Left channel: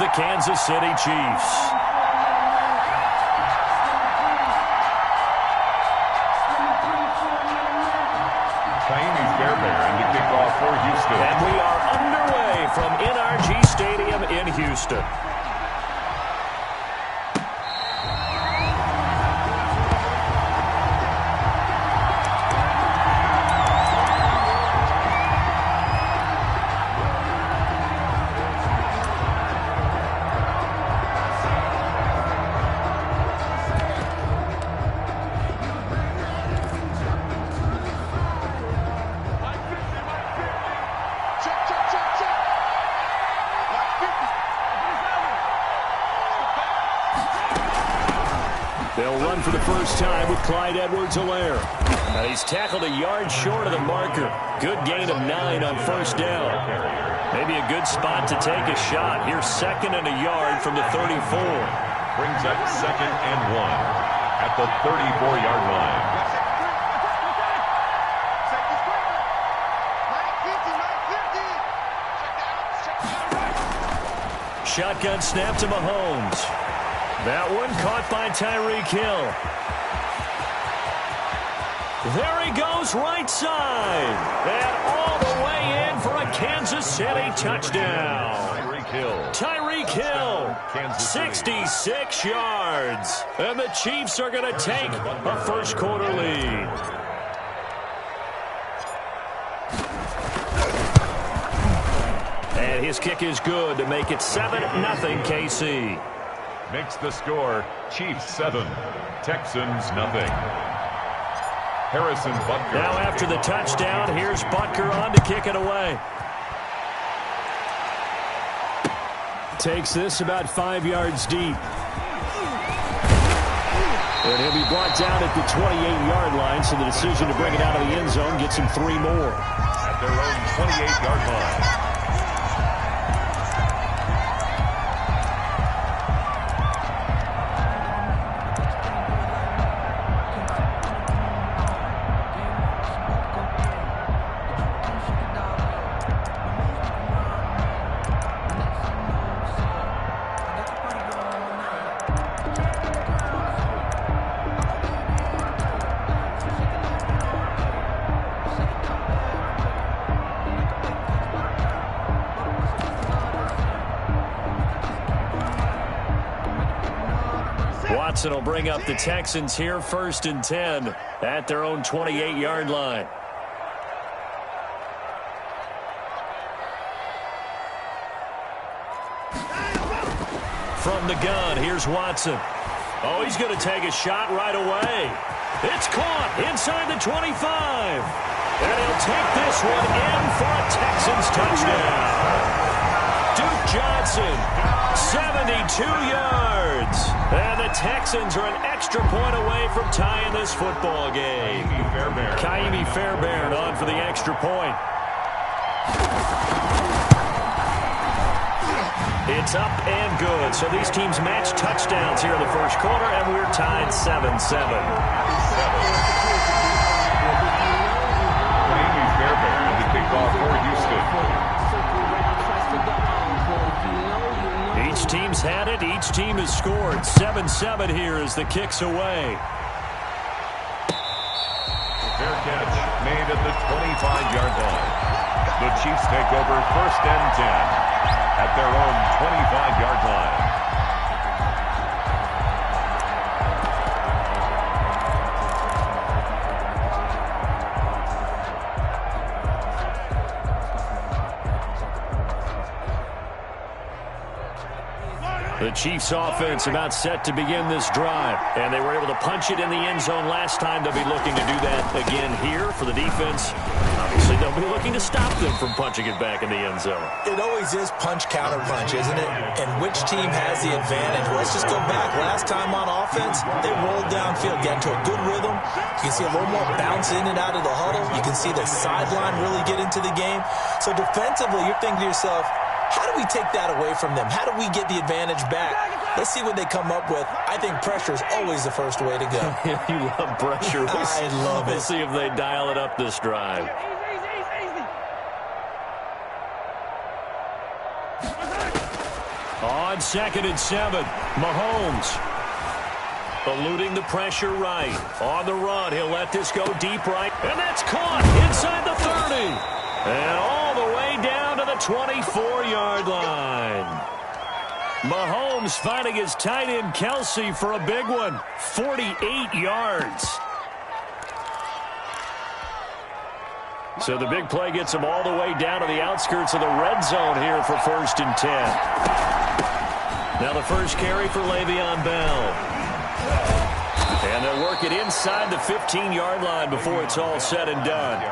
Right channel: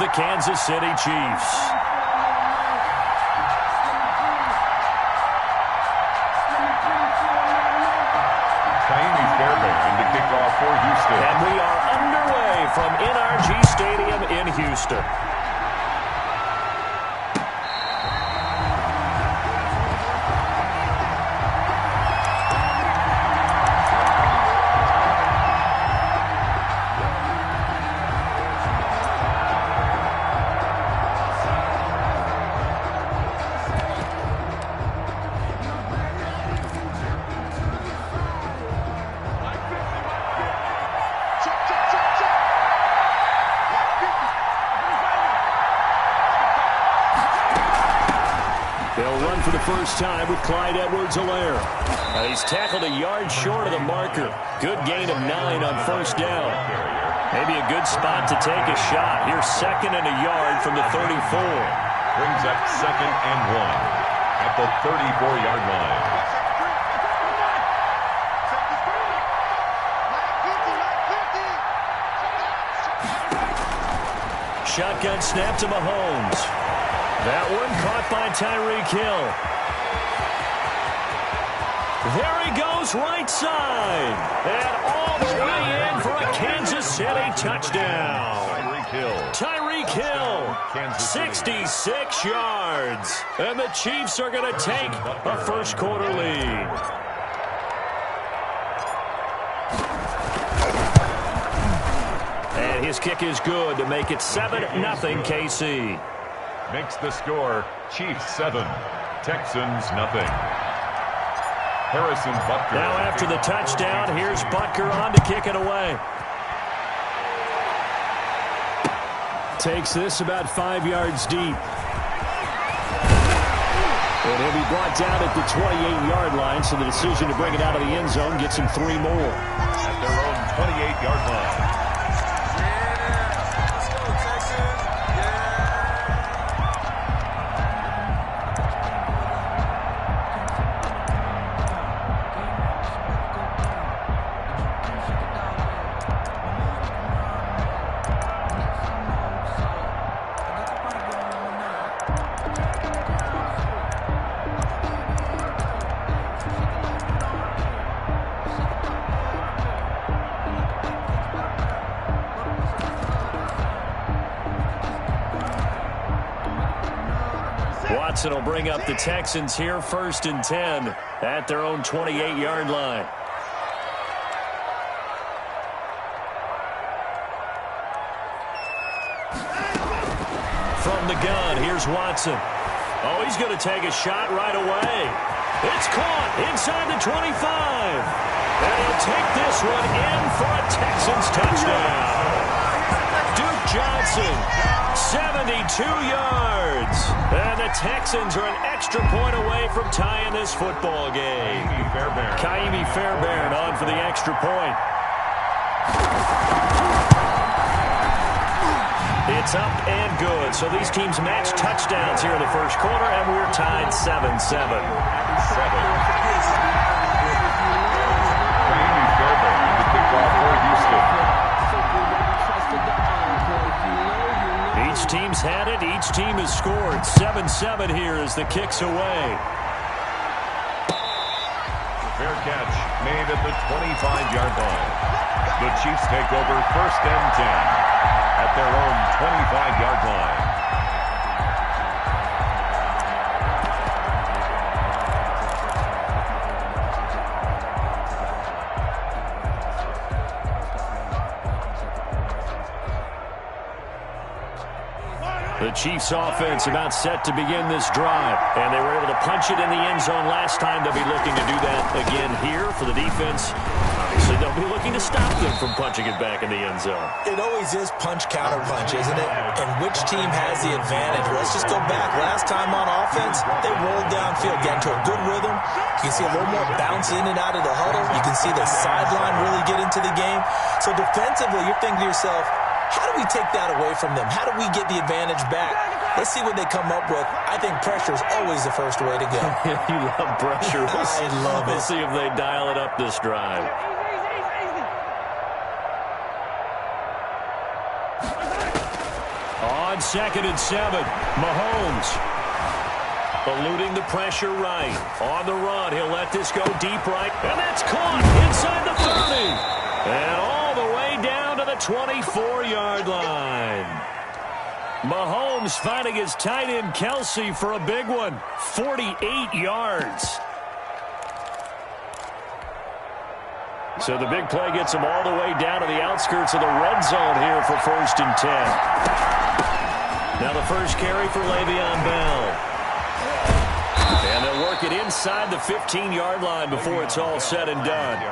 the Kansas City Chiefs. Fairbairn to kick off for Houston. And we are underway from NRG Stadium in Houston. They'll run for the first time with Clyde Edwards-Helaire. Now he's tackled a yard short of the marker. Good gain of 9 on first down. Maybe a good spot to take a shot. Here's 2nd and a yard from the 34. Brings up 2nd and 1 at the 34-yard line. Shotgun snap to Mahomes. That one caught by Tyreek Hill. There he goes, right side. And all the way in for a Kansas City touchdown. Tyreek Hill, 66 yards. And the Chiefs are going to take a first-quarter lead. And his kick is good to make it 7-0 KC. Makes the score Chiefs 7, Texans nothing. Harrison Butker. Now after the touchdown, here's Butker on to kick it away. Takes this about 5 yards deep. And he'll be brought down at the 28-yard line, so the decision to bring it out of the end zone gets him 3 more. At their own 28-yard line. Watson will bring up the Texans here, 1st and 10 at their own 28-yard line. From the gun, here's Watson. Oh, he's going to take a shot right away. It's caught inside the 25. And he'll take this one in for a Texans touchdown. Duke Johnson, 72 yards. And the Texans are an extra point away from tying this football game. Kaimi Fairbairn on for the extra point. It's up and good. So these teams match touchdowns here in the first quarter, and we're tied 7-7. Kaimi Fairbairn to kick off for Houston. Each team's had it. Each team has scored. 7-7 here as the kick's away. Fair catch made at the 25-yard line. The Chiefs take over 1st and 10 at their own 25-yard line. The Chiefs offense about set to begin this drive, and they were able to punch it in the end zone last time. They'll be looking to do that again here for the defense. Obviously, they'll be looking to stop them from punching it back in the end zone. It always is punch-counter-punch, isn't it? And which team has the advantage? Well, let's just go back. Last time on offense, they rolled downfield, get into a good rhythm. You can see a little more bounce in and out of the huddle. You can see the sideline really get into the game. So defensively, you're thinking to yourself, how do we take that away from them? How do we get the advantage back? Let's see what they come up with. I think pressure is always the first way to go. You love pressure. I love it. We'll see if they dial it up this drive. On 2nd and 7, Mahomes eluding the pressure right. On the run, he'll let this go deep right. And that's caught inside the 30. And all the way down to the 24-yard line. Mahomes finding his tight end Kelsey for a big one. 48 yards. So the big play gets him all the way down to the outskirts of the red zone here for 1st and 10. Now the first carry for Le'Veon Bell. And they'll work it inside the 15-yard line before it's all said and done.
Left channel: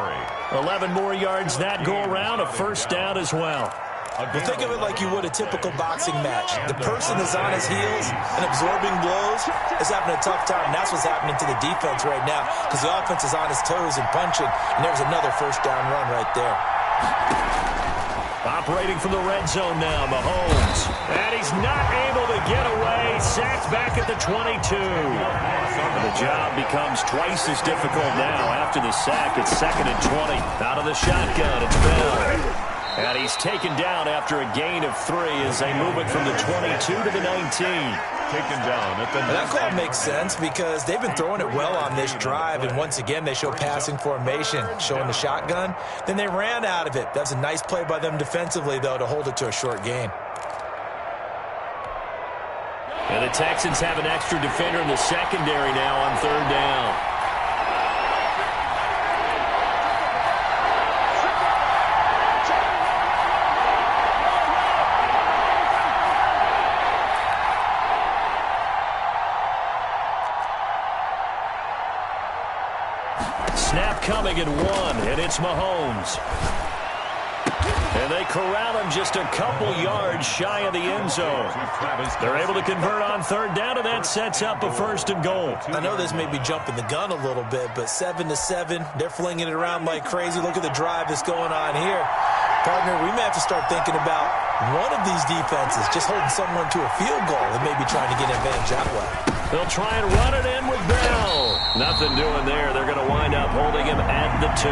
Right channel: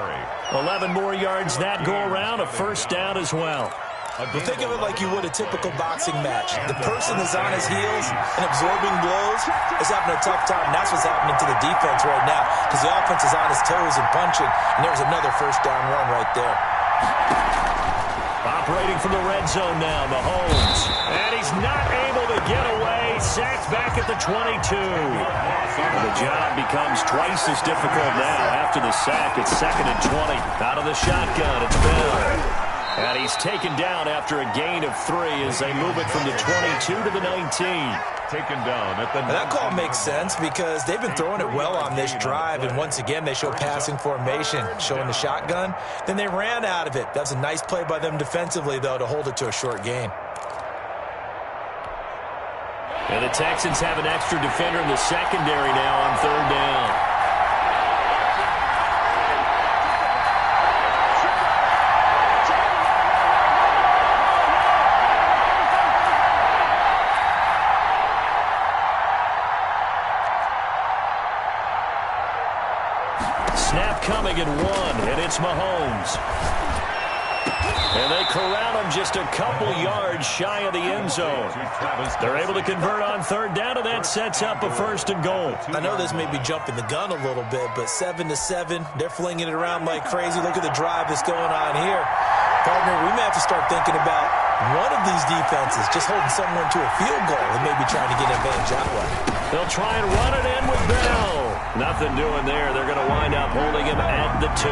11 more yards that go around, a first down as well. Well, think of it like you would a typical boxing match. The person is on his heels and absorbing blows is having a tough time. And that's what's happening to the defense right now because the offense is on his toes and punching. And there's another first down run right there. Operating from the red zone now, Mahomes. And he's not able to get away. Sacked back at the 22. And the job becomes twice as difficult now. After the sack, it's 2nd and 20. Out of the shotgun, it's Bell. And he's taken down after a gain of 3 as they move it from the 22 to the 19. Taken down at the... And that call makes sense because they've been throwing it well on this drive, and once again they show passing formation, showing the shotgun. Then they ran out of it. That's a nice play by them defensively, though, to hold it to a short gain. And the Texans have an extra defender in the secondary now on 3rd down. Snap coming in 1, and it's Mahomes. And they corral him just a couple yards shy of the end zone. They're able to convert on 3rd down, and that sets up a 1st and goal. I know this may be jumping the gun a little bit, but 7-7, they're flinging it around like crazy. Look at the drive that's going on here. Partner, we may have to start thinking about one of these defenses just holding someone to a field goal and maybe trying to get an advantage that way. They'll try and run it in with Bell. Nothing doing there. They're going to wind up holding him at the 2.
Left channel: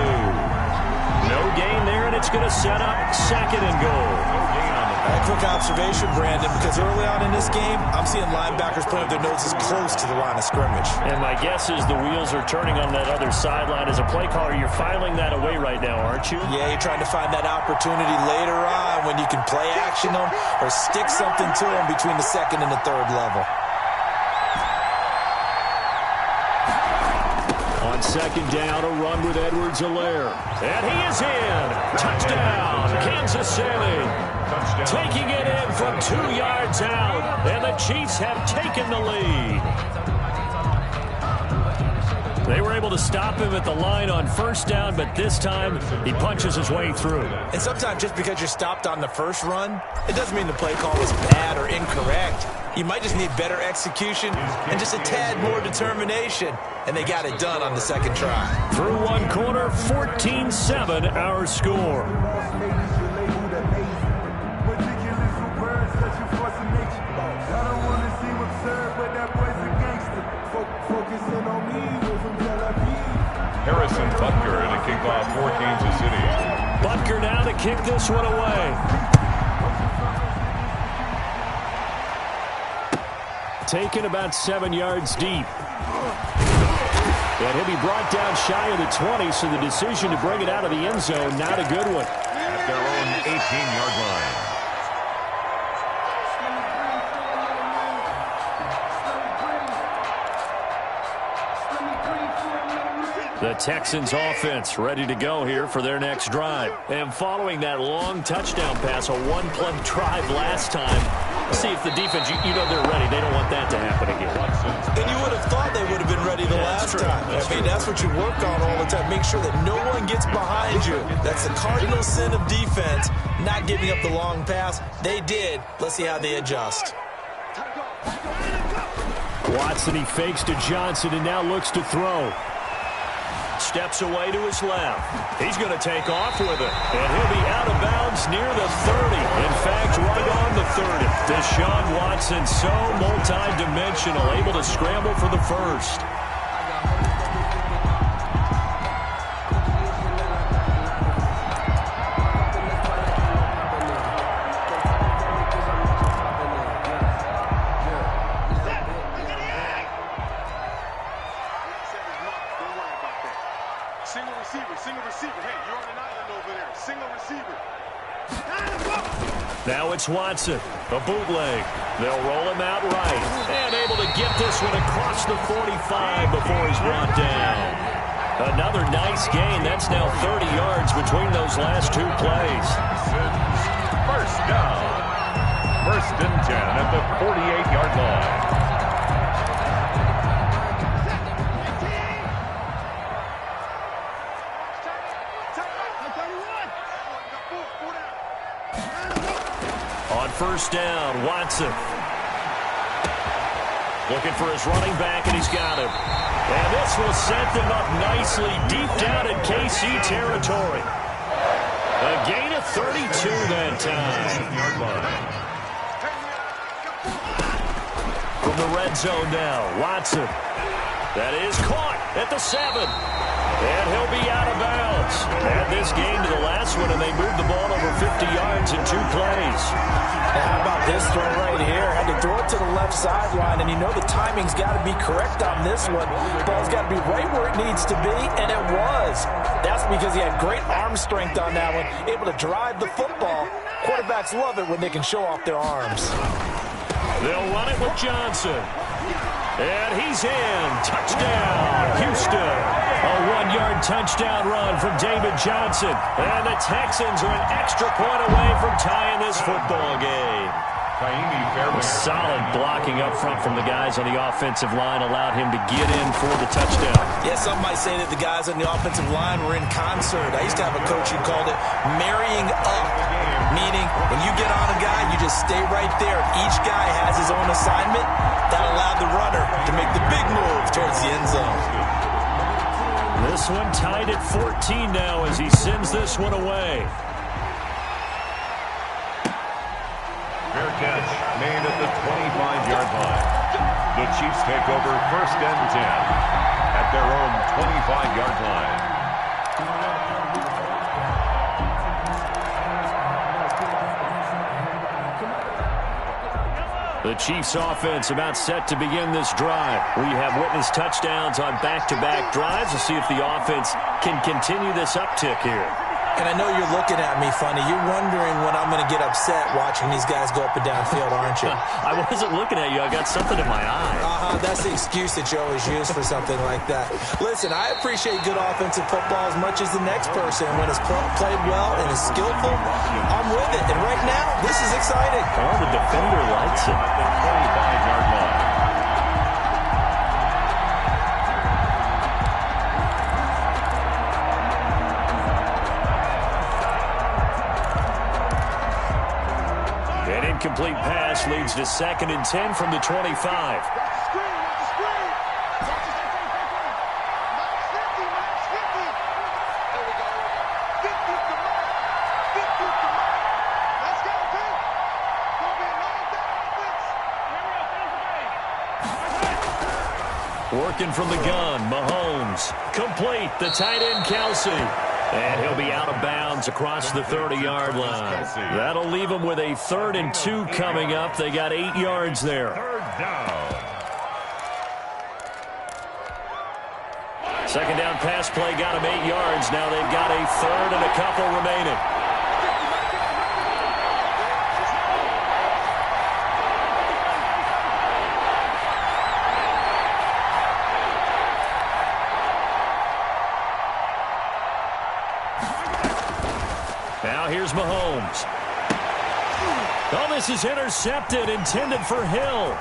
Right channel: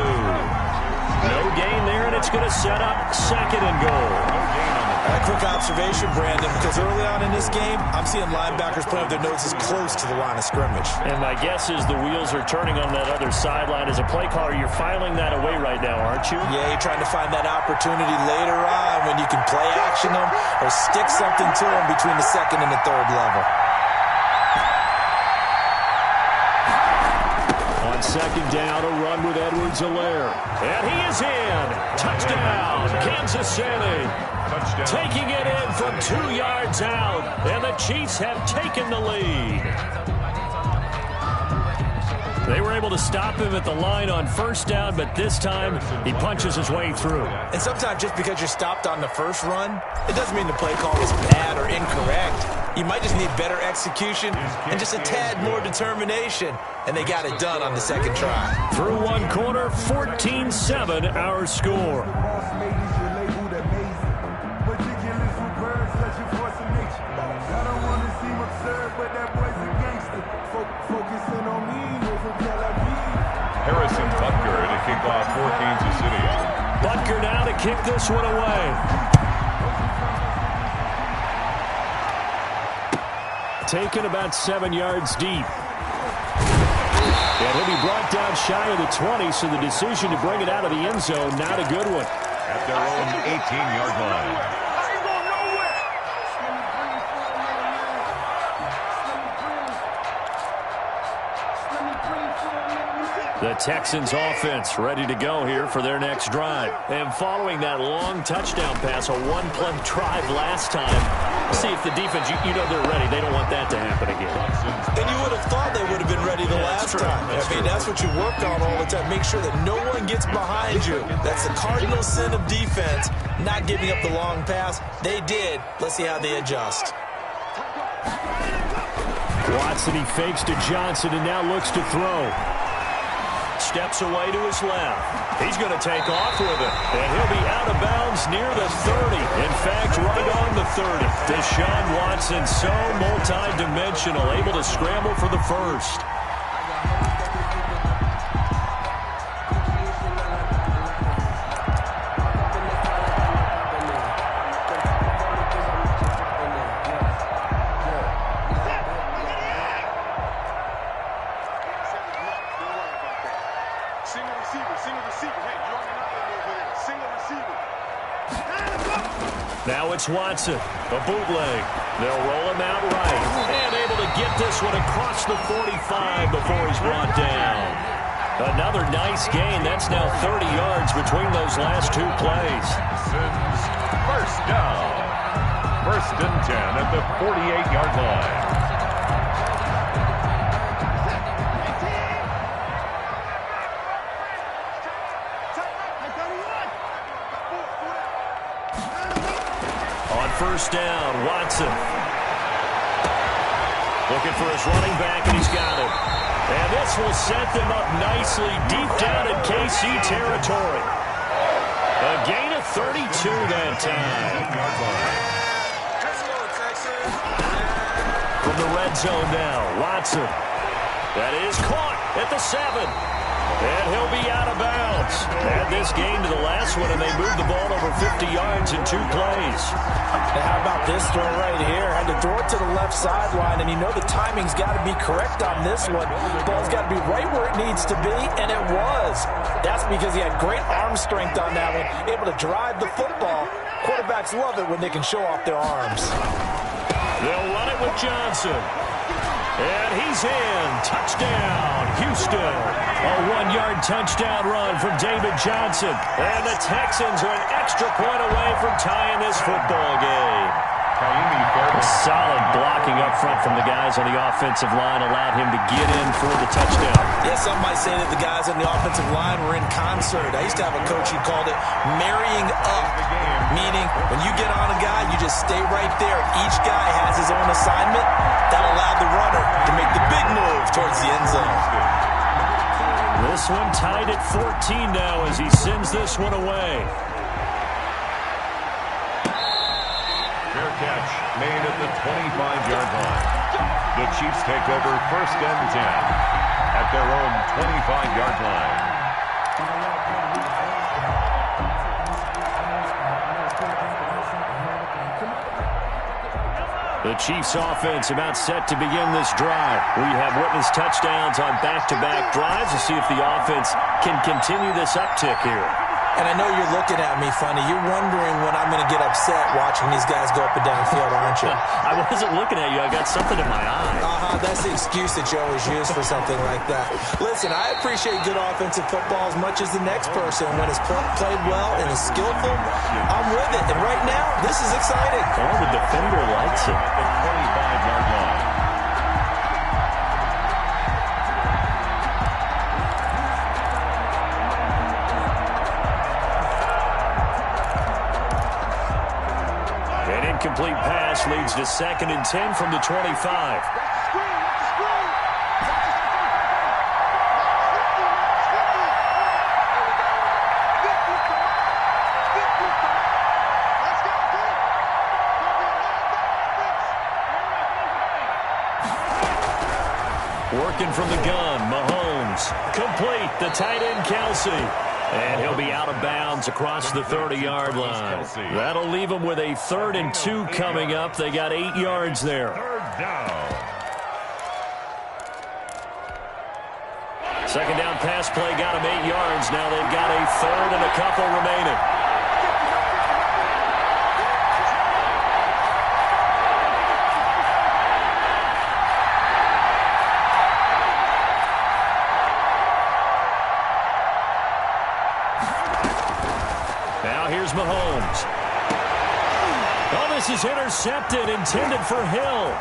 No gain there, and it's going to set up 2nd and goal. No gain on the A quick observation, Brandon, because early on in this game, I'm seeing linebackers playing with their noses close to the line of scrimmage. And my guess is the wheels are turning on that other sideline. As a play caller, you're filing that away right now, aren't you? Yeah, you're trying to find that opportunity later on when you can play action them or stick something to them between the 2nd and the 3rd level. On 2nd down, a run with Edwards-Helaire. And he is in. Touchdown, Kansas City. Touchdown. Taking it in from 2 yards out. And the Chiefs have taken the lead. They were able to stop him at the line on 1st down, but this time he punches his way through. And sometimes just because you're stopped on the first run, it doesn't mean the play call is bad or incorrect. You might just need better execution and just a tad more determination. And they got it done on the 2nd try. Through 1 quarter, 14-7 our score. Harrison Butker to kick off for Kansas City. Butker now to kick this one away. Taken about 7 yards deep. And he'll be brought down shy of the 20, so the decision to bring it out of the end zone, not a good one. At their own 18-yard line. The Texans offense ready to go here for their next drive. And following that long touchdown pass, a 1-play drive last time, see if the defense, you know they're ready. They don't want that to happen again. And you would have thought they would have been ready the last time. I mean, that's what you work on all the time. Make sure that no one gets behind you. That's the cardinal sin of defense, not giving up the long pass. They did. Let's see how they adjust. Watson, he fakes to Johnson and now looks to throw. Steps away to his left. He's going to take off with it. And he'll be out of bounds near the 30. In fact, right on the 30. Deshaun Watson, so multi-dimensional, able to scramble for the first. Now it's Watson, a bootleg. They'll roll him out right, and able to get this one across the 45 before he's brought down. Another nice gain. That's now 30 yards between those last two plays. First down. First and 10 at the 48-yard line. On first down, Watson. Looking for his running back, and he's got him. And this will set them up nicely deep down in KC territory. A gain of 32 that time. From the red zone now, Watson. That is caught at the 7. And he'll be out of bounds. Add this game to the last one, and they moved the ball over 50 yards in 2 plays. And how about this throw right here? Had to throw it to the left sideline, and you know the timing's got to be correct on this one. Ball's got to be right where it needs to be, and it was. That's because he had great arm strength on that one, able to drive the football. Quarterbacks love it when they can show off their arms. They'll run it with Johnson. And he's in. Touchdown, Houston. A 1-yard touchdown run from David Johnson. And the Texans are an extra point away from tying this football game. Solid blocking up front from the guys on the offensive line allowed him to get in for the touchdown. Yeah, some might say that the guys on the offensive line were in concert. I used to have a coach who called it marrying up, meaning when you get on a guy, you just stay right there. Each guy has his own assignment. That allowed the runner to make the big move towards the end zone. This one tied at 14 now as he sends this one away. Fair catch made at the 25-yard line. The Chiefs take over first and 10 at their own 25-yard line. The Chiefs offense about set to begin this drive. We have witnessed touchdowns on back-to-back drives. We'll see if the offense can continue this uptick here. And I know you're looking at me funny. You're wondering when I'm going to get upset watching these guys go up and down field, aren't you? I wasn't looking at you. I got something in my eye. That's the excuse that you always use for something like that. Listen, I appreciate good offensive football as much as the next person. When it's played well and is skillful, I'm with it. And right now, this is exciting. Well, the defender likes it. At the 25-yard line. An incomplete pass leads to 2nd and 10 from the 25. Working from the gun, Mahomes. Complete, the tight end, Kelsey. And he'll be out of bounds across the 30-yard line. That'll leave them with a 3rd and 2 coming up. They got 8 yards there. 3rd down. 2nd down pass play got them 8 yards. Now they've got a 3rd and a couple remaining. Now here's Mahomes. Oh, this is intercepted, intended for Hill.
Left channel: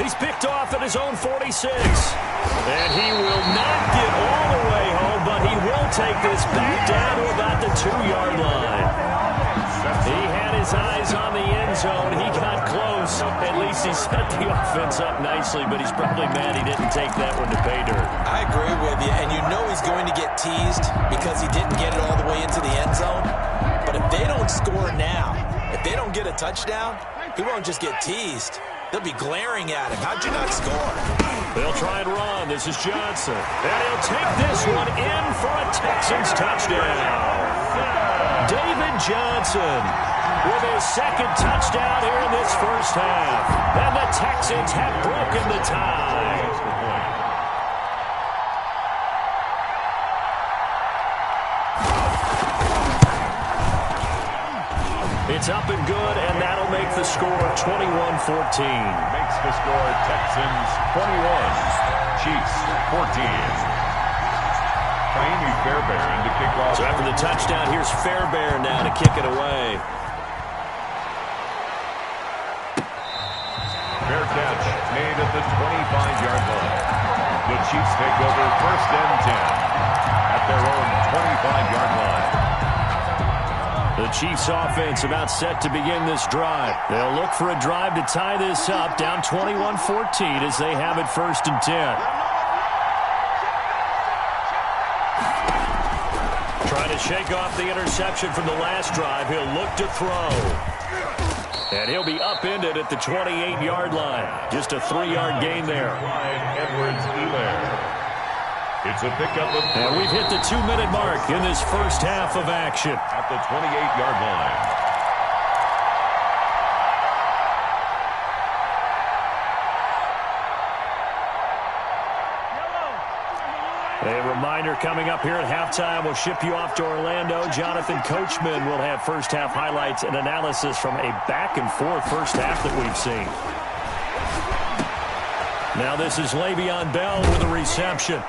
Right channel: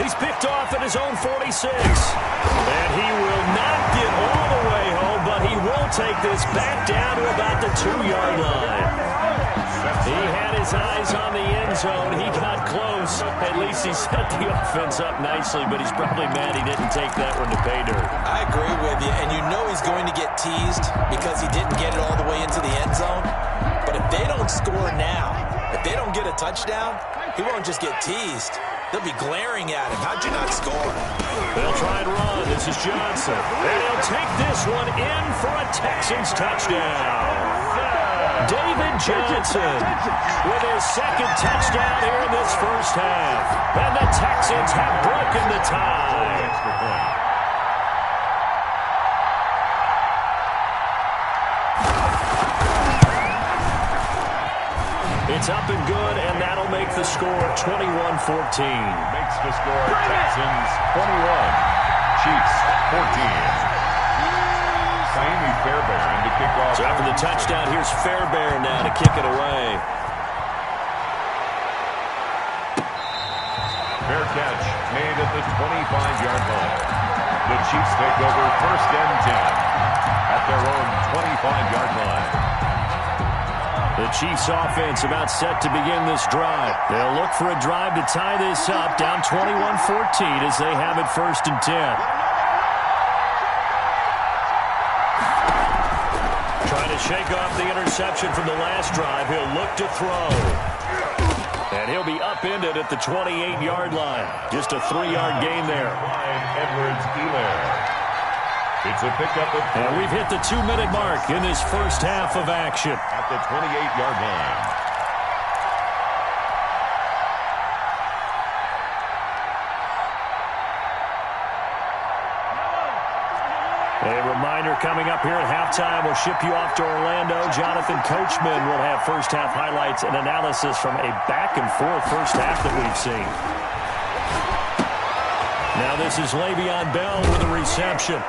He's picked off at his own 46. And he will not get all the way home, but he will take this back down to about the 2-yard line. He had his eyes on the end zone. He got close. At least he set the offense up nicely, but he's probably mad he didn't take that one to pay dirt. I agree with you, and you know he's going to get teased because he didn't get it all the way into the end zone. But if they don't score now, if they don't get a touchdown, he won't just get teased. They'll be glaring at him. How'd you not score? They'll try and run. This is Johnson. And he'll take this one in for a Texans touchdown. David Johnson with his 2nd touchdown here in this first half. And the Texans have broken the tie. It's up and good, and that'll make the score 21-14. Makes the score Texans 21, Chiefs 14. Jaime Fairbairn to kick off. So after the touchdown, here's Fairbairn now to kick it away. Fair catch made at the 25-yard line. The Chiefs take over 1st and 10 at their own 25-yard line. The Chiefs offense about set to begin this drive. They'll look for a drive to tie this up, down 21-14 as they have it 1st and 10. Trying to shake off the interception from the last drive. He'll look to throw. And he'll be upended at the 28-yard line. Just a 3-yard gain there. Edwards-Helaire. It's a pickup of... And we've hit the 2-minute mark in this first half of action. At the 28-yard line. A reminder coming up here at halftime. We'll ship you off to Orlando. Jonathan Coachman will have first half highlights and analysis from a back-and-forth first half that we've seen. Now this is Le'Veon Bell with a reception.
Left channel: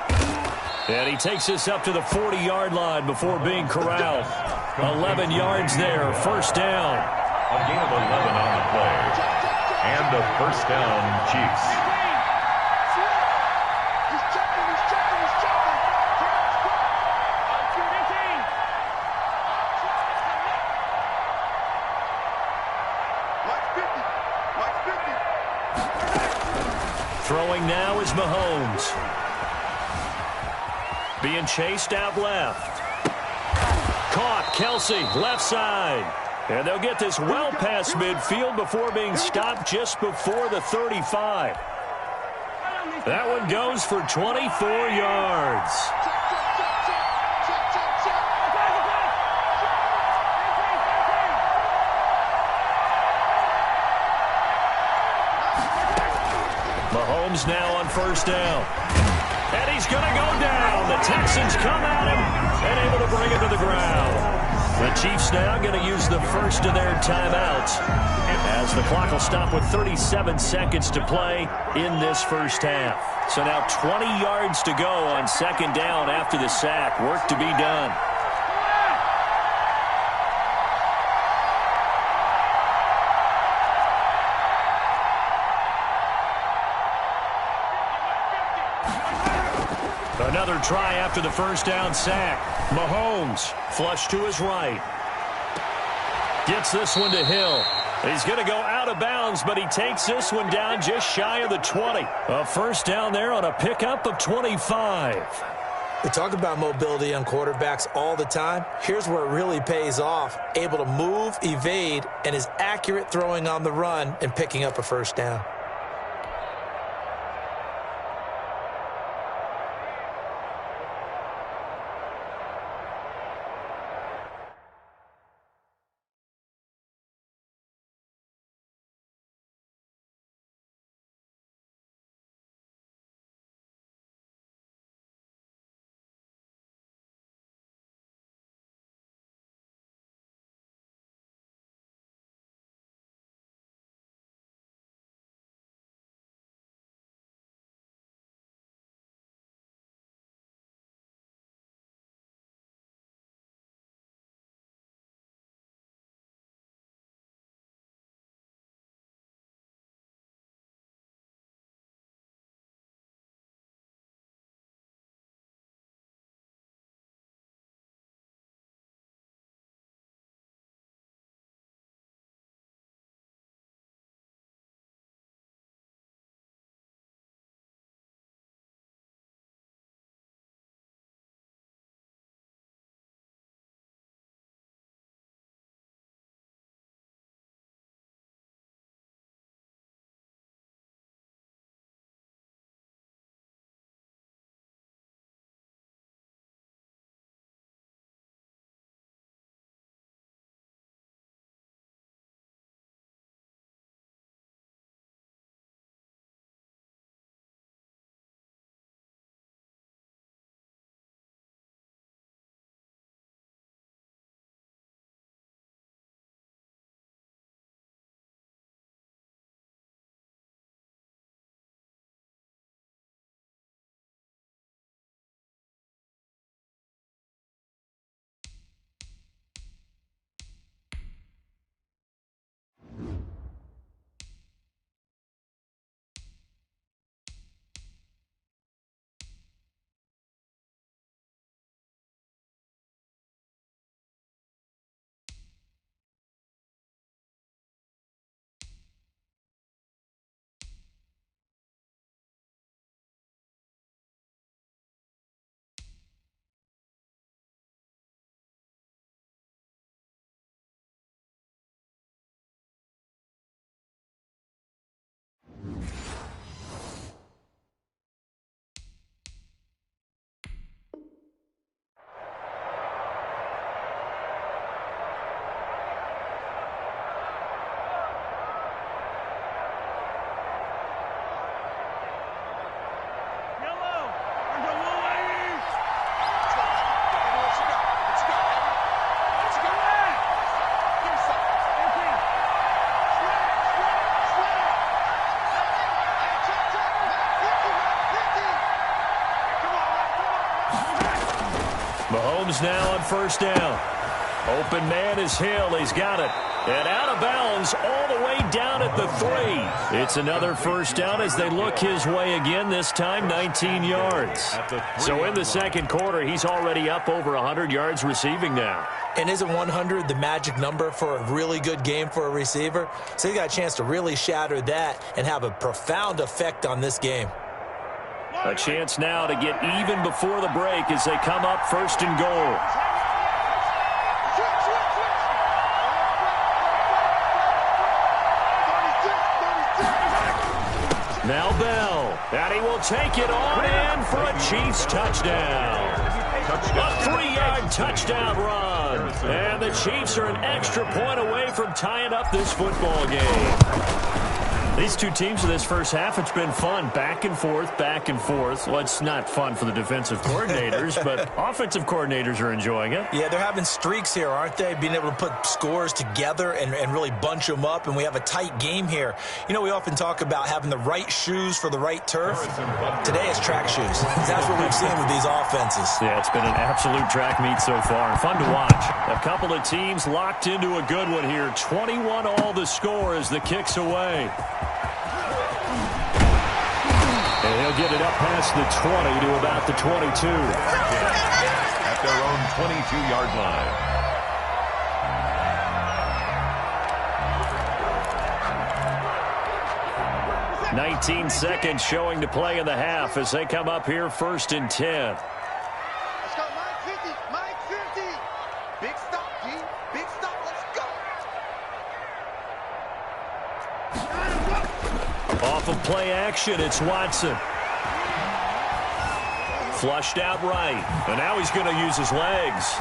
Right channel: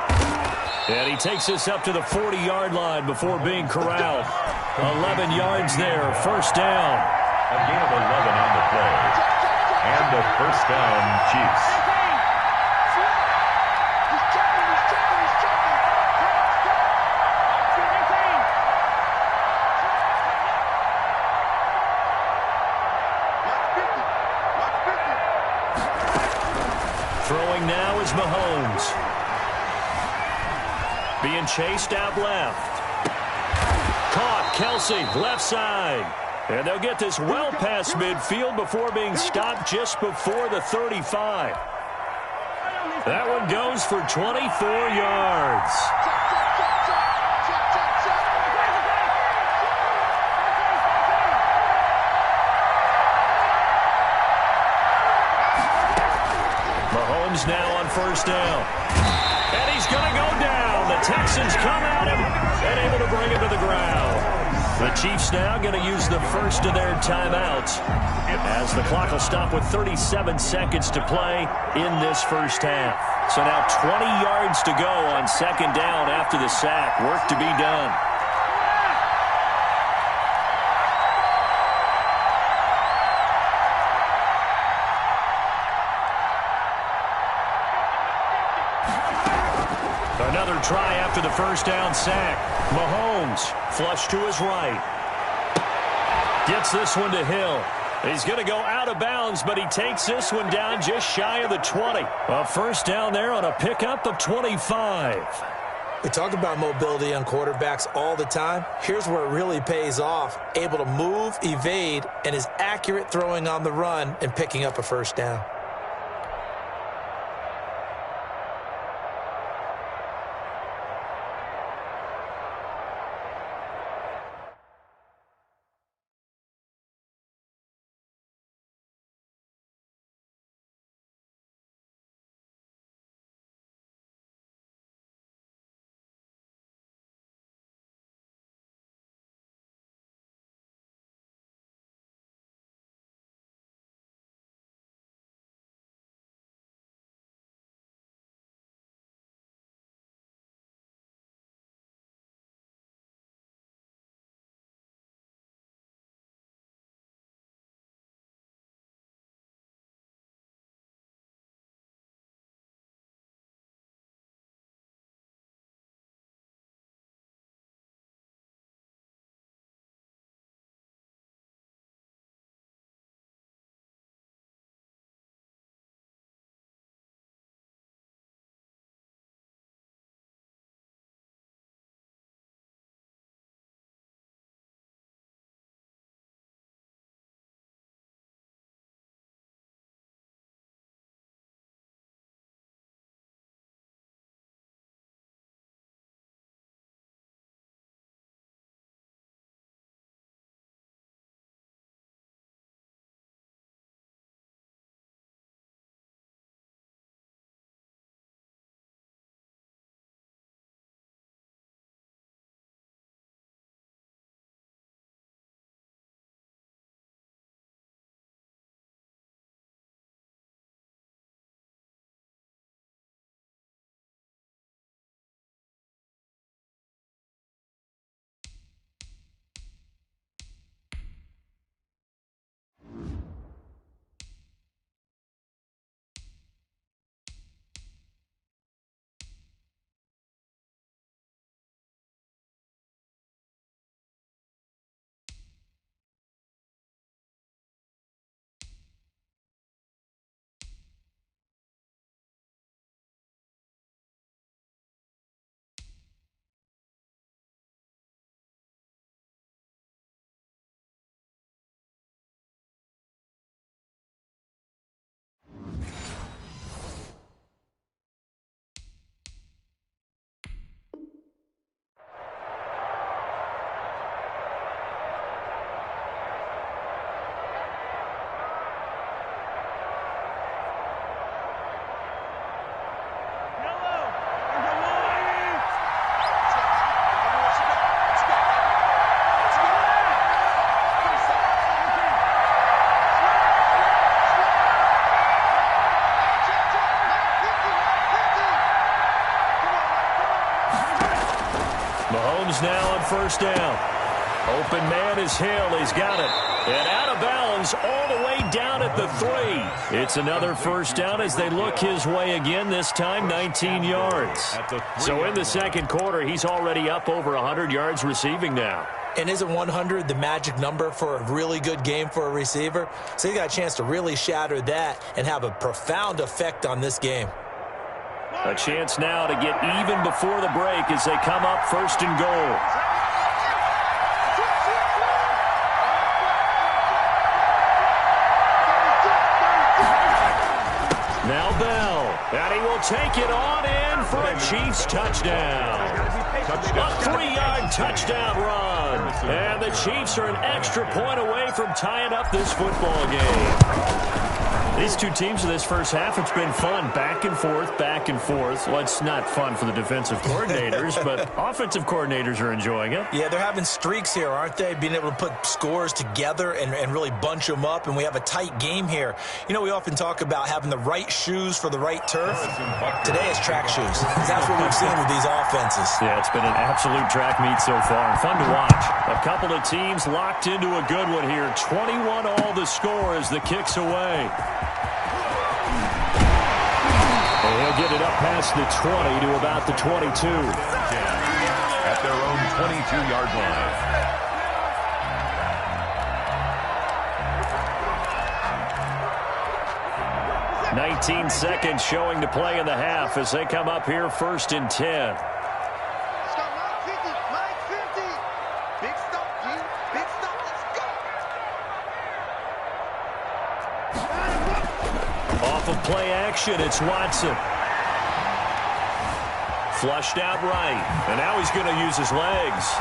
And he takes this up to the 40-yard line before being corralled. 11 yards there, 1st down. A gain of 11 on the play. And a 1st down, Chiefs. Throwing now is Mahomes. Being chased out left. Caught, Kelsey, left side. And they'll get this well past midfield before being stopped just before the 35. That one goes for 24 yards. Mahomes now on 1st down. And he's going to go down. The Texans come at him and able to bring him to the ground. The Chiefs now going to use the first of their timeouts as the clock will stop with 37 seconds to play in this first half. So now 20 yards to go on 2nd down after the sack. Work to be done. Another try after the 1st down sack. Mahomes flush to his right. Gets this one to Hill. He's going to go out of bounds, but he takes this one down just shy of the 20. A 1st down there on a pickup of 25. We talk about mobility on quarterbacks all the time. Here's where it really pays off. Able to move, evade, and is accurate throwing on the run and picking up a 1st down. Mahomes now on first down. Open man is Hill. He's got it. And out of bounds all the way down at the 3. It's another first down as they look his way again, this time 19 yards. So in the second quarter, he's already up over 100 yards receiving now. And isn't 100 the magic number for a really good game for a receiver? So he got a chance to really shatter that and have a profound effect on this game. A chance now to get even before the break as they come up first and goal. Now Bell, and he will take it on in for a Chiefs touchdown. A 3-yard touchdown run. And the Chiefs are an extra point away from tying up this football game. These two teams in this first half, it's been fun. Back and forth, back and forth. Well, it's not fun for the defensive coordinators, but offensive coordinators are enjoying it. Yeah, they're having streaks here, aren't they? Being able to put scores together and really bunch them up, and we have a tight game here. You know, we often talk about having the right shoes for the right turf. Today it's track shoes. That's what we've seen with these offenses. Yeah, it's been an absolute track meet so far, and fun to watch. A couple of teams locked into a good one here. 21 all the score as the kick's away. And he'll get it up past the 20 to about the 22. At their own 22-yard line. 19 seconds showing to play in the half as they come up here first and 10. Let's go, Mike 50, Mike 50. Big stop, G. Big stop, let's go. Off of play action, it's Watson. Flushed out right, and now he's going to use his legs.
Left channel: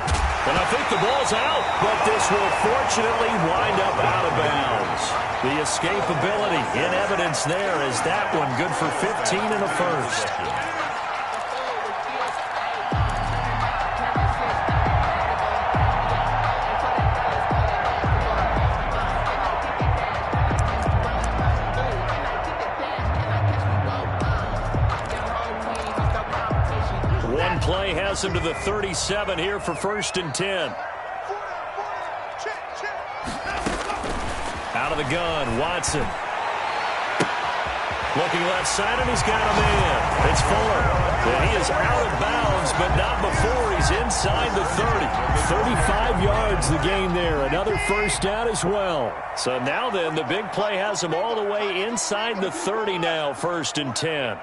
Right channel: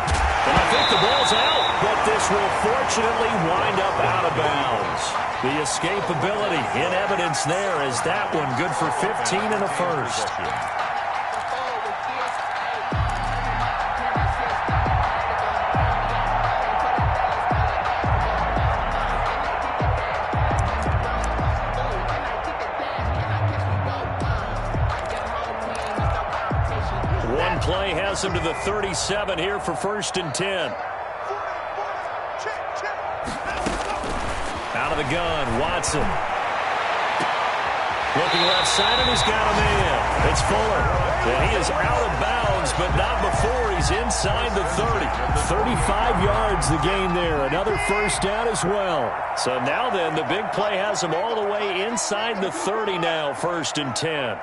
And I think the ball's out, but this will fortunately wind up out of bounds. The escapability in evidence there as that one good for 15 and a first. One play has him to the 37 here for first and 10. Out of the gun, Watson. Looking left side, and he's got a man. It's Fuller. And he is out of bounds, but not before he's inside the 30. 35 yards the gain there. Another first down as well. So now then, the big play has him all the way inside the 30 now, first and 10.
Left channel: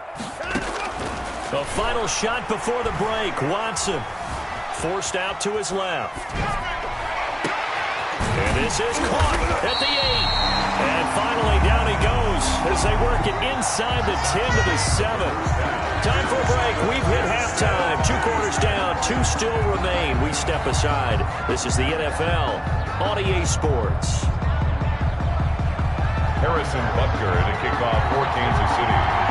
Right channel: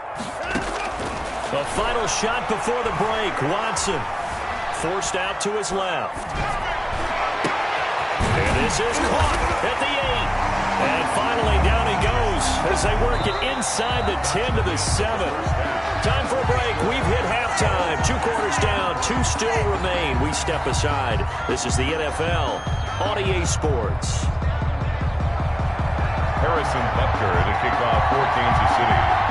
The final shot before the break. Watson forced out to his left. And this is caught at the 8. And finally down he goes as they work it inside the 10 to the 7. Time for a break. We've hit halftime. 2 quarters down. 2 still remain. We step aside. This is the NFL on EA Sports. Harrison Butker to kick off for Kansas City.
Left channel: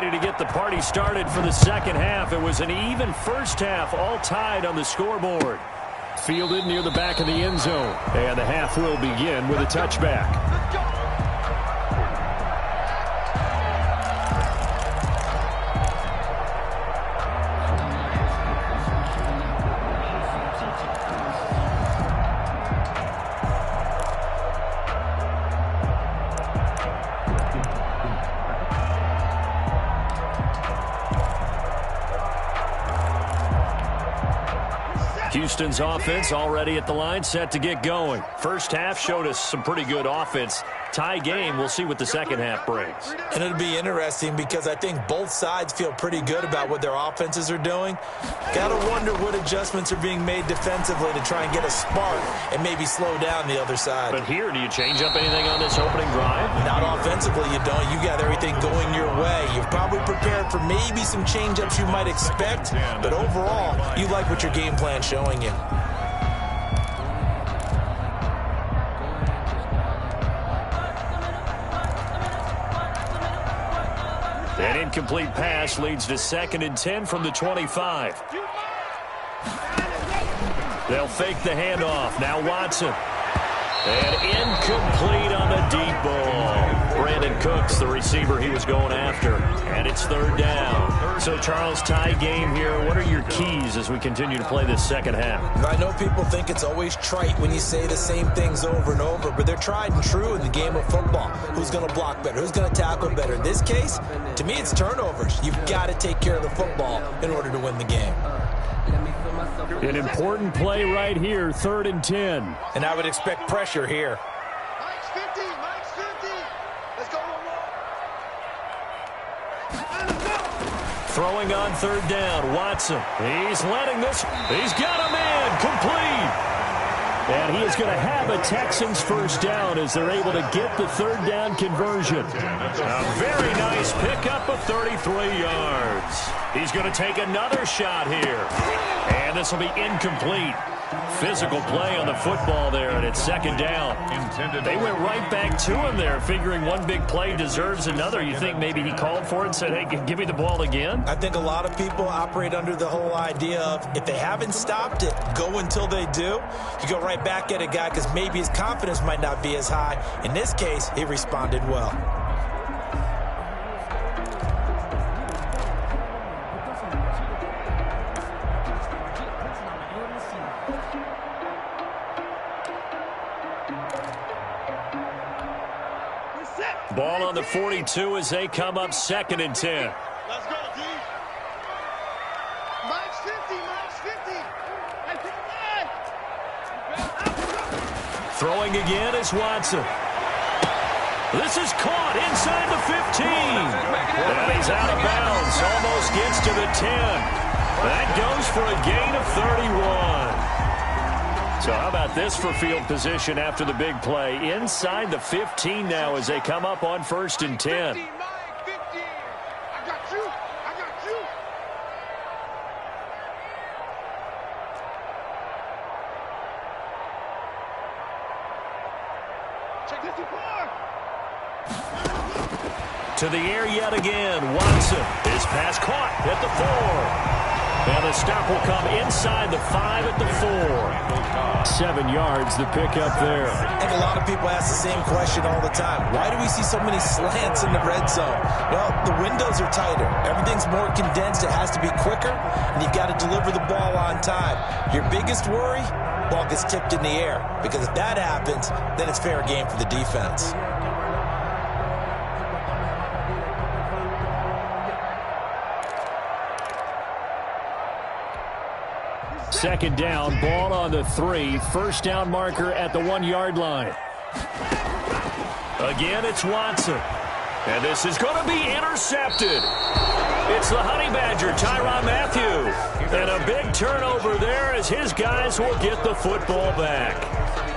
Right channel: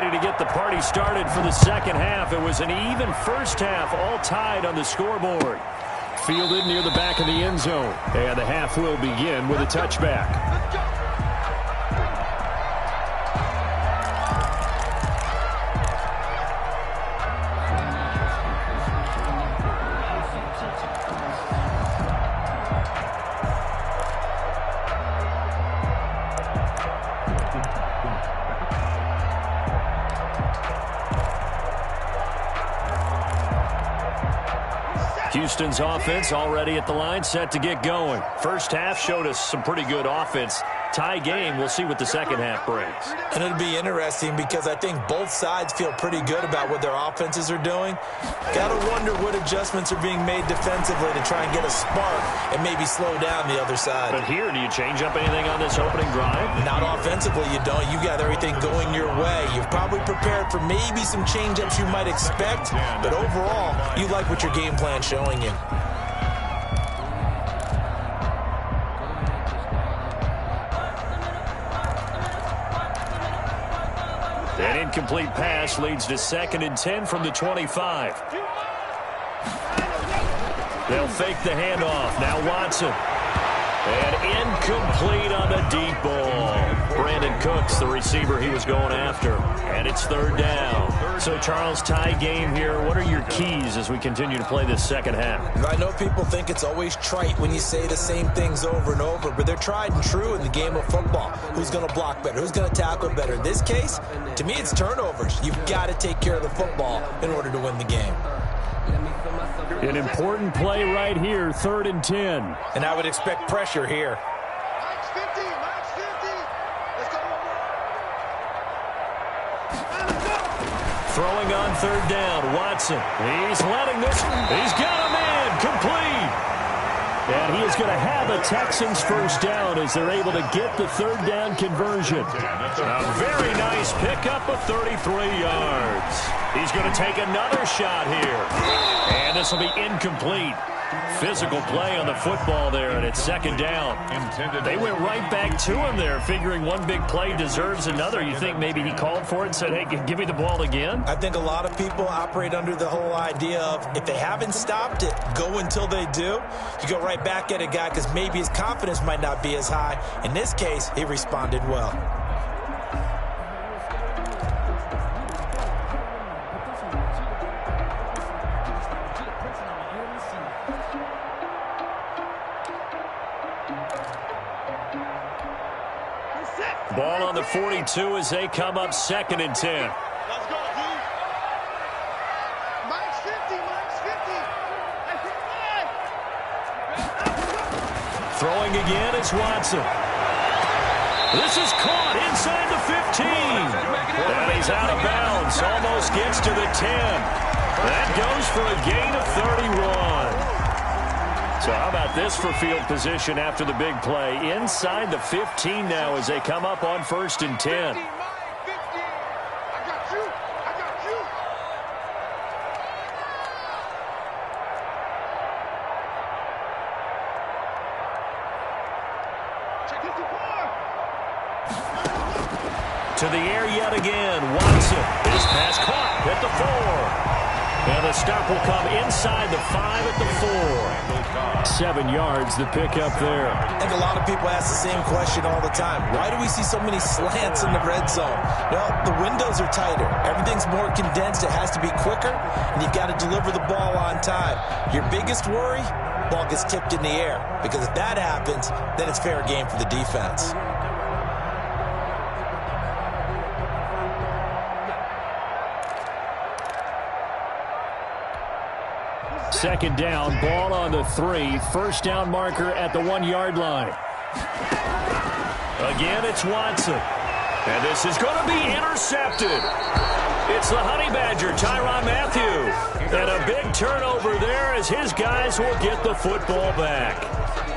To get the party started for the second half. It was an even first half, all tied on the scoreboard. Fielded near the back of the end zone. And the half will begin with a touchback. Houston's offense already at the line, set to get going. First half showed us some pretty good offense. Tie game, we'll see what the second half brings. And it'll be interesting because I think both sides feel pretty good about what their offenses are doing. Gotta wonder what adjustments are being made defensively to try and get a spark and maybe slow down the other side. But here, do you change up anything on this opening drive? Not offensively, you don't. You got everything going your way. You've probably prepared for maybe some change-ups you might expect, but overall, you like what your game plan's showing you. An incomplete pass leads to 2nd and 10 from the 25. They'll fake the handoff. Now Watson. And incomplete on the deep ball. Brandon Cooks, the receiver he was going after. And it's third down. So, Charles, tie game here. What are your keys as we continue to play this second half? I know people think it's always trite when you say the same things over and over, but they're tried and true in the game of football. Who's going to block better? Who's going to tackle better? In this case, to me, it's turnovers. You've got to take care of the football in order to win the game. An important play right here, 3rd and 10. And I would expect pressure here. Mike's 50, Mike's 50. Let's go one more. Throwing on 3rd down, Watson. He's letting this. He's got a man, complete. And he is going to have a Texans first down as they're able to get the 3rd down conversion. A very nice pickup of 33 yards. He's going to take another shot here. And this will be incomplete. Physical play on the football there, and it's 2nd down. They went right back to him there, figuring one big play deserves another. You think maybe he called for it and said, hey, give me the ball again? I think a lot of people operate under the whole idea of if they haven't stopped it, go until they do. You go right back at a guy because maybe his confidence might not be as high. In this case, he responded well. Ball on the 42 as they come up 2nd and 10. Let's go, D. Mike's 50, Mike's 50. Throwing again is Watson. This is caught inside the 15. And he's out of bounds. Almost gets to the 10. That goes for a gain of 31. So how about this for field position after the big play? Inside the 15 now as they come up on 1st and 10. 50, Mike, 50. I got you. I got you. Check this before. To the air yet again. Watson. His pass caught at the 4. And the stop will come inside the 5 at the 4. 7 yards, the pickup there. I think a lot of people ask the same question all the time. Why do we see so many slants in the red zone? Well, the windows are tighter. Everything's more condensed. It has to be quicker, and you've got to deliver the ball on time. Your biggest worry? Ball gets tipped in the air, because if that happens, then it's fair game for the defense. Second down, ball on the 3. First down marker at the 1-yard line. Again, it's Watson. And this is going to be intercepted. It's the Honey Badger, Tyrann Mathieu. And a big turnover there as his guys will get the football back.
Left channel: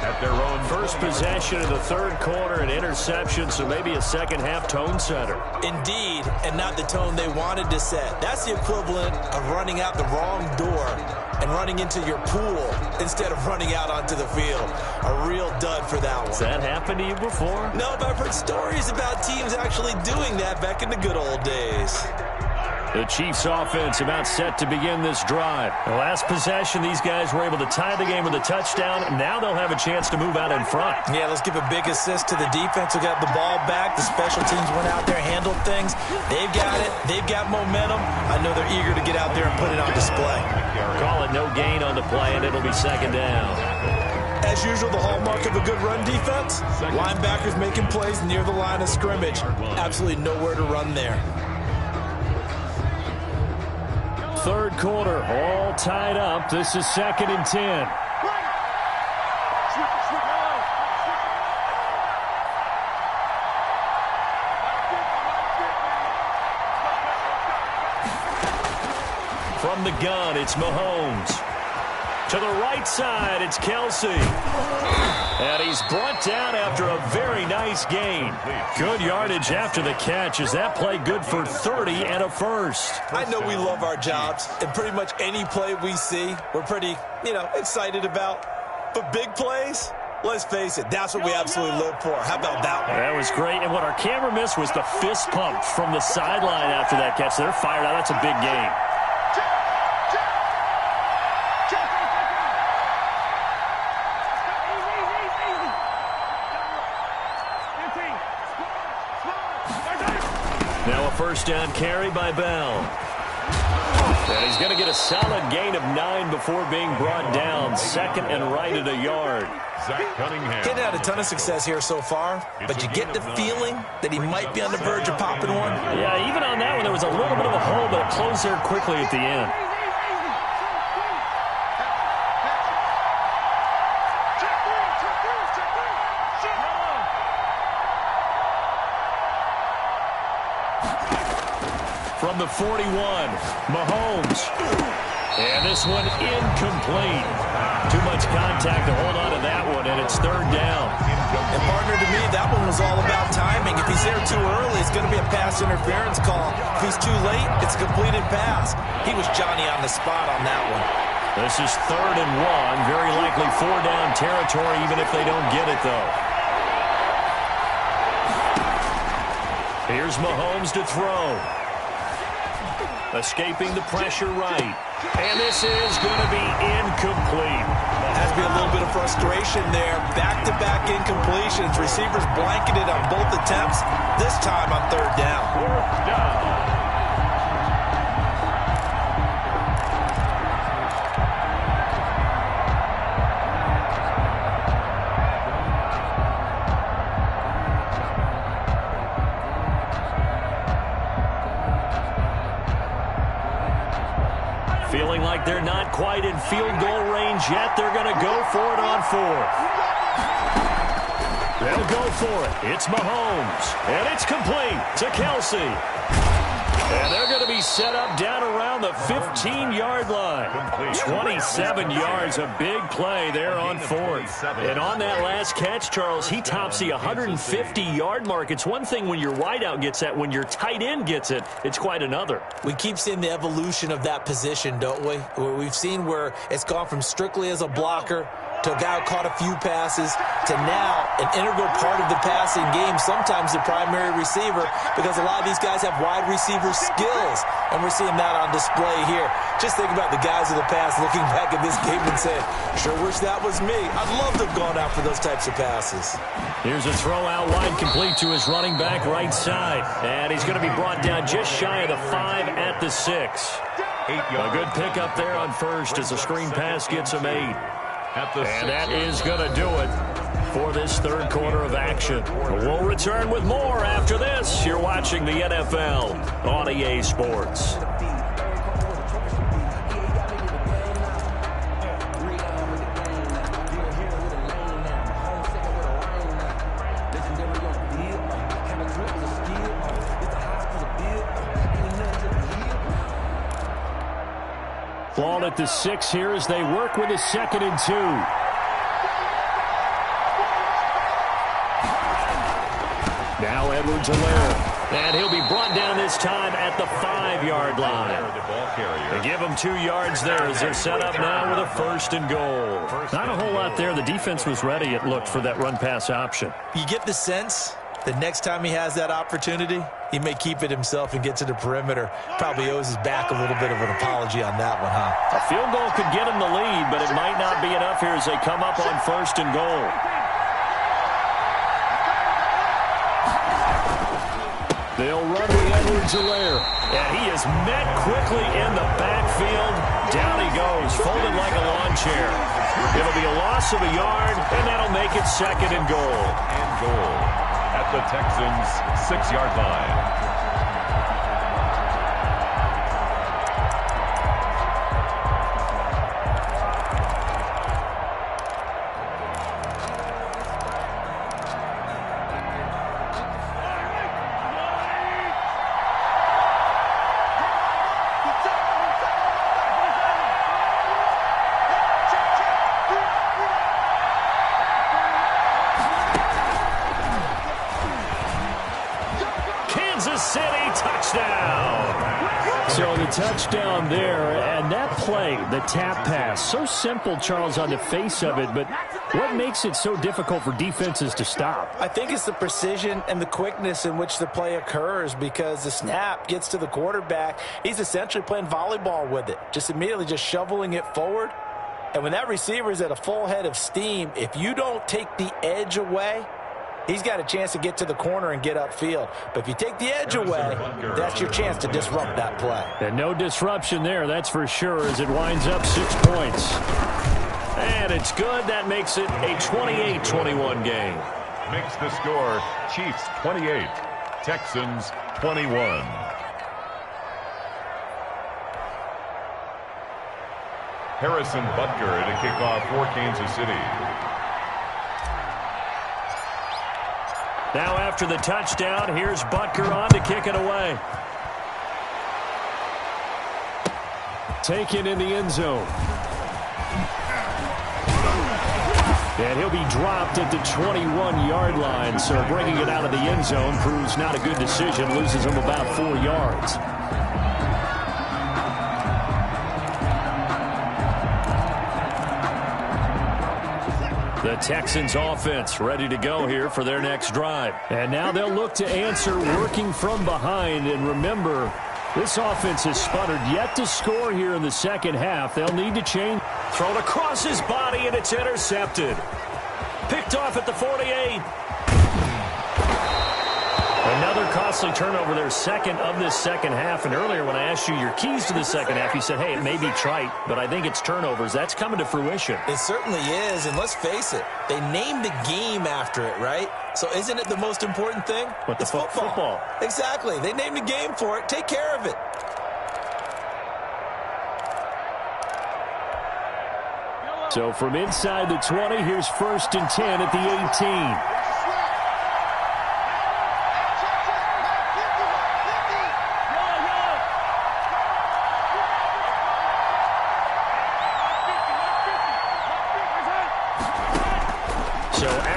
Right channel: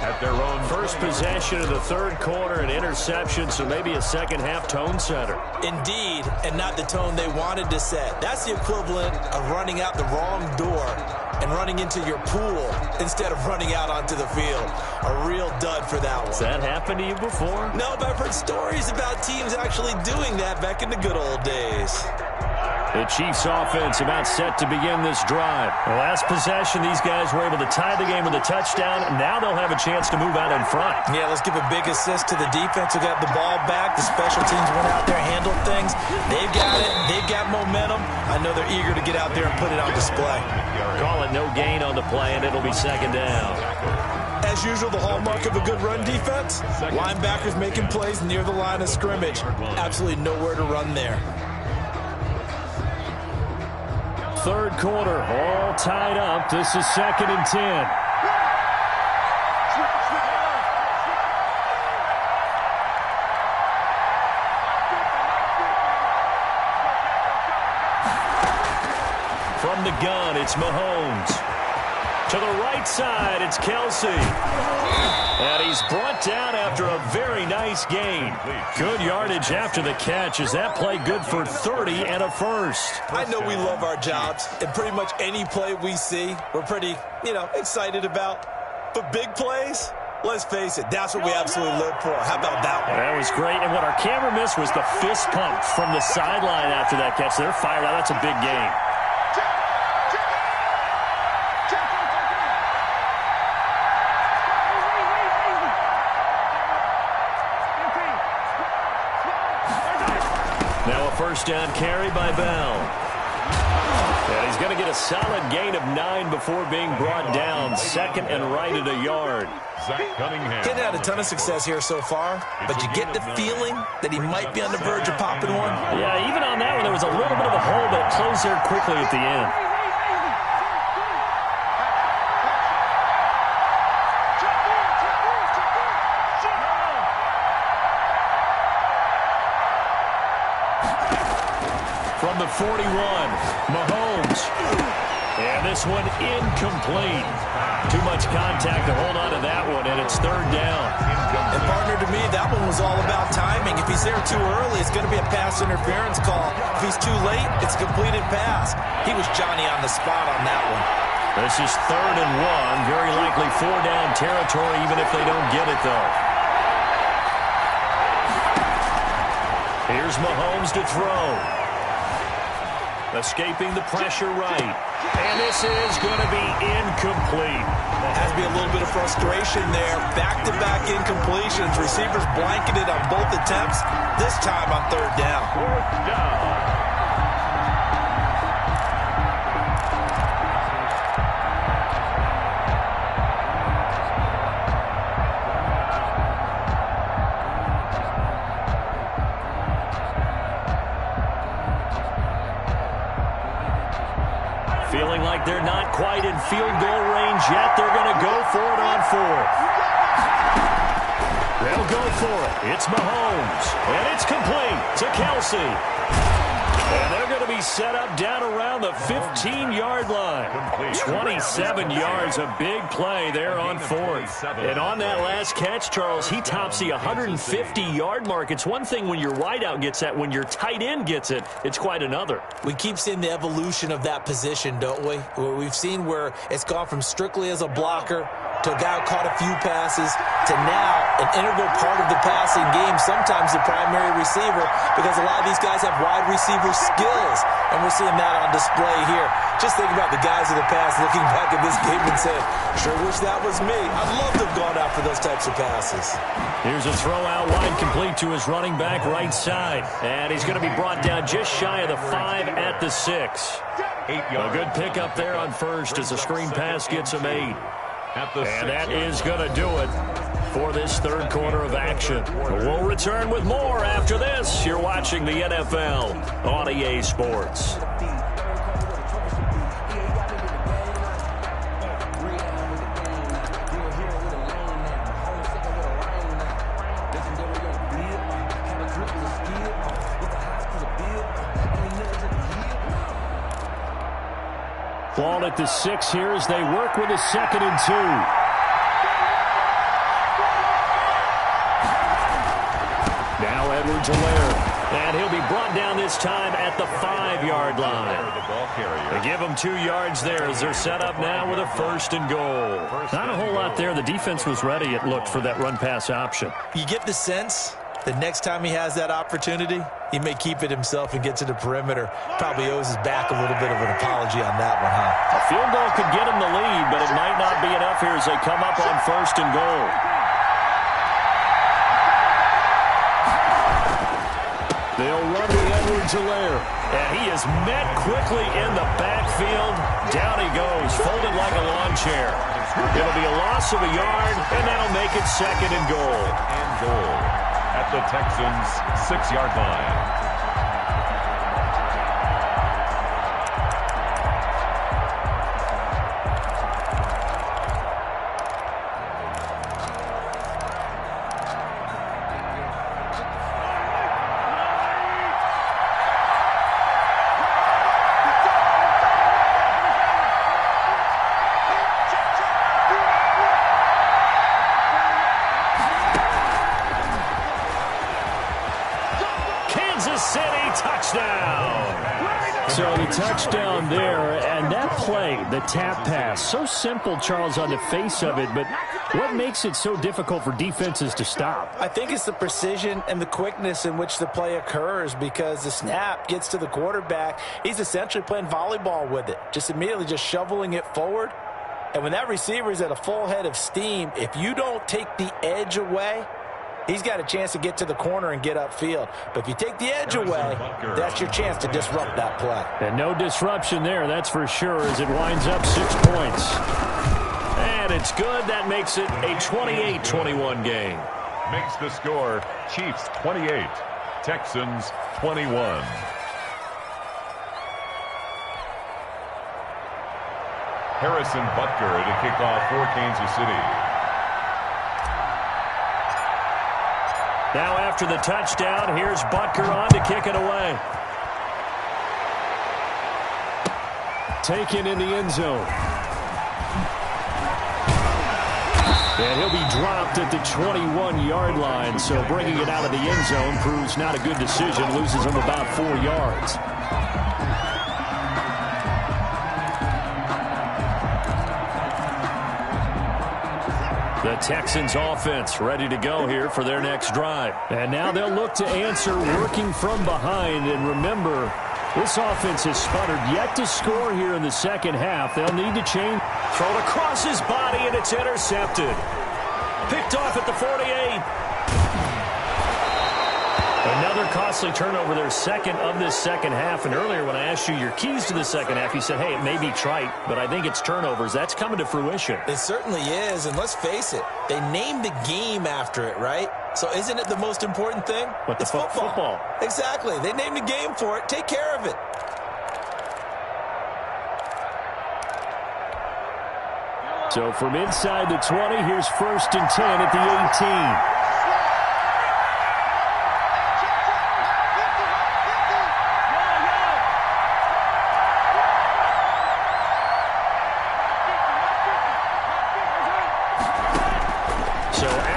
At their own First possession of the 3rd quarter, an interception, so maybe a second-half tone setter. Indeed, and not the tone they wanted to set. That's the equivalent of running out the wrong door and running into your pool instead of running out onto the field. A real dud for that one. Has that happened to you before? No, but I've heard stories about teams actually doing that back in the good old days. The Chiefs offense about set to begin this drive. The last possession, these guys were able to tie the game with a touchdown. Now they'll have a chance to move out in front. Yeah, let's give a big assist to the defense who got the ball back. The special teams went out there, handled things. They've got it. They've got momentum. I know they're eager to get out there and put it on display. Call it no gain on the play, and it'll be 2nd down. As usual, the hallmark of a good run defense, linebackers making plays near the line of scrimmage. Absolutely nowhere to run there. 3rd quarter, all tied up. This is 2nd and 10. From the gun, it's Mahomes. To the right side, it's Kelsey. And he's brought down after a very nice gain. Good yardage after the catch. Is that play good for 30 and a first? I know we love our jobs, and pretty much any play we see, we're pretty, excited about. But big plays, let's face it, that's what we absolutely live for. How about that one? That was great. And what our camera missed was the fist pump from the sideline after that catch. They're fired out. That's a big gain. first down carry by Bell. And he's going to get a solid gain of 9 before being brought down. Second and right at a yard. Getting had a ton of success here so far, but you get the feeling that he might be on the verge of popping one. Yeah, even on that one, there was a little bit of a hole, but it closed there quickly at the end. From the 41, Mahomes. And this one incomplete. Too much contact to hold on to that one, and it's third down. And partner, to me, that one was all about timing. If he's there too early, it's going to be a pass interference call. If he's too late, it's a completed pass. He was Johnny on the spot on that one. This is 3rd and 1. Very likely 4-down territory, even if they don't get it, though. Here's Mahomes to throw. Escaping the pressure right. And this is going to be incomplete. Has to be a little bit of frustration there. Back-to-back incompletions. Receivers blanketed on both attempts. This time on 3rd down. 4th down. Feeling like they're not quite in field goal range yet. They're going to go for it on 4th. They'll go for it. It's Mahomes. And it's complete to Kelsey. And they're going to be set up down around the 15-yard line. 27 yards, a big play there on 4th. And on that last catch, Charles, he tops the 150-yard mark. It's one thing when your wideout gets that. When your tight end gets it, it's quite another. We keep seeing the evolution of that position, don't we? Where we've seen where it's gone from strictly as a blocker to a guy who caught a few passes to now an integral part of the passing game, sometimes the primary receiver, because a lot of these guys have wide receiver skills, and we're seeing that on display here. Just think about the guys of the past looking back at this game and saying, sure wish that was me. I'd love to have gone out for those types of passes. Here's a throw out wide, complete to his running back right side, and he's going to be brought down just shy of the 5 at the 6. A good pickup there on first as the screen pass gets him 8. And that is going to do it for this third quarter of action. We'll return with more after this. You're watching the NFL on EA Sports. Ball at the 6 here as they work with a 2nd and 2. Now Edwards-Helaire. And he'll be brought down this time at the 5-yard line. They give him 2 yards there as they're set up now with a 1st and goal. Not a whole lot there. The defense was ready, it looked, for that run-pass option. You get the sense that next time he has that opportunity, he may keep it himself and get to the perimeter. Probably owes his back a little bit of an apology on that one, huh? A field goal could get him the lead, but it might not be enough here as they come up on 1st and goal. They'll run with Edwards-Helaire. And he is met quickly in the backfield. Down he goes, folded like a lawn chair. It'll be a loss of a yard, and that'll make it 2nd and goal. And goal at the Texans' 6-yard line. So the touchdown there, and that play, the tap pass, so simple, Charles, on the face of it, but what makes it so difficult for defenses to stop? I think it's the precision and the quickness in which the play occurs, because the snap gets to the quarterback. He's essentially playing volleyball with it, just immediately just shoveling it forward. And when that receiver is at a full head of steam, if you don't take the edge away, he's got a chance to get to the corner and get upfield. But if you take the edge away, that's your chance to disrupt that play. And no disruption there, that's for sure, as it winds up 6 points. And it's good. That makes it a 28-21 game. Makes the score Chiefs 28, Texans 21. Harrison Butker to kick off for Kansas City. Now after the touchdown, here's Butker on to kick it away. Taken in the end zone. And he'll be dropped at the 21-yard line, so bringing it out of the end zone proves not a good decision, loses him about 4 yards. The Texans offense ready to go here for their next drive. And now they'll look to answer working from behind. And remember, this offense has sputtered yet to score here in the second half. They'll need to change. Thrown across his body, and it's intercepted. Picked off at the 48. Another costly turnover, their second of this second half. And earlier when I asked you your keys to the second half, you said, hey, it may be trite, but I think it's turnovers. That's coming to fruition. It certainly is, and let's face it, they named the game after it, right? So isn't it the most important thing? But it's football. Exactly. They named the game for it. Take care of it. So from inside the 20, here's 1st and 10 at the 18.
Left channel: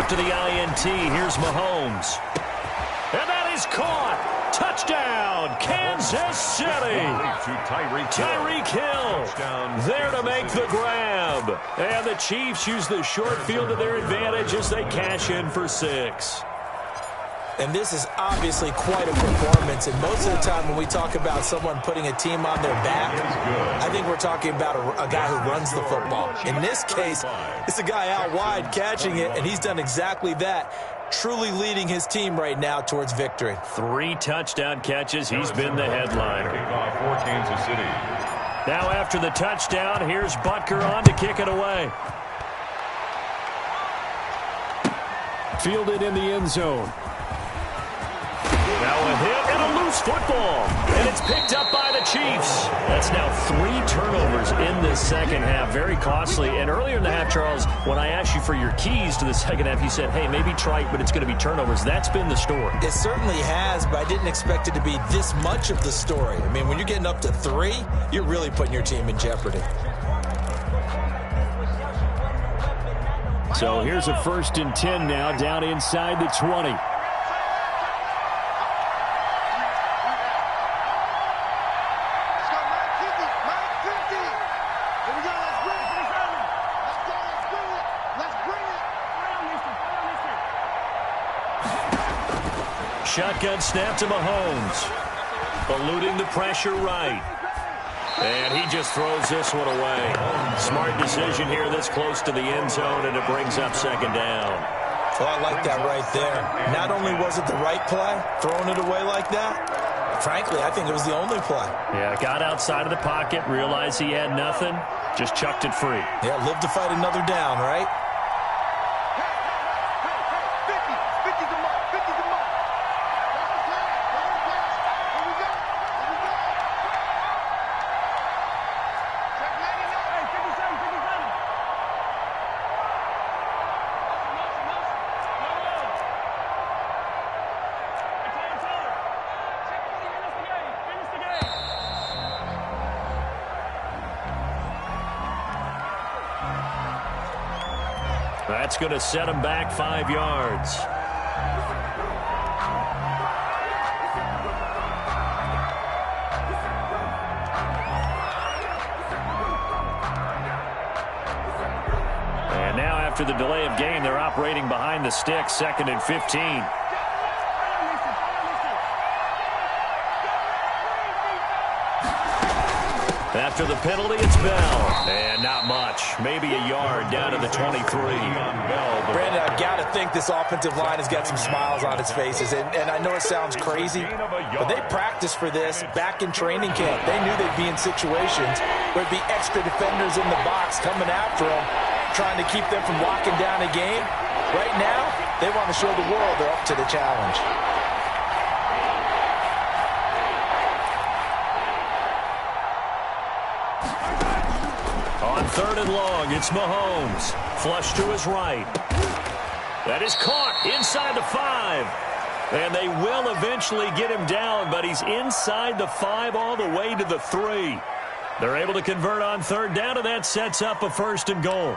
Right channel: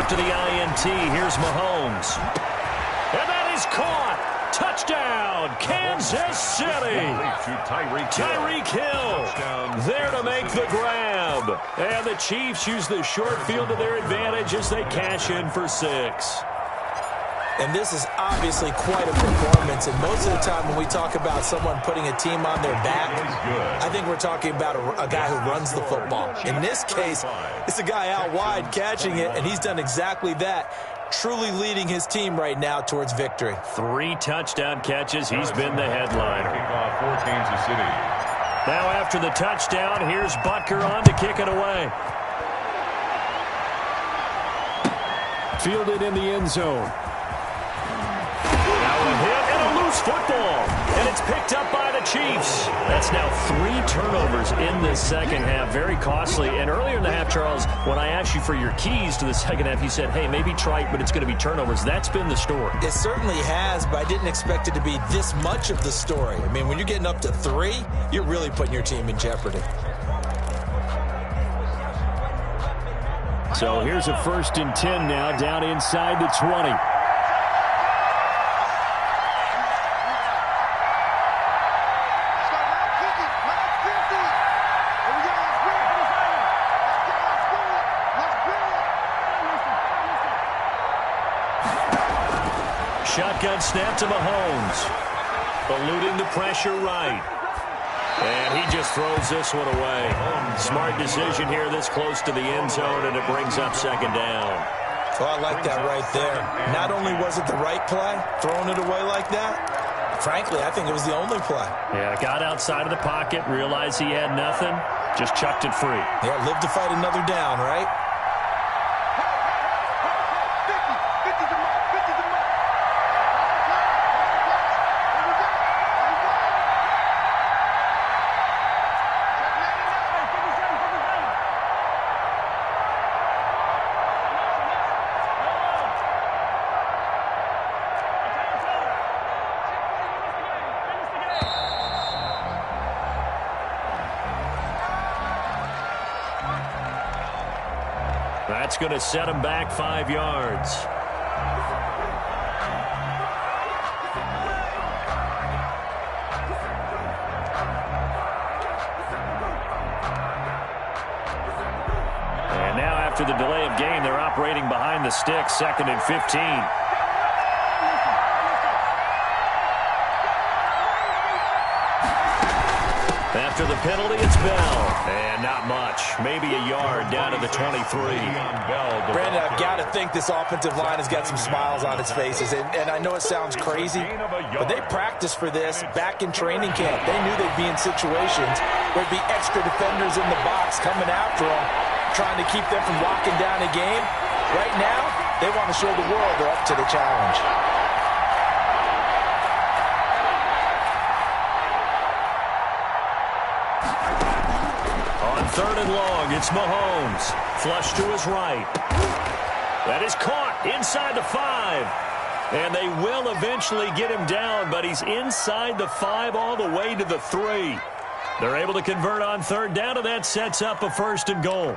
To the INT, here's Mahomes. And that is caught. Touchdown, Kansas City. Tyreek Hill there to make the grab. And the Chiefs use the short field to their advantage as they cash in for 6. And this is obviously quite a performance. And most of the time when we talk about someone putting a team on their back, I think we're talking about a guy who runs the football. In this case, it's a guy out wide catching it, and he's done exactly that, truly leading his team right now towards victory. 3 touchdown catches. He's been the headliner. Kickoff for Kansas City. Now after the touchdown, here's Butker on to kick it away. Fielded in the end zone. Now a hit and a loose football. And it's picked up by the Chiefs. That's now 3 turnovers in this second half. Very costly. And earlier in the half, Charles, when I asked you for your keys to the second half, you said, hey, maybe trite, but it's going to be turnovers. That's been the story. It certainly has, but I didn't expect it to be this much of the story. I mean, when you're getting up to 3, you're really putting your team in jeopardy. So here's a 1st and 10 now down inside the 20. Shotgun snap to Mahomes. Eluding the pressure right. And he just throws this one away. Smart decision here this close to the end zone, and it brings up 2nd down. Well, I like that right there. Not only was it the right play, throwing it away like that, frankly, I think it was the only play. Yeah, got outside of the pocket, realized he had nothing, just chucked it free. Yeah, live to fight another down, right? That's going to set him back 5 yards. And now after the delay of game, they're operating behind the sticks, 2nd and 15. That After the penalty, it's Bell. And not much. Maybe a yard down to the 23. Brandon, I've got to think this offensive line has got some smiles on its faces. And I know it sounds crazy, but they practiced for this back in training camp. They knew they'd be in situations where there'd be extra defenders in the box coming after them, trying to keep them from locking down a game. Right now, they want to show the world they're up to the challenge. On 3rd and long, it's Mahomes. Flush to his right. That is caught inside the 5. And they will eventually get him down, but he's inside the 5 all the way to the 3. They're able to convert on 3rd down, and that sets up a 1st and goal.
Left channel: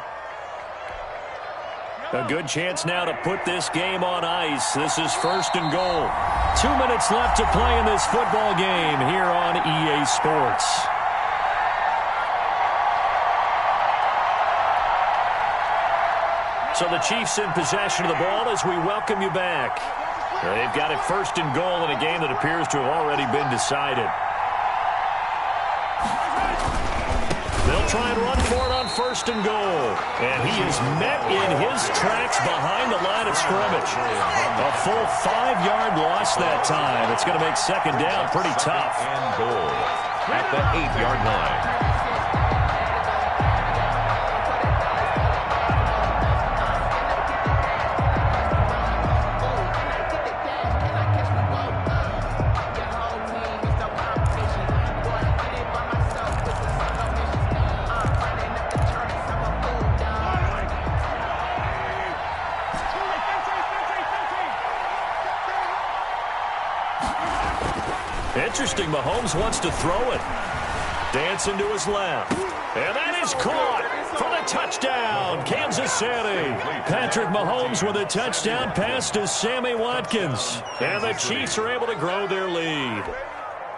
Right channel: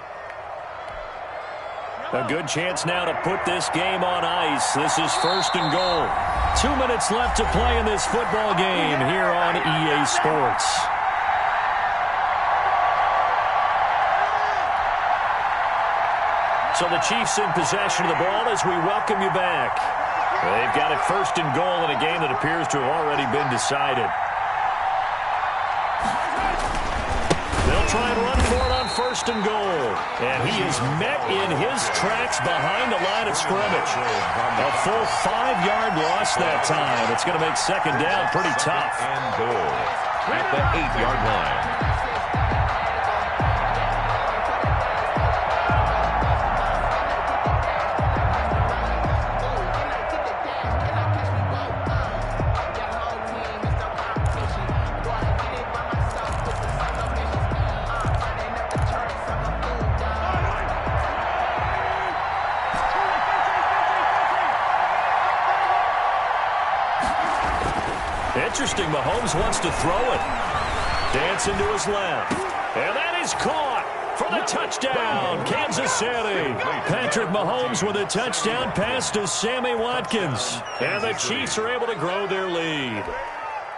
A good chance now to put this game on ice. This is 1st and goal. 2 minutes left to play in this football game here on EA Sports. So the Chiefs in possession of the ball as we welcome you back. They've got it 1st and goal in a game that appears to have already been decided. They'll try and run for it on 1st and goal. And he is met in his tracks behind the line of scrimmage. A full 5-yard loss that time. It's going to make 2nd down pretty tough. And goal at the 8-yard line. Interesting, Mahomes wants to throw it. Dancing to his left. And that is caught for the touchdown, Kansas City. Patrick Mahomes with a touchdown pass to Sammy Watkins. And the Chiefs are able to grow their lead.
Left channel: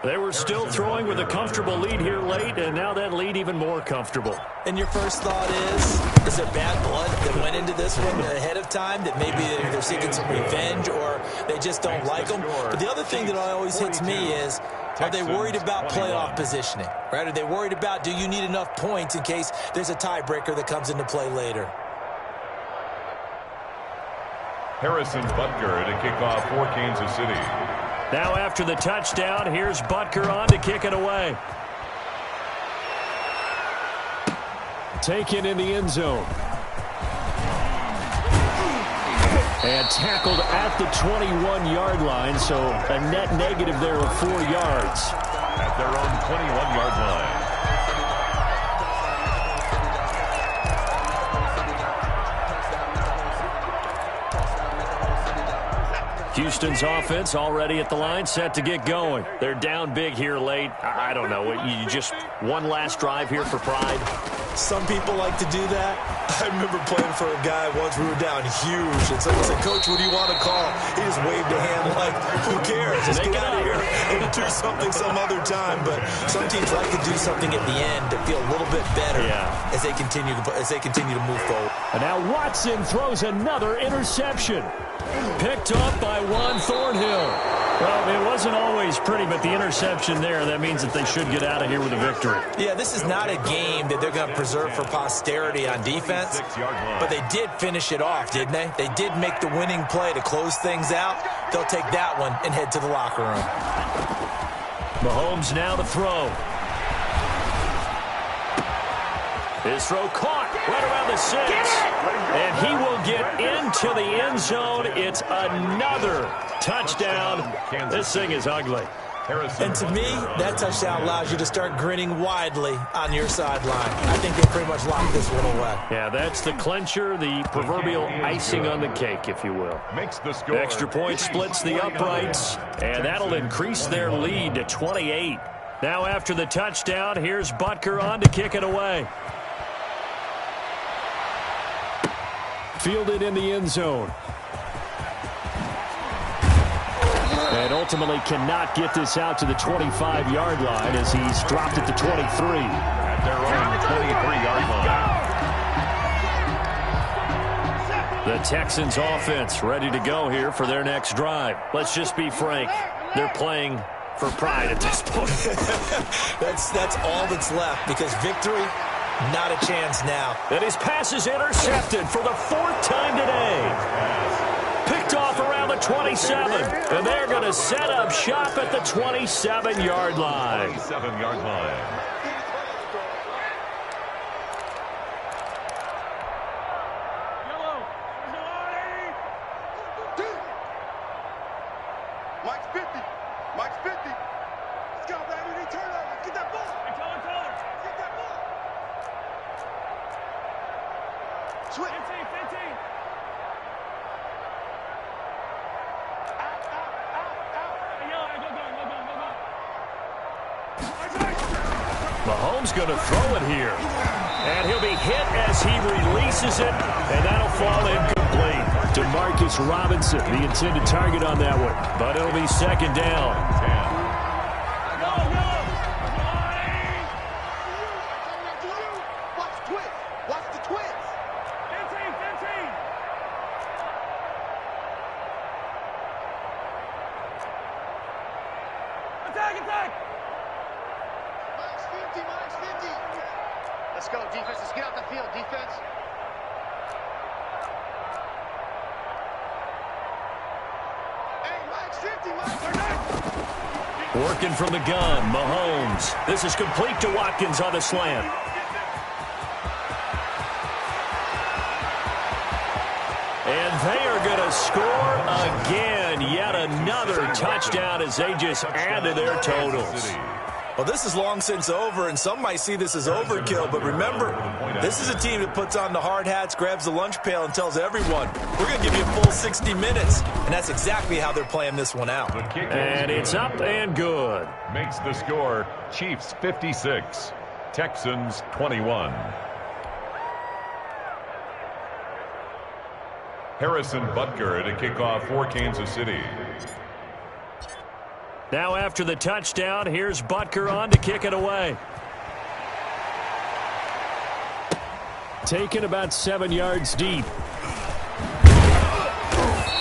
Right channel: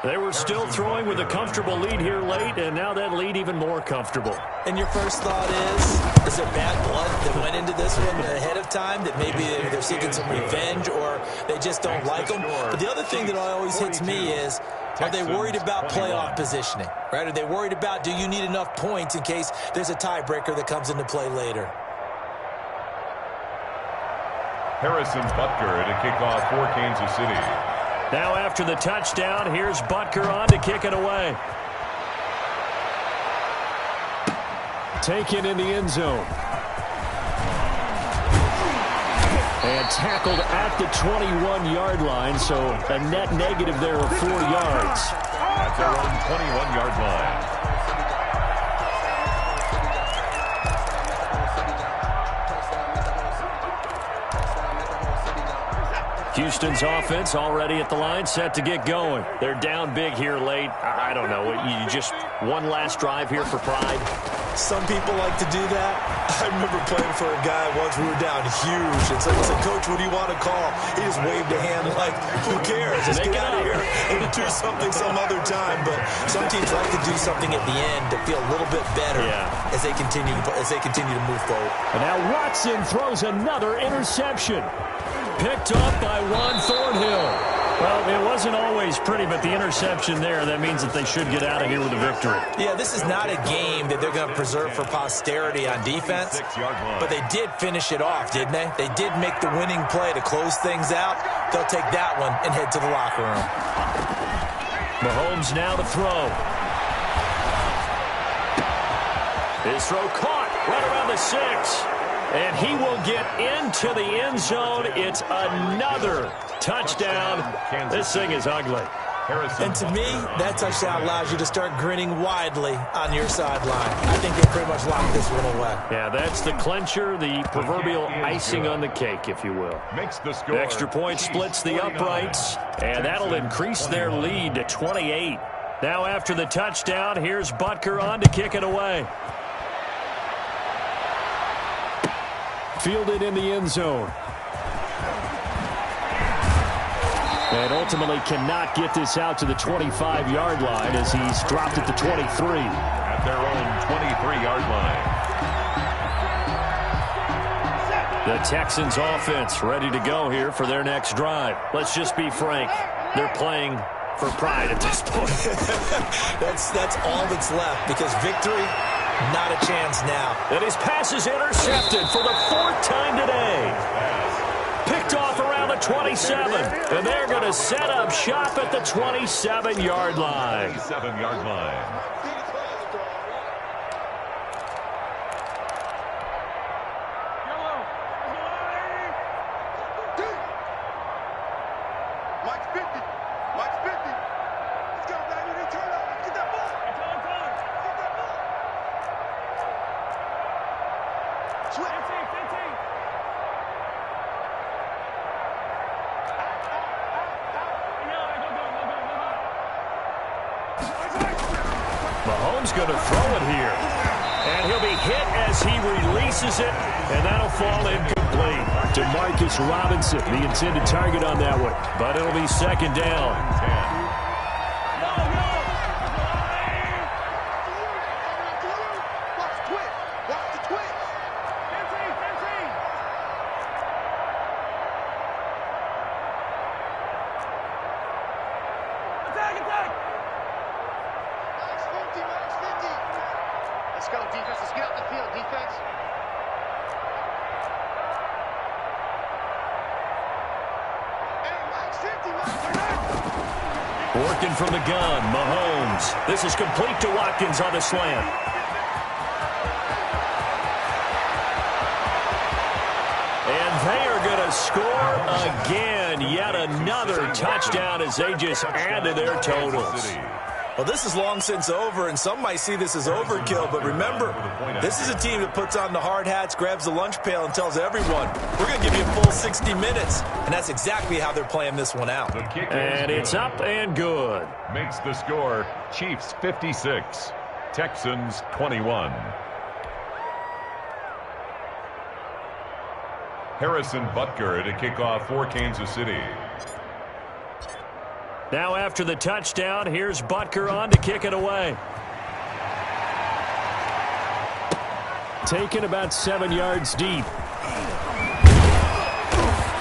They were still throwing with a comfortable lead here late, and now that lead even more comfortable. And your first thought is there bad blood that went into this one ahead of time, that maybe they're seeking some revenge or they just don't like them? But the other thing that always hits me is, are they worried about playoff positioning? Right? Are they worried about, do you need enough points in case there's a tiebreaker that comes into play later? Harrison Butker to kick off for Kansas City. Now after the touchdown, here's Butker on to kick it away. Taken in the end zone. And tackled at the 21-yard line, so a net negative there of 4 yards. At their own 21-yard line. Houston's offense already at the line, set to get going. They're down big here late. I don't know. You just one last drive here for pride? Some people like to do that. I remember playing for a guy once. We were down huge, and someone said, "Coach, what do you want to call?" He just waved a hand like, who cares? Just get out of here and do something some other time. But some teams like to do something at the end to feel a little bit better as they continue to move forward. And now Watson throws another interception. Picked up by Juan Thornhill. Well, it wasn't always pretty, but the interception there, that means that they should get out of here with a victory. Yeah, this is not a game that they're going to preserve for posterity on defense, but they did finish it off, didn't they? They did make the winning play to close things out. They'll take that one and head to the locker room. Mahomes now to throw. His throw caught right around the 6. And he will get into the end zone. It's another touchdown. This thing is ugly. And to me, that touchdown allows you to start grinning widely on your sideline. I think they pretty much locked this one away. Yeah, that's the clincher, the proverbial icing on the cake, if you will. Makes the score. Extra point splits the uprights, and that'll increase their lead to 28. Now after the touchdown, here's Butker on to kick it away. Fielded in the end zone. And ultimately cannot get this out to the 25-yard line as he's dropped at the 23. At their own 23-yard line. The Texans offense ready to go here for their next drive. Let's just be frank. They're playing for pride at this point. That's all that's left, because victory, not a chance now. And his pass is intercepted for the 4th time today. Picked off around the 27. And they're going to set up shop at the 27-yard line. 27-yard line. Mike's 50. Mike's 50. Let's go, baby. They turn over. Get that ball. Get that ball. Switch. 15. Mahomes going to throw it here. And he'll be hit as he releases it, and that'll fall incomplete. Demarcus Robinson, the intended target on that one. But it'll be 2nd down. 10. Watch the twist. Watch the twist. 15. Attack. Mike's 50. Let's go, defense. Let's get out the field, defense. Hey, Mike's 50. Working from the gun, Mahomes. This is complete to Watkins on the slant. And they are going to score again. Yet another touchdown as they just add to their totals. Well, this is long since over, and some might see this as overkill. But remember, this is a team that puts on the hard hats, grabs the lunch pail, and tells everyone, we're going to give you a full 60 minutes. And that's exactly how they're playing this one out. And it's up and good. Makes the score Chiefs 56, Texans 21. Harrison Butker to kick off for Kansas City. Now after the touchdown, here's Butker on to kick it away. Taken about 7 yards deep.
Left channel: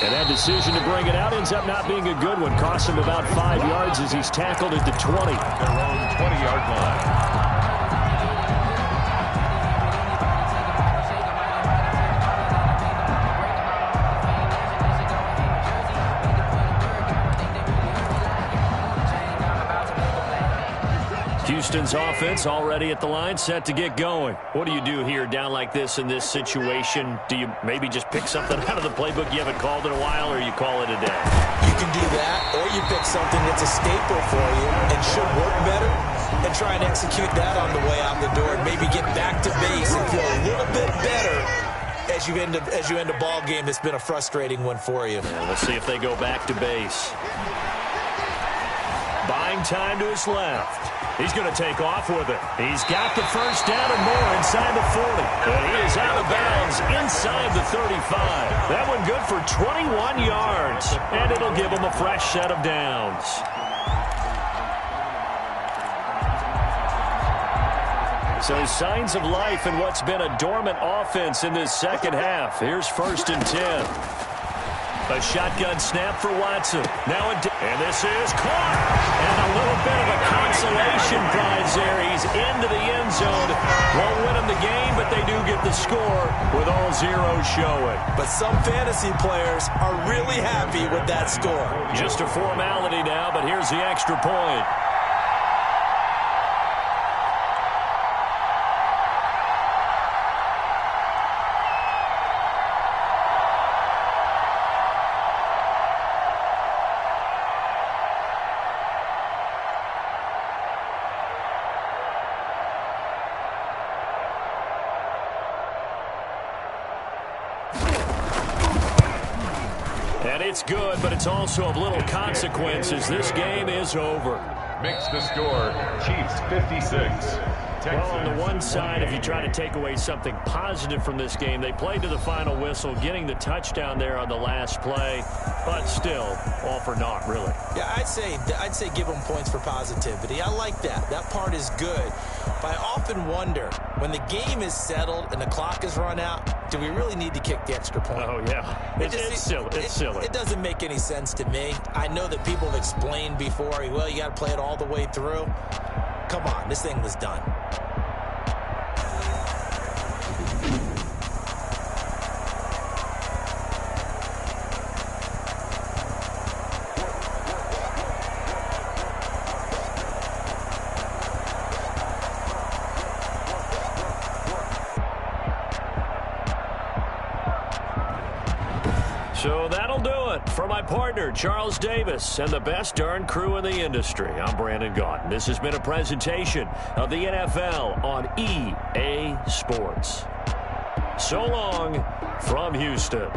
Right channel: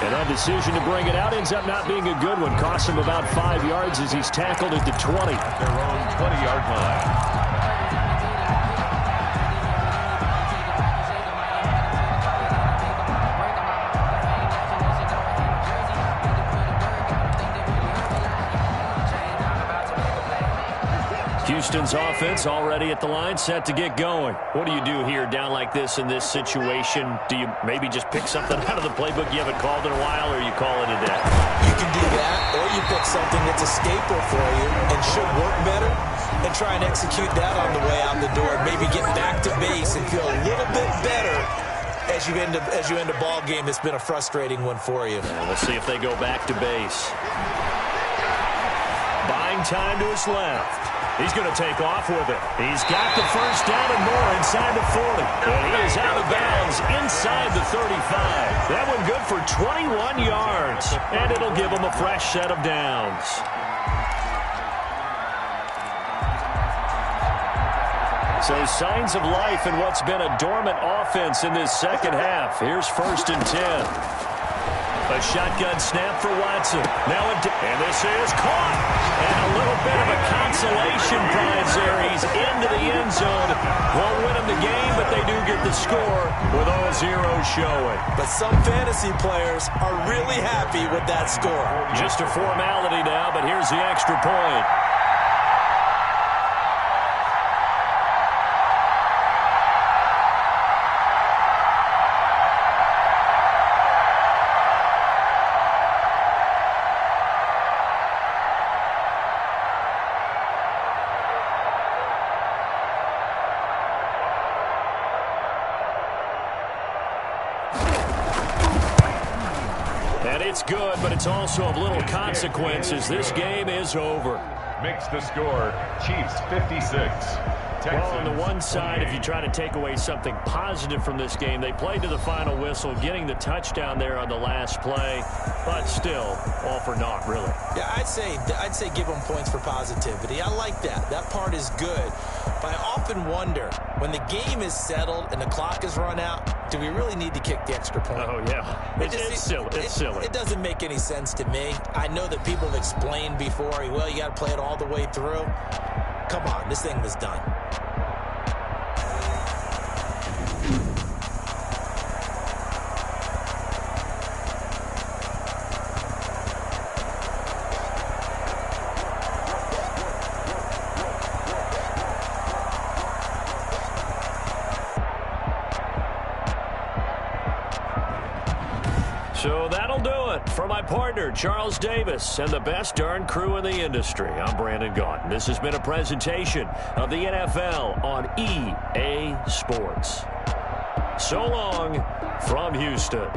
And that decision to bring it out ends up not being a good one. Costs him about 5 yards as he's tackled at the 20. At their own 20-yard line. Houston's offense already at the line, set to get going. What do you do here down like this in this situation? Do you maybe just pick something out of the playbook you haven't called in a while, or you call it a day? You can do that, or you pick something that's a staple for you and should work better and try and execute that on the way out the door. Maybe get back to base and feel a little bit better as you end a ball game that's been a frustrating one for you. Yeah, let's see if they go back to base. Buying time to his left. He's going to take off with it. He's got the first down and more inside the 40. And he is out of bounds inside the 35. That one good for 21 yards. And it'll give him a fresh set of downs. So signs of life in what's been a dormant offense in this second half. Here's 1st and 10. A shotgun snap for Watson. And this is caught. And a little bit of a consolation prize there. He's into the end zone. Won't win him the game, but they do get the score with all zeros showing. But some fantasy players are really happy with that score. Just a formality now, but here's the extra point. And it's good, but it's also of little consequences. This game is over. Makes the score Chiefs 56. Well, on the one side, if you try to take away something positive from this game, they played to the final whistle, getting the touchdown there on the last play, but still, all for naught, really. Yeah, I'd say give them points for positivity. I like that. That part is good. But I often wonder, when the game is settled and the clock is run out, do we really need to kick the extra point? Oh, yeah. It's silly. It's silly. It doesn't make any sense to me. I know that people have explained before, well, you got to play it all the way through. Come on, this thing was done. So that'll do it for my partner, Charles Davis, and the best darn crew in the industry. I'm Brandon Gaudin. This has been a presentation of the NFL on EA Sports. So long from Houston.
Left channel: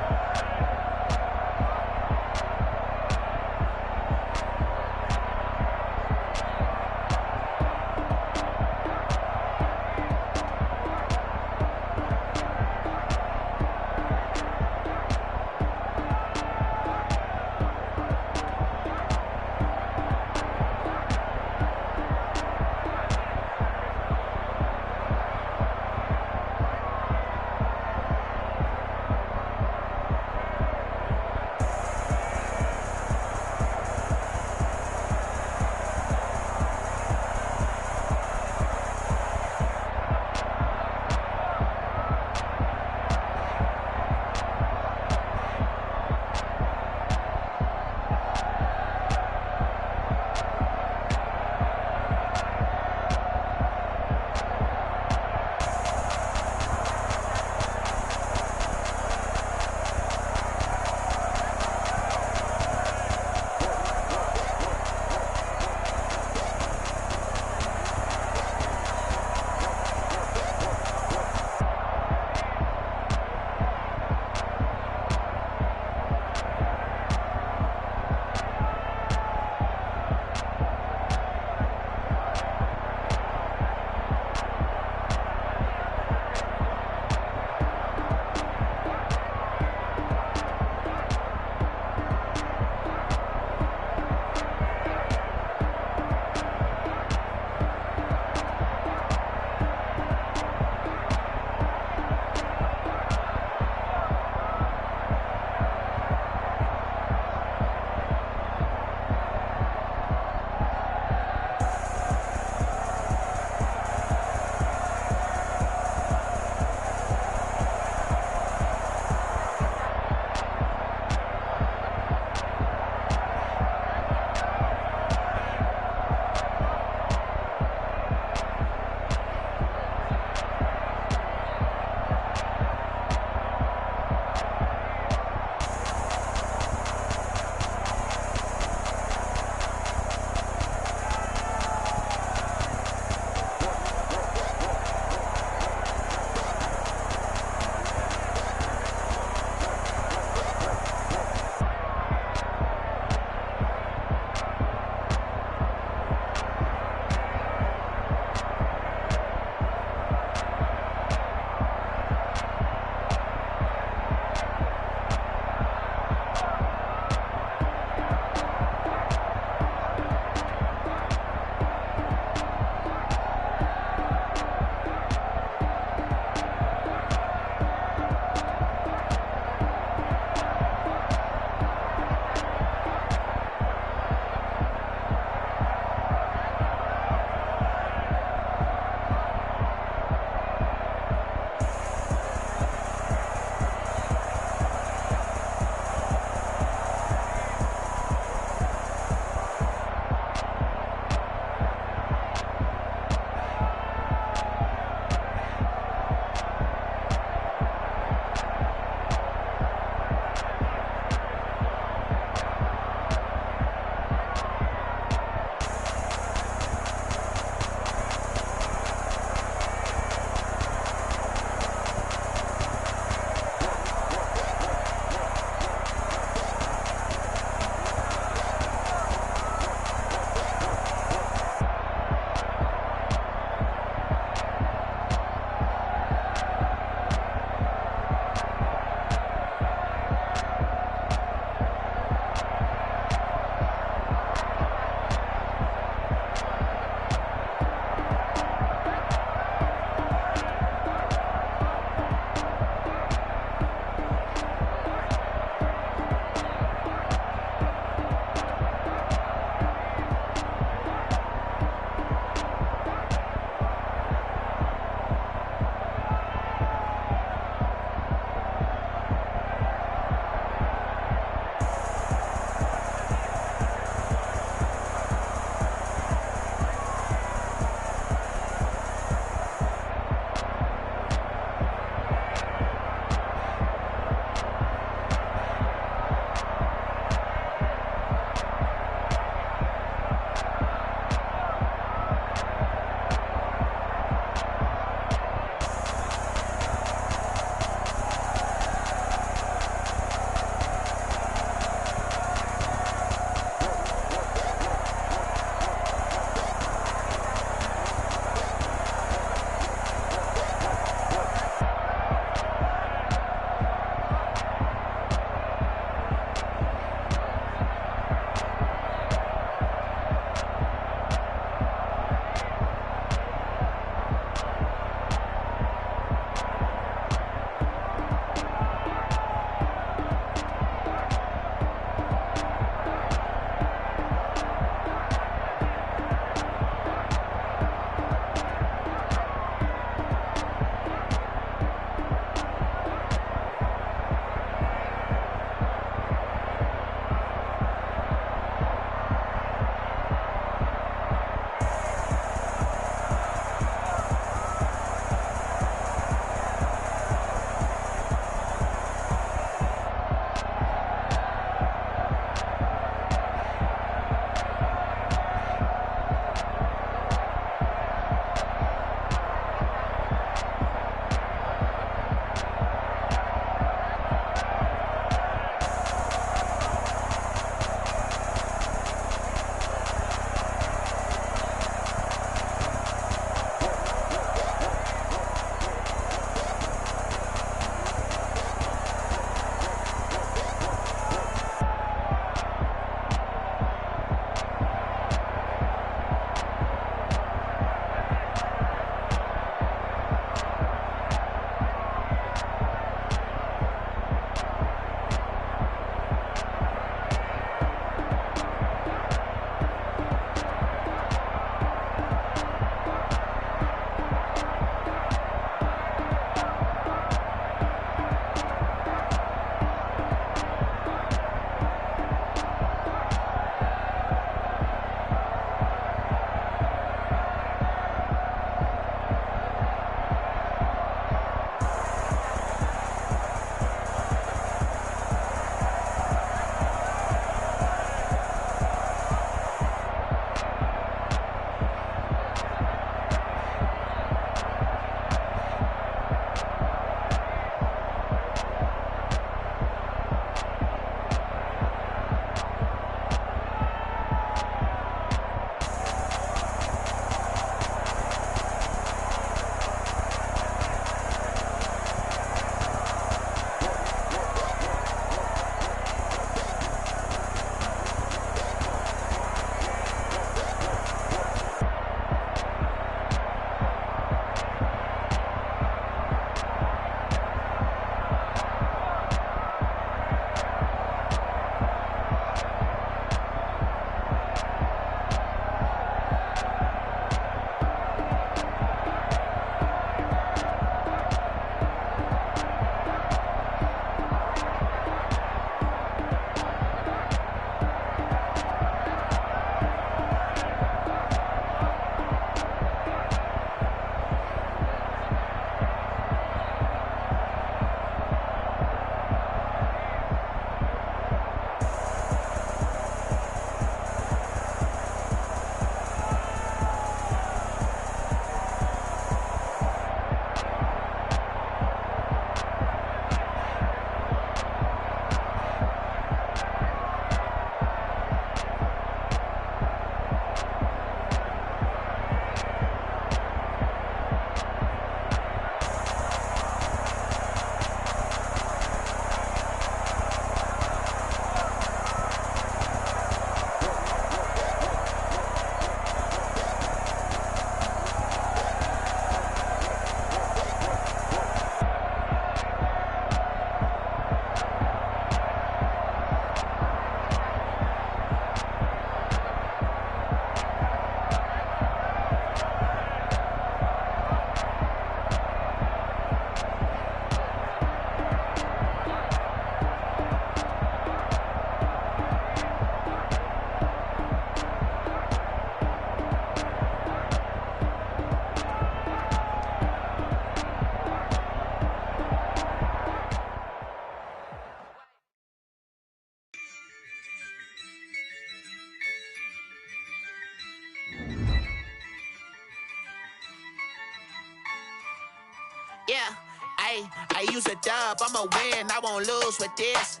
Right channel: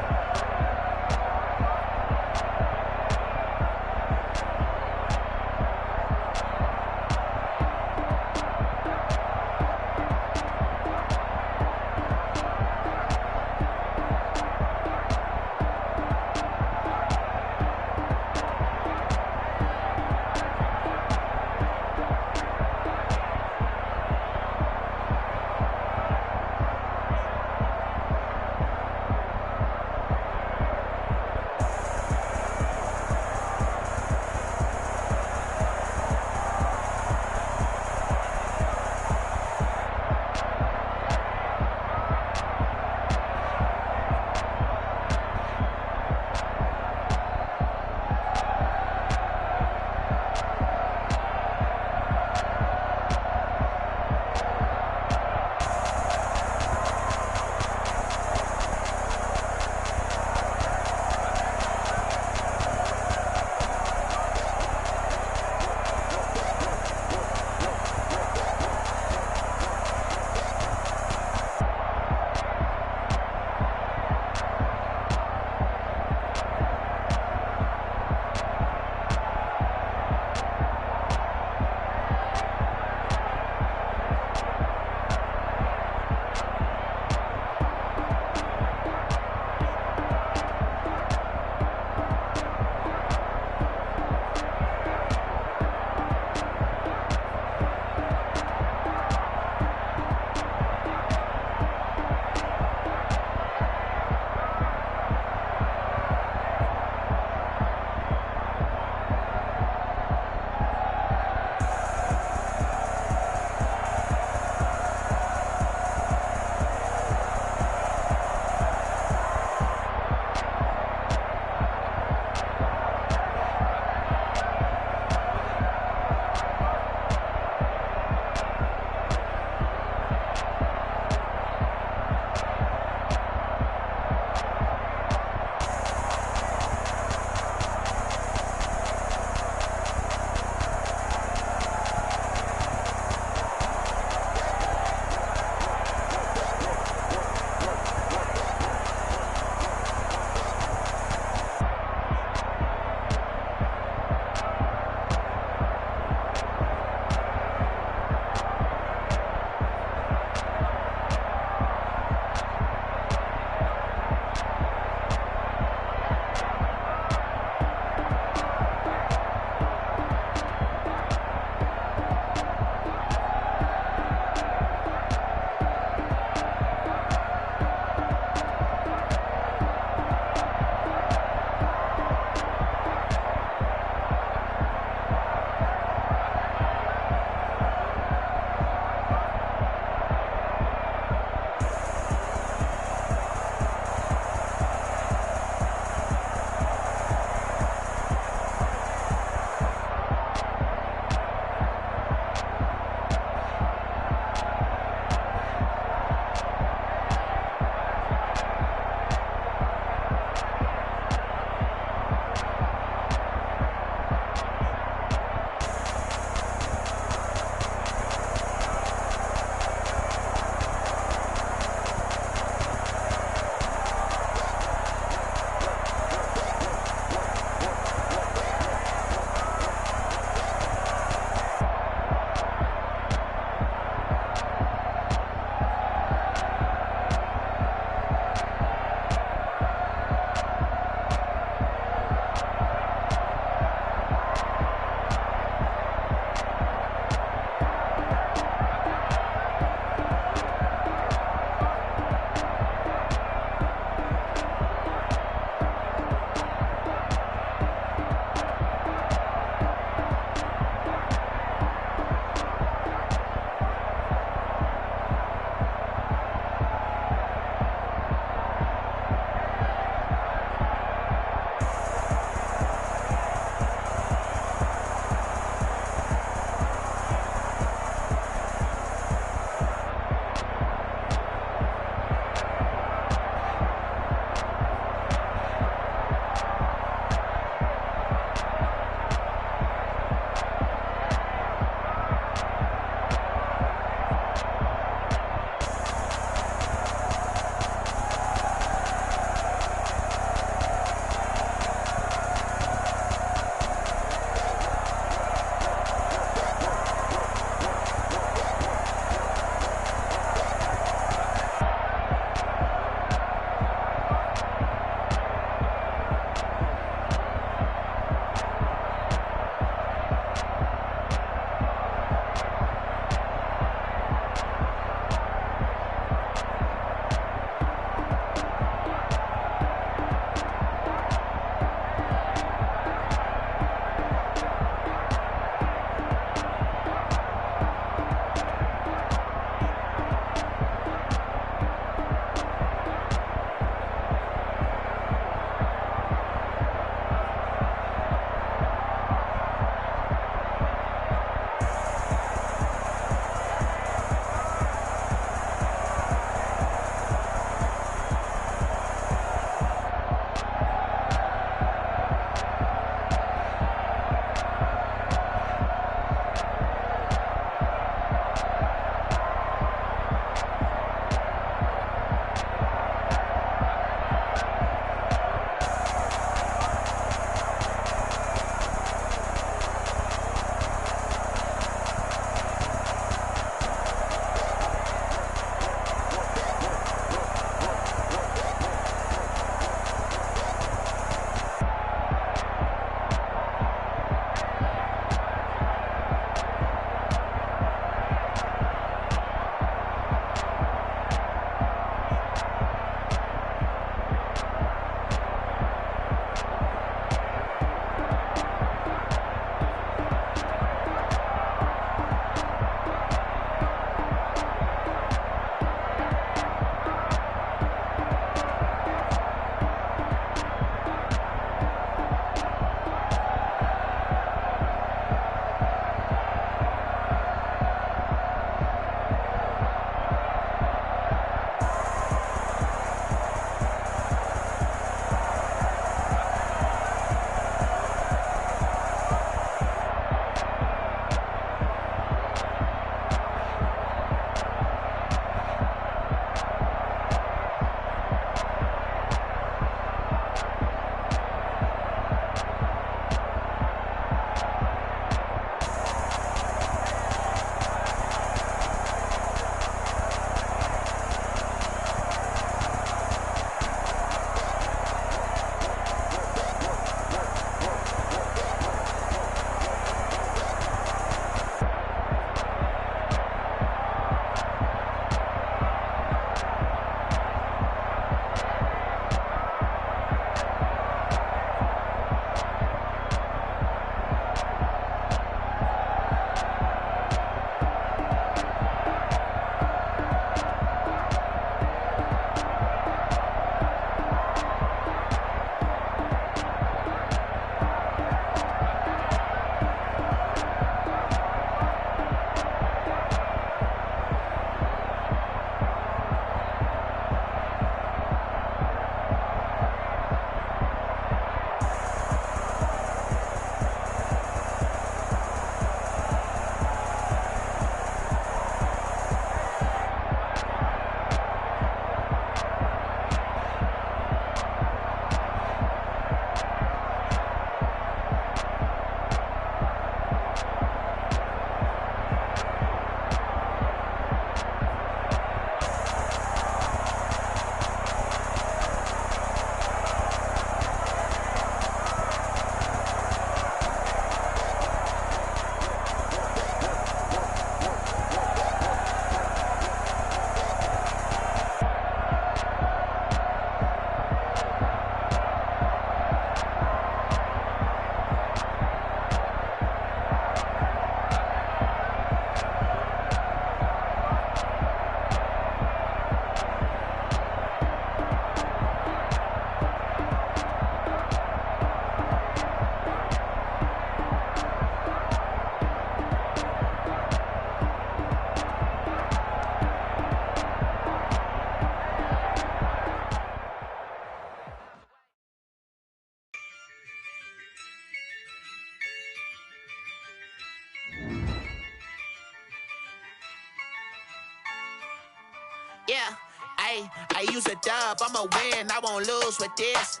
Yeah, I use a dub, I'ma win, I won't lose with this.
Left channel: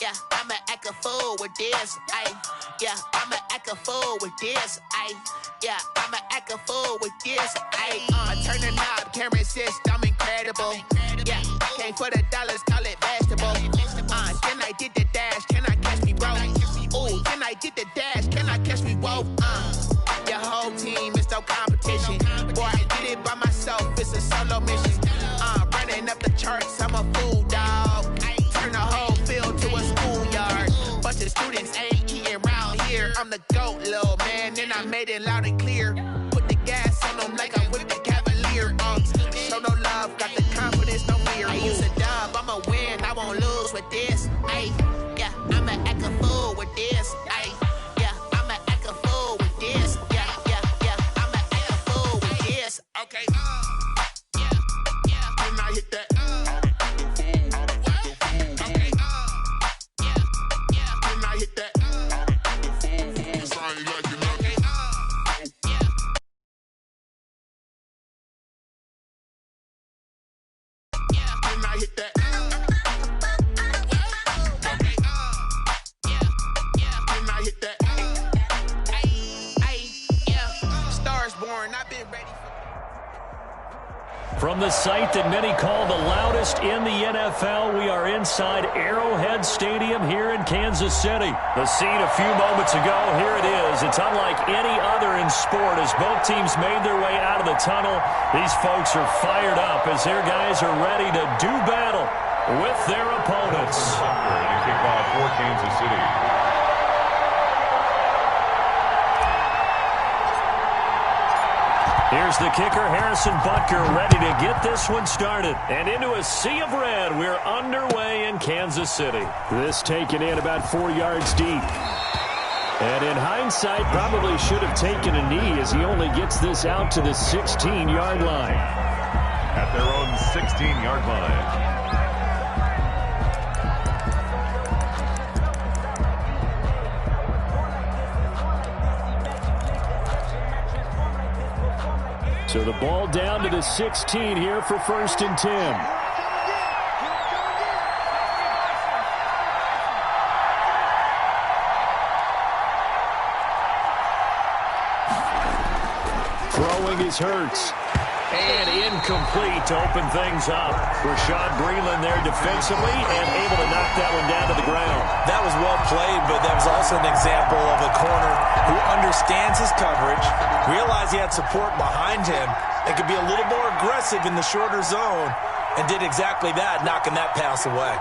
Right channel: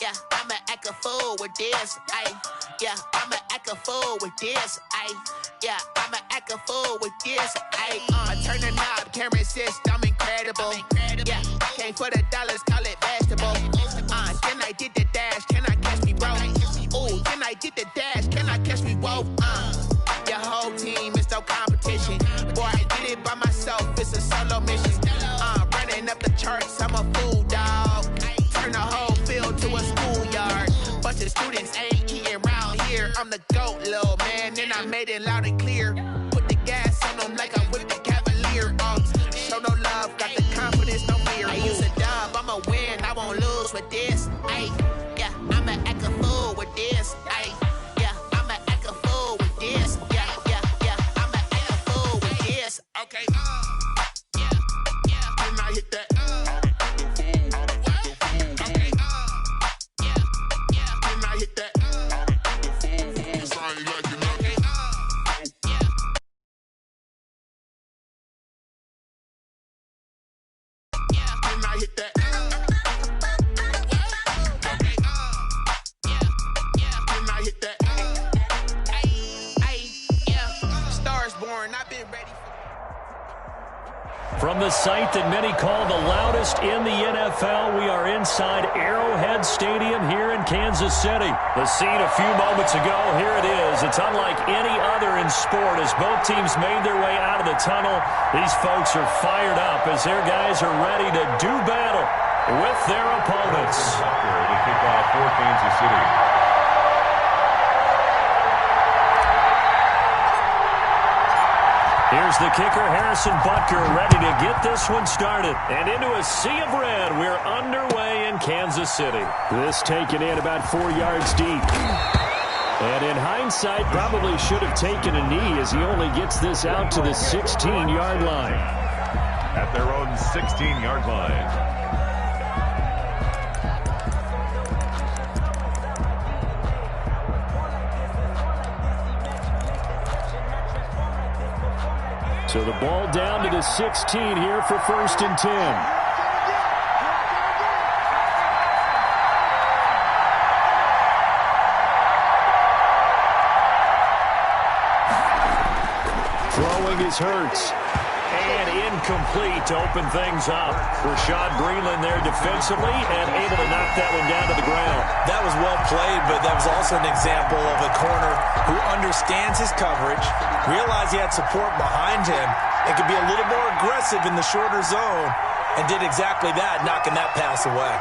Yeah, I'ma act a fool with this. Yeah, I'ma act a fool with this. Yeah, I'ma act a fool with this. I turn the knob, camera assist, I'm incredible. Yeah, came for the dollars, call it vegetable. Then I did the dash, can I catch me, bro? Ooh, then I did the dash, can I catch me, whoa? Your whole team is no competition. Boy, I did it by myself, it's a solo mission. Running up the charts, I'm a fool, dog. Turn the whole field to a schoolyard. Bunch of students ain't eating round here. I'm the GOAT, little man, and I made it loud and clear. Put the gas on them like I'm with the Cavalier. Show no love, got the confidence, no fear. I use a dub, I'ma win, I won't lose with this. Yeah, I'ma act a fool with this. Yeah, I'ma act a fool with this. Yeah, I'ma act a fool with this. Okay, yeah, then I hit that. From the site that many call the loudest in the NFL, we are inside Arrowhead Stadium here in Kansas City. The scene a few moments ago, here it is. It's unlike any other in sport as both teams made their way out of the tunnel. These folks are fired up as their guys are ready to do battle with their opponents. To kick off for Kansas City. Here's the kicker, Harrison Butker, ready to get this one started. And into a sea of red, we're underway in Kansas City. This taken in about 4 yards deep. And in hindsight, probably should have taken a knee as he only gets this out to the 16-yard line. At their own 16-yard line. So the ball down to the 16 here for 1st and 10. Throwing is Hurts. And incomplete to open things up. Rashad Breeland there defensively and able to knock that one down to the ground. That was well played, but that was also an example of a corner who understands his coverage, realized he had support behind him, and could be a little more aggressive in the shorter zone, and did exactly that, knocking that pass away.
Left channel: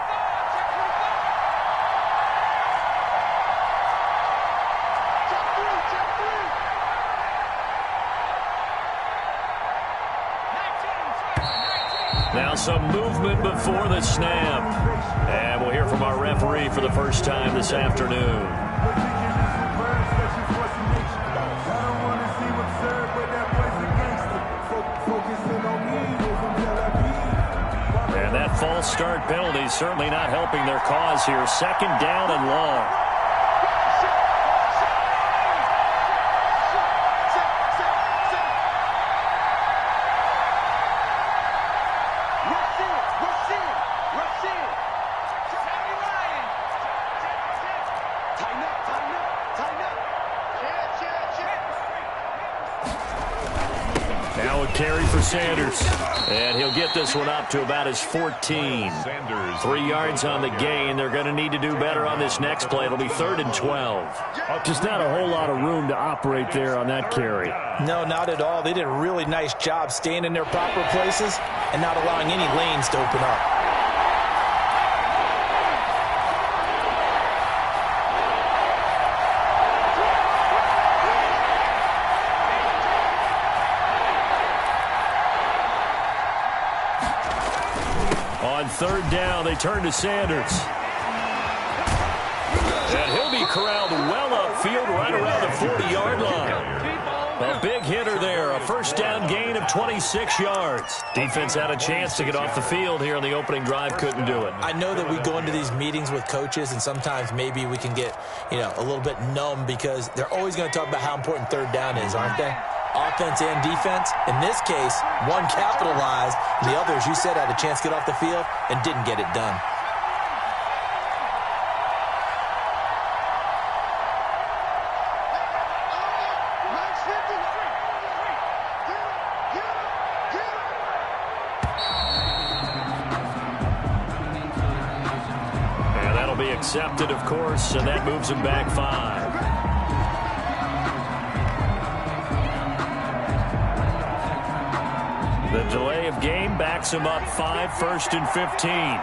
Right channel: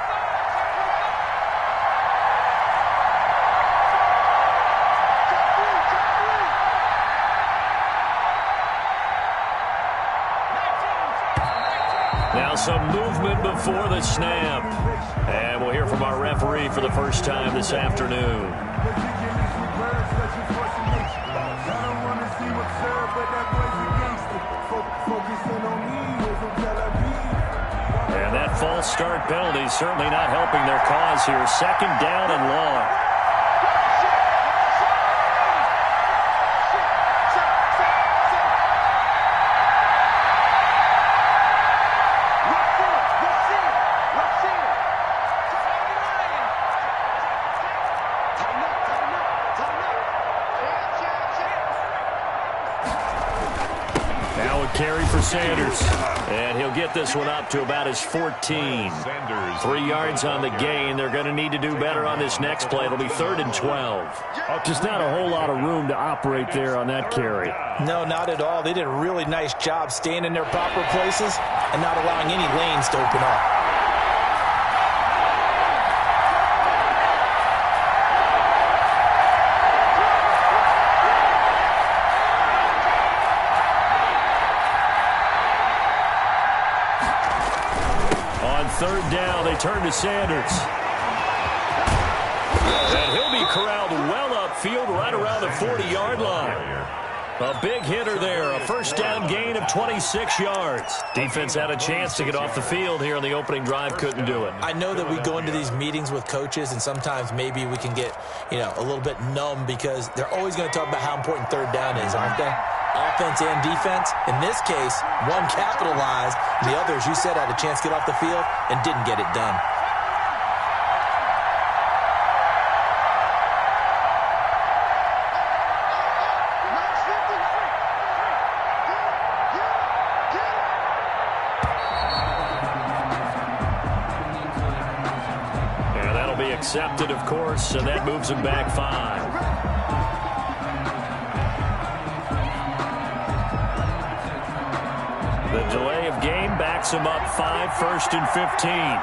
Now some movement before the snap. And we'll hear from our referee for the first time this afternoon. And that false start penalty is certainly not helping their cause here. 2nd down and long. Now a carry for Sanders. And he'll get this one up to about his 14. 3 yards on the gain. They're going to need to do better on this next play. It'll be 3rd and 12. Just not a whole lot of room to operate there on that carry. No, not at all. They did a really nice job staying in their proper places and not allowing any lanes to open up. On 3rd down, they turn to Sanders. And he'll be corralled well upfield right around the 40-yard line. A big hitter there, a 1st down gain of 26 yards. Defense had a chance to get off the field here on the opening drive, couldn't do it. I know that we go into these meetings with coaches, and sometimes maybe we can get, a little bit numb because they're always going to talk about how important 3rd down is, aren't they? offense and defense. In this case, one capitalized, and the other, as you said, had a chance to get off the field and didn't get it done. And that'll be accepted, of course, and that moves him back 5. The delay of game backs him up 5, 1st and 15.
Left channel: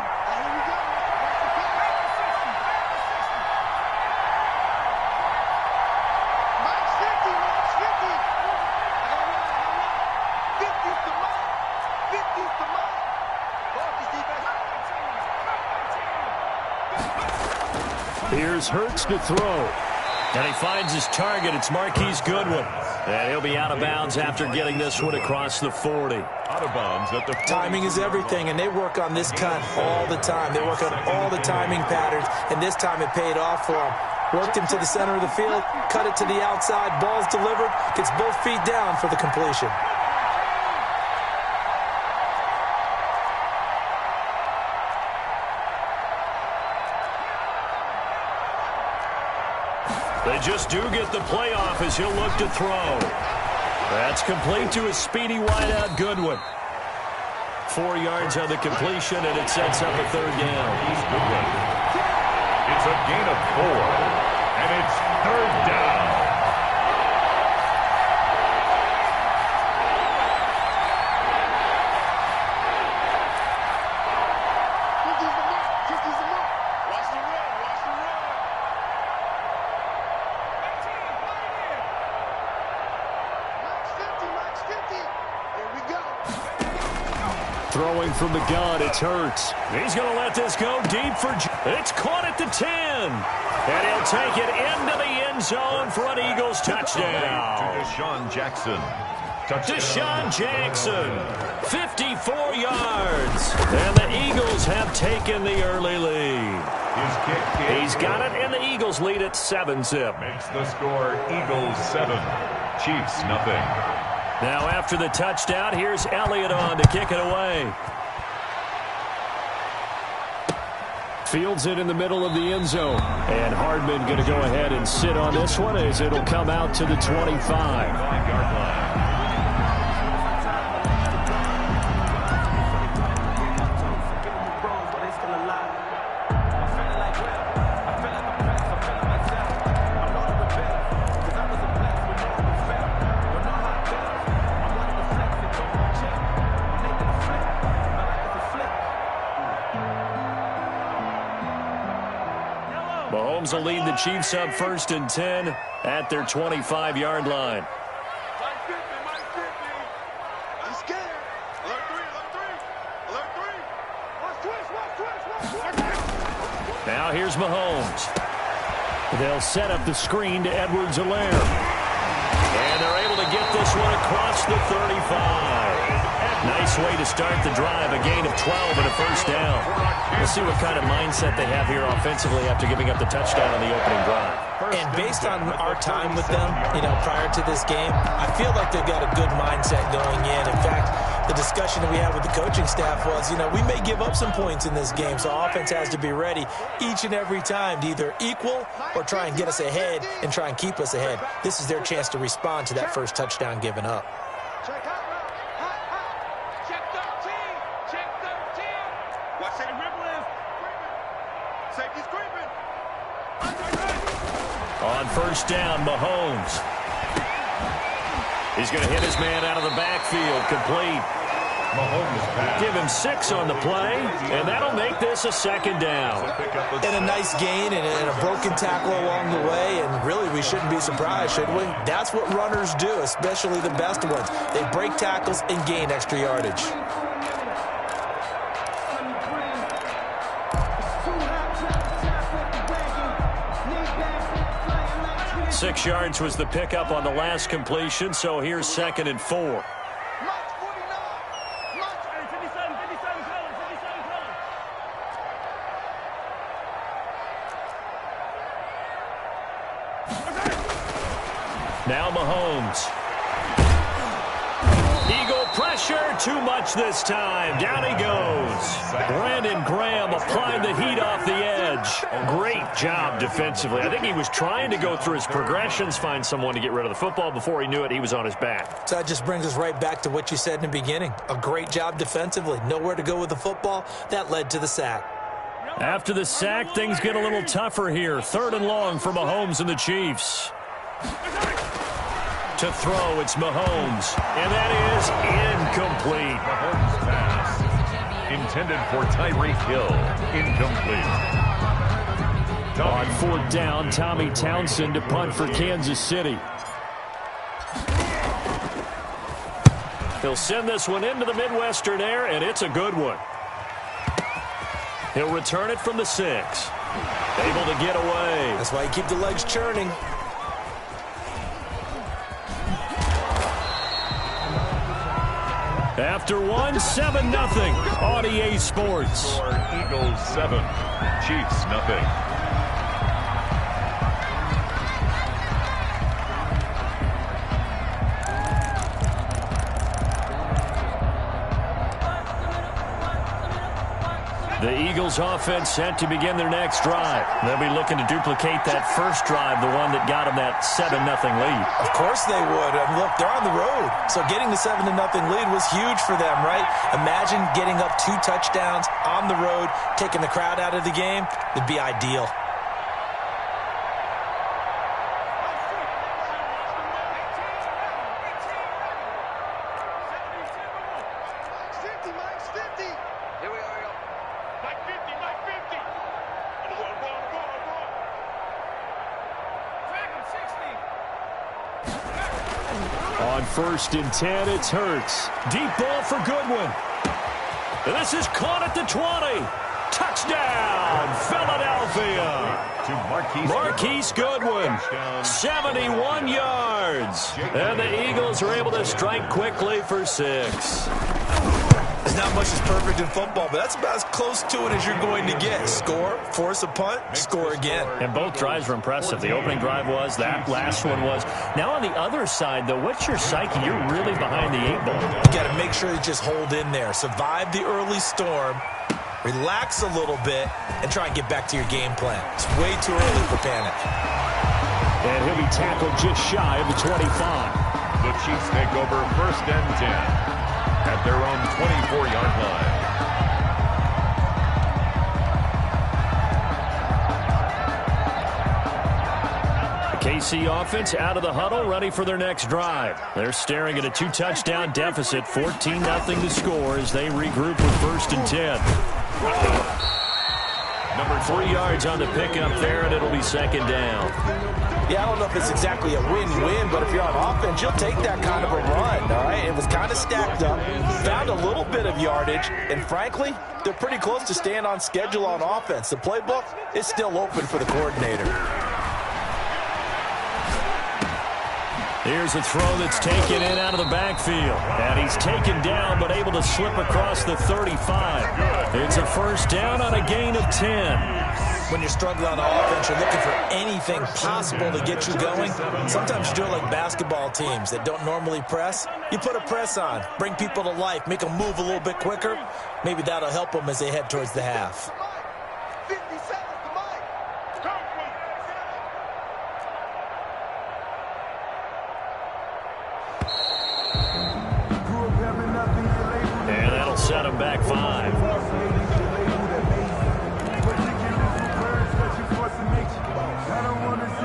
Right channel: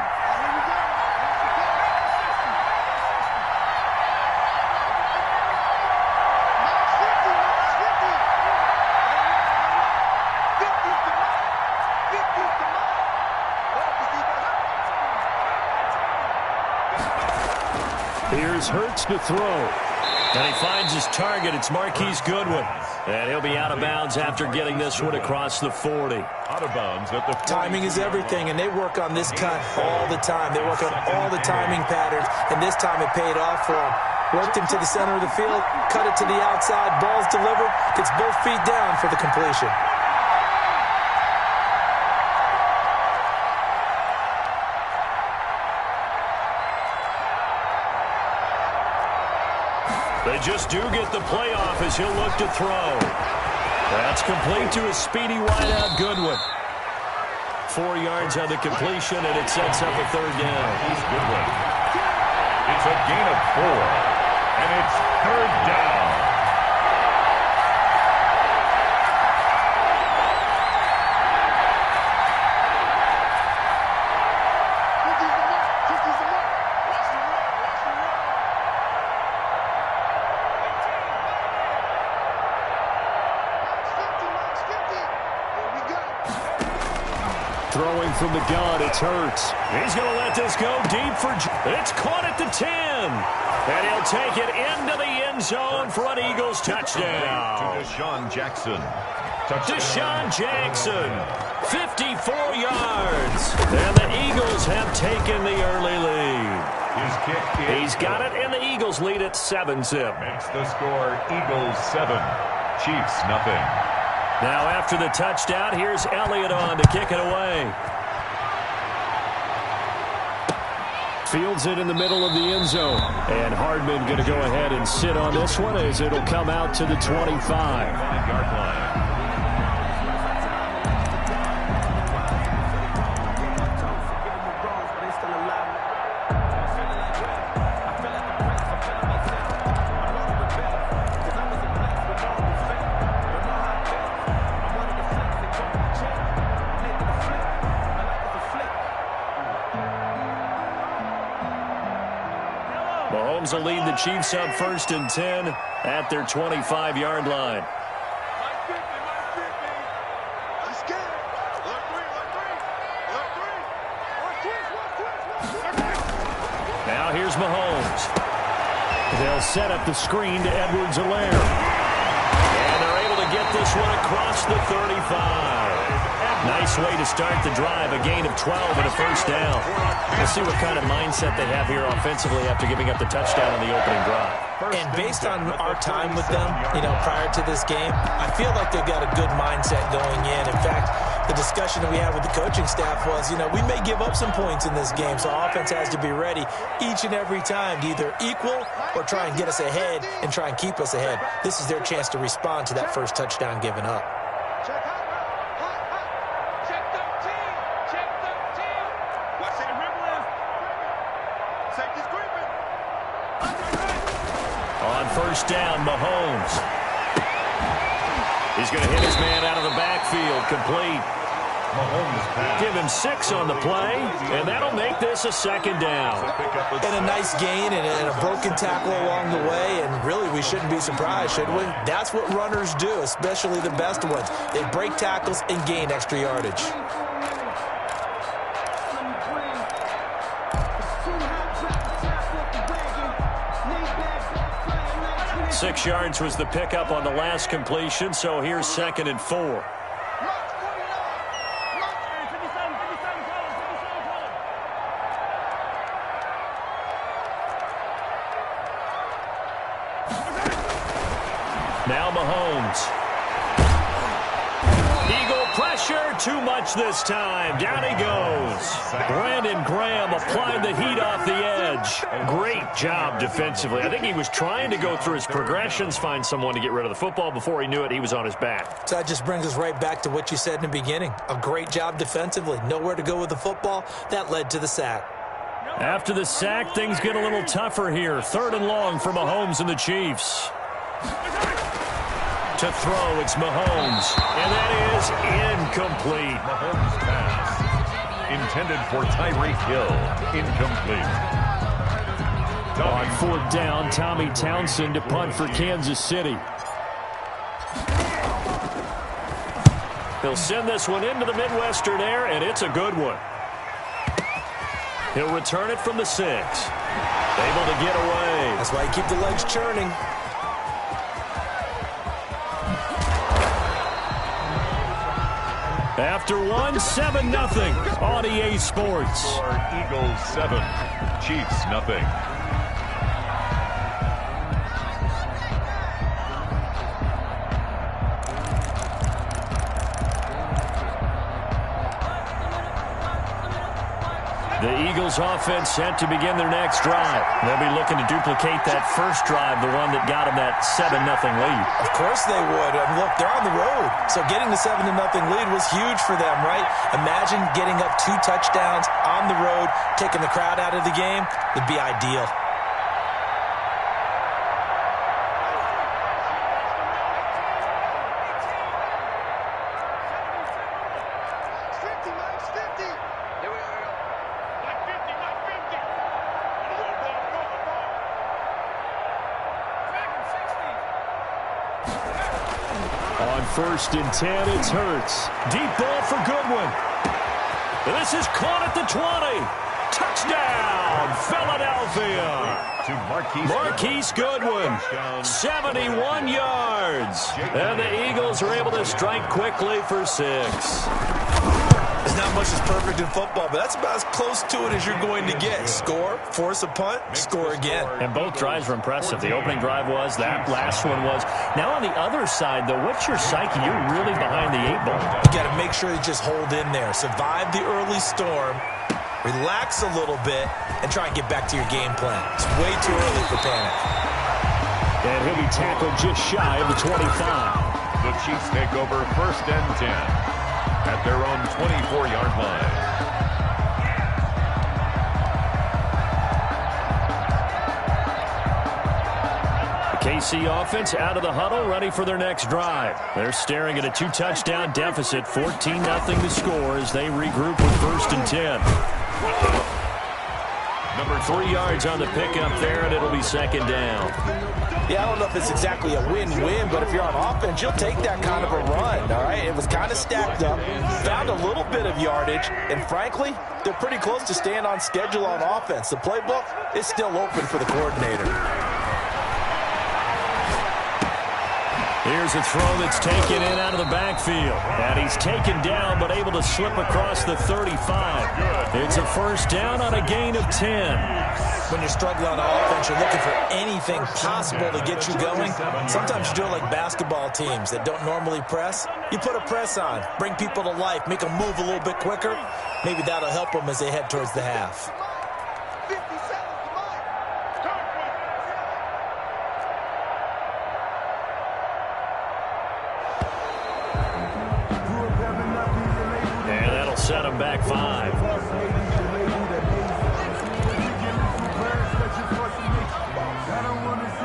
Here's Hurts to throw. And he finds his target. It's Marquise Goodwin. And he'll be out of bounds after getting this one across the 40. Out of bounds at the 40. Timing is everything, and they work on this cut all the time. They work on all the timing patterns, and this time it paid off for him. Worked him to the center of the field, cut it to the outside, ball's delivered, gets both feet down for the completion. They just do get the playoff as he'll look to throw. That's complete to his speedy wideout Goodwin. 4 yards on the completion, and it sets up a third down. Goodwin. It's a gain of 4, and it's third down. Throwing from the gun, it's Hurts. He's going to let this go deep for... It's caught at the 10. And he'll take it into the end zone for an Eagles touchdown. To Deshaun Jackson. Deshaun Jackson, 54 yards. And the Eagles have taken the early lead. His kick is He's got it, and the Eagles lead at 7-zip. Makes the score Eagles 7, Chiefs nothing. Now after the touchdown, here's Elliott on to kick it away. Fields it in the middle of the end zone. And Hardman going to go ahead and sit on this one as it'll come out to the 25. 5-yard line. Mahomes will lead the Chiefs up 1st and 10 at their 25-yard line. I'm scared. Alert 3, alert 3. Alert 3. Watch twist. Now here's Mahomes. They'll set up the screen to Edwards-Helaire. And they're able to get this one across the 35. Nice way to start the drive, a gain of 12 and a first down. We'll see what kind of mindset they have here offensively after giving up the touchdown on the opening drive. And based on our time with them, prior to this game, I feel like they've got a good mindset going in. In fact, the discussion that we had with the coaching staff was, we may give up some points in this game, so offense has to be ready each and every time to either equal or try and get us ahead and try and keep us ahead. This is their chance to respond to that first touchdown given up. Check hot route. Hot. Check 13. Check 13. Watch the dribble is. Safety's creeping. On first down, Mahomes. He's going to hit his man out of the backfield, complete. Mahomes pass. Give him 6 on the play, and that'll make this a second down. And a nice gain and a broken tackle along the way, and really we shouldn't be surprised, should we? That's what runners do, especially the best ones. They break tackles and gain extra yardage. Six yards was the pickup on the last completion, so here's 2nd and 4. Now Mahomes. Eagle pressure, too much this time. Down he goes. Brandon Graham applied the heat off the edge. Great job defensively. I think he was trying to go through his progressions, find someone to get rid of the football. Before he knew it, he was on his back. So that just brings us right back to what you said in the beginning. A great job defensively. Nowhere to go with the football. That led to the sack. After the sack, things get a little tougher here. 3rd and long for Mahomes and the Chiefs. To throw, it's Mahomes. And that is incomplete. Mahomes pass. Intended for Tyreek Hill. Incomplete. On 4th down, Tommy Townsend to punt for Kansas City. He'll send this one into the Midwestern air, and it's a good one. He'll return it from the 6. Able to get away. That's why you keep the legs churning. After 7-0, on EA Sports. Eagles 7, Chiefs nothing. The Eagles offense set to begin their next drive. They'll be looking to duplicate that first drive, the one that got them that 7-0 lead. Of course they would. And look, they're on the road. So getting the 7-0 lead was huge for them, right? Imagine getting up 2 touchdowns on the road, taking the crowd out of the game. It'd be ideal. On 1st and 10, it's Hurts. Deep ball for Goodwin. And this is caught at the 20. Touchdown, Philadelphia. To Marquise Goodwin, 71 yards. And the Eagles are able to strike quickly for 6. There's not much that's perfect in football, but that's about as close to it as you're going to get. Score, force a punt, score again. And both drives were impressive. The opening drive was, that last one was. Now on the other side, though, what's your psyche? You're really behind the 8 ball. You got to make sure you just hold in there. Survive the early storm, relax a little bit, and try and get back to your game plan. It's way too early for panic. And he'll be tackled just shy of the 25. The Chiefs take over 1st and 10. At their own 24-yard line. The KC offense out of the huddle, ready for their next drive. They're staring at a 2-touchdown deficit, 14-0 to score as they regroup with 1st and 10. Number 3 yards on the pickup there, and it'll be 2nd down. Yeah, I don't know if it's exactly a win-win, but if you're on offense, you'll take that kind of a run, all right? It was kind of stacked up, found a little bit of yardage, and frankly, they're pretty close to staying on schedule on offense. The playbook is still open for the coordinator. Here's a throw that's taken in out of the backfield. And he's taken down, but able to slip across the 35. It's a 1st down on a gain of 10. When you're struggling on offense, you're looking for anything possible to get you going. Sometimes you do it like basketball teams that don't normally press. You put a press on, bring people to life, make them move a little bit quicker. Maybe that'll help them as they head towards the half. And that'll set him back 5.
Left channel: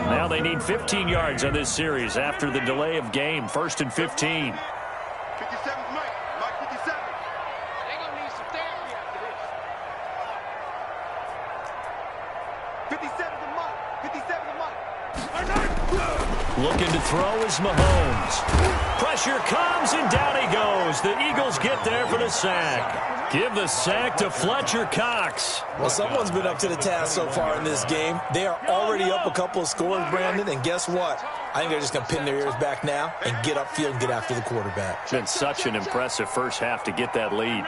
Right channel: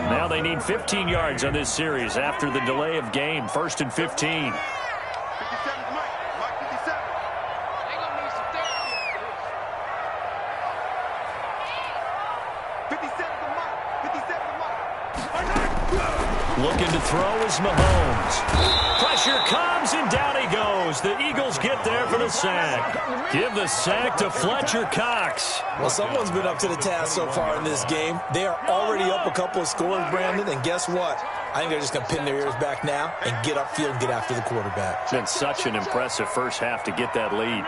Now they need 15 yards on this series after the delay of game. 1st and 15. 57 to Mike. Mike 57. They're going to need some therapy after this. 57 to Mike. 57 to Mike. Looking to throw is Mahomes. Pressure comes, and down he goes. The Eagles get there for the sack. Give the sack to Fletcher Cox. Well, someone's been up to the task so far in this game. They are already up a couple of scores, Brandon, and guess what? I think they're just going to pin their ears back now and get upfield and get after the quarterback. It's been such an impressive first half to get that lead.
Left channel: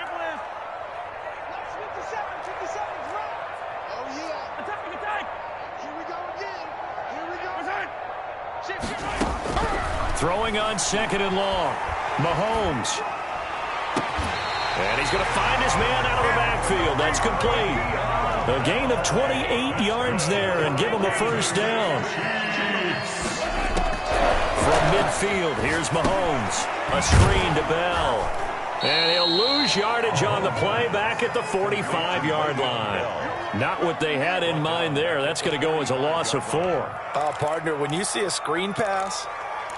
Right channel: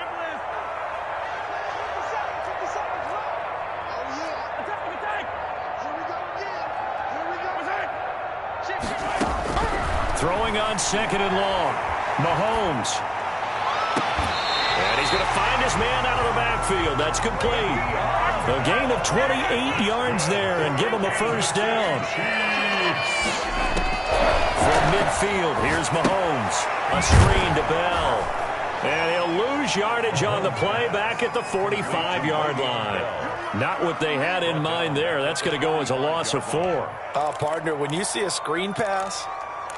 Throwing on 2nd and long. Mahomes. And he's going to find his man out of the backfield. That's complete. A gain of 28 yards there and give him a first down. From midfield, here's Mahomes. A screen to Bell. And he'll lose yardage on the play back at the 45-yard line. Not what they had in mind there. That's going to go as a loss of 4. Partner, when you see a screen pass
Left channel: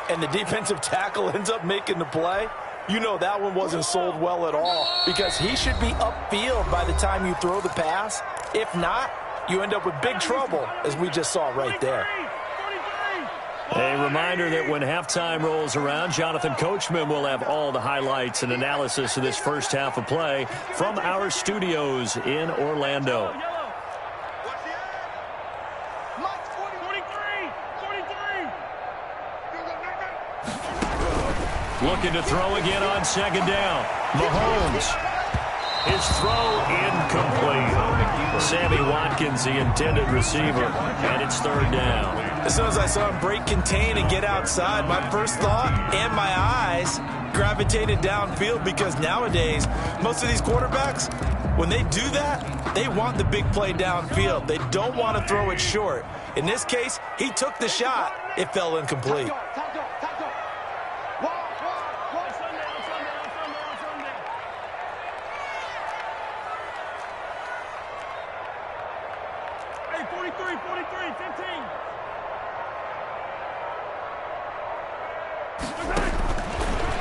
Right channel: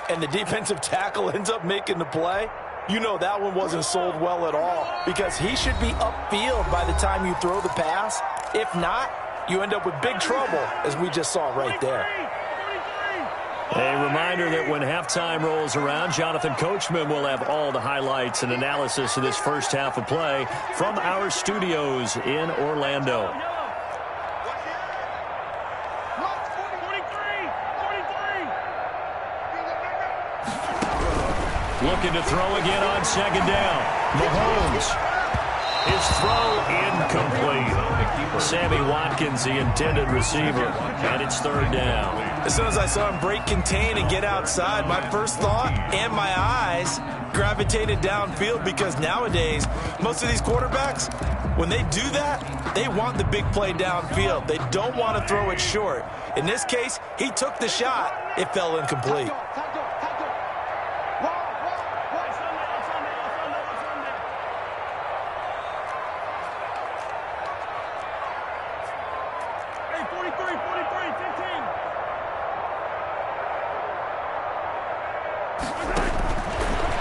and the defensive tackle ends up making the play, you know that one wasn't sold well at all, because he should be upfield by the time you throw the pass. If not, you end up with big trouble, as we just saw right there. A reminder that when halftime rolls around, Jonathan Coachman will have all the highlights and analysis of this first half of play from our studios in Orlando. Looking to throw again on second down. Mahomes. His throw incomplete. Sammy Watkins, the intended receiver, and it's third down. As soon as I saw him break contain and get outside, my first thought and my eyes gravitated downfield, because nowadays, most of these quarterbacks, when they do that, they want the big play downfield. They don't want to throw it short. In this case, he took the shot. It fell incomplete.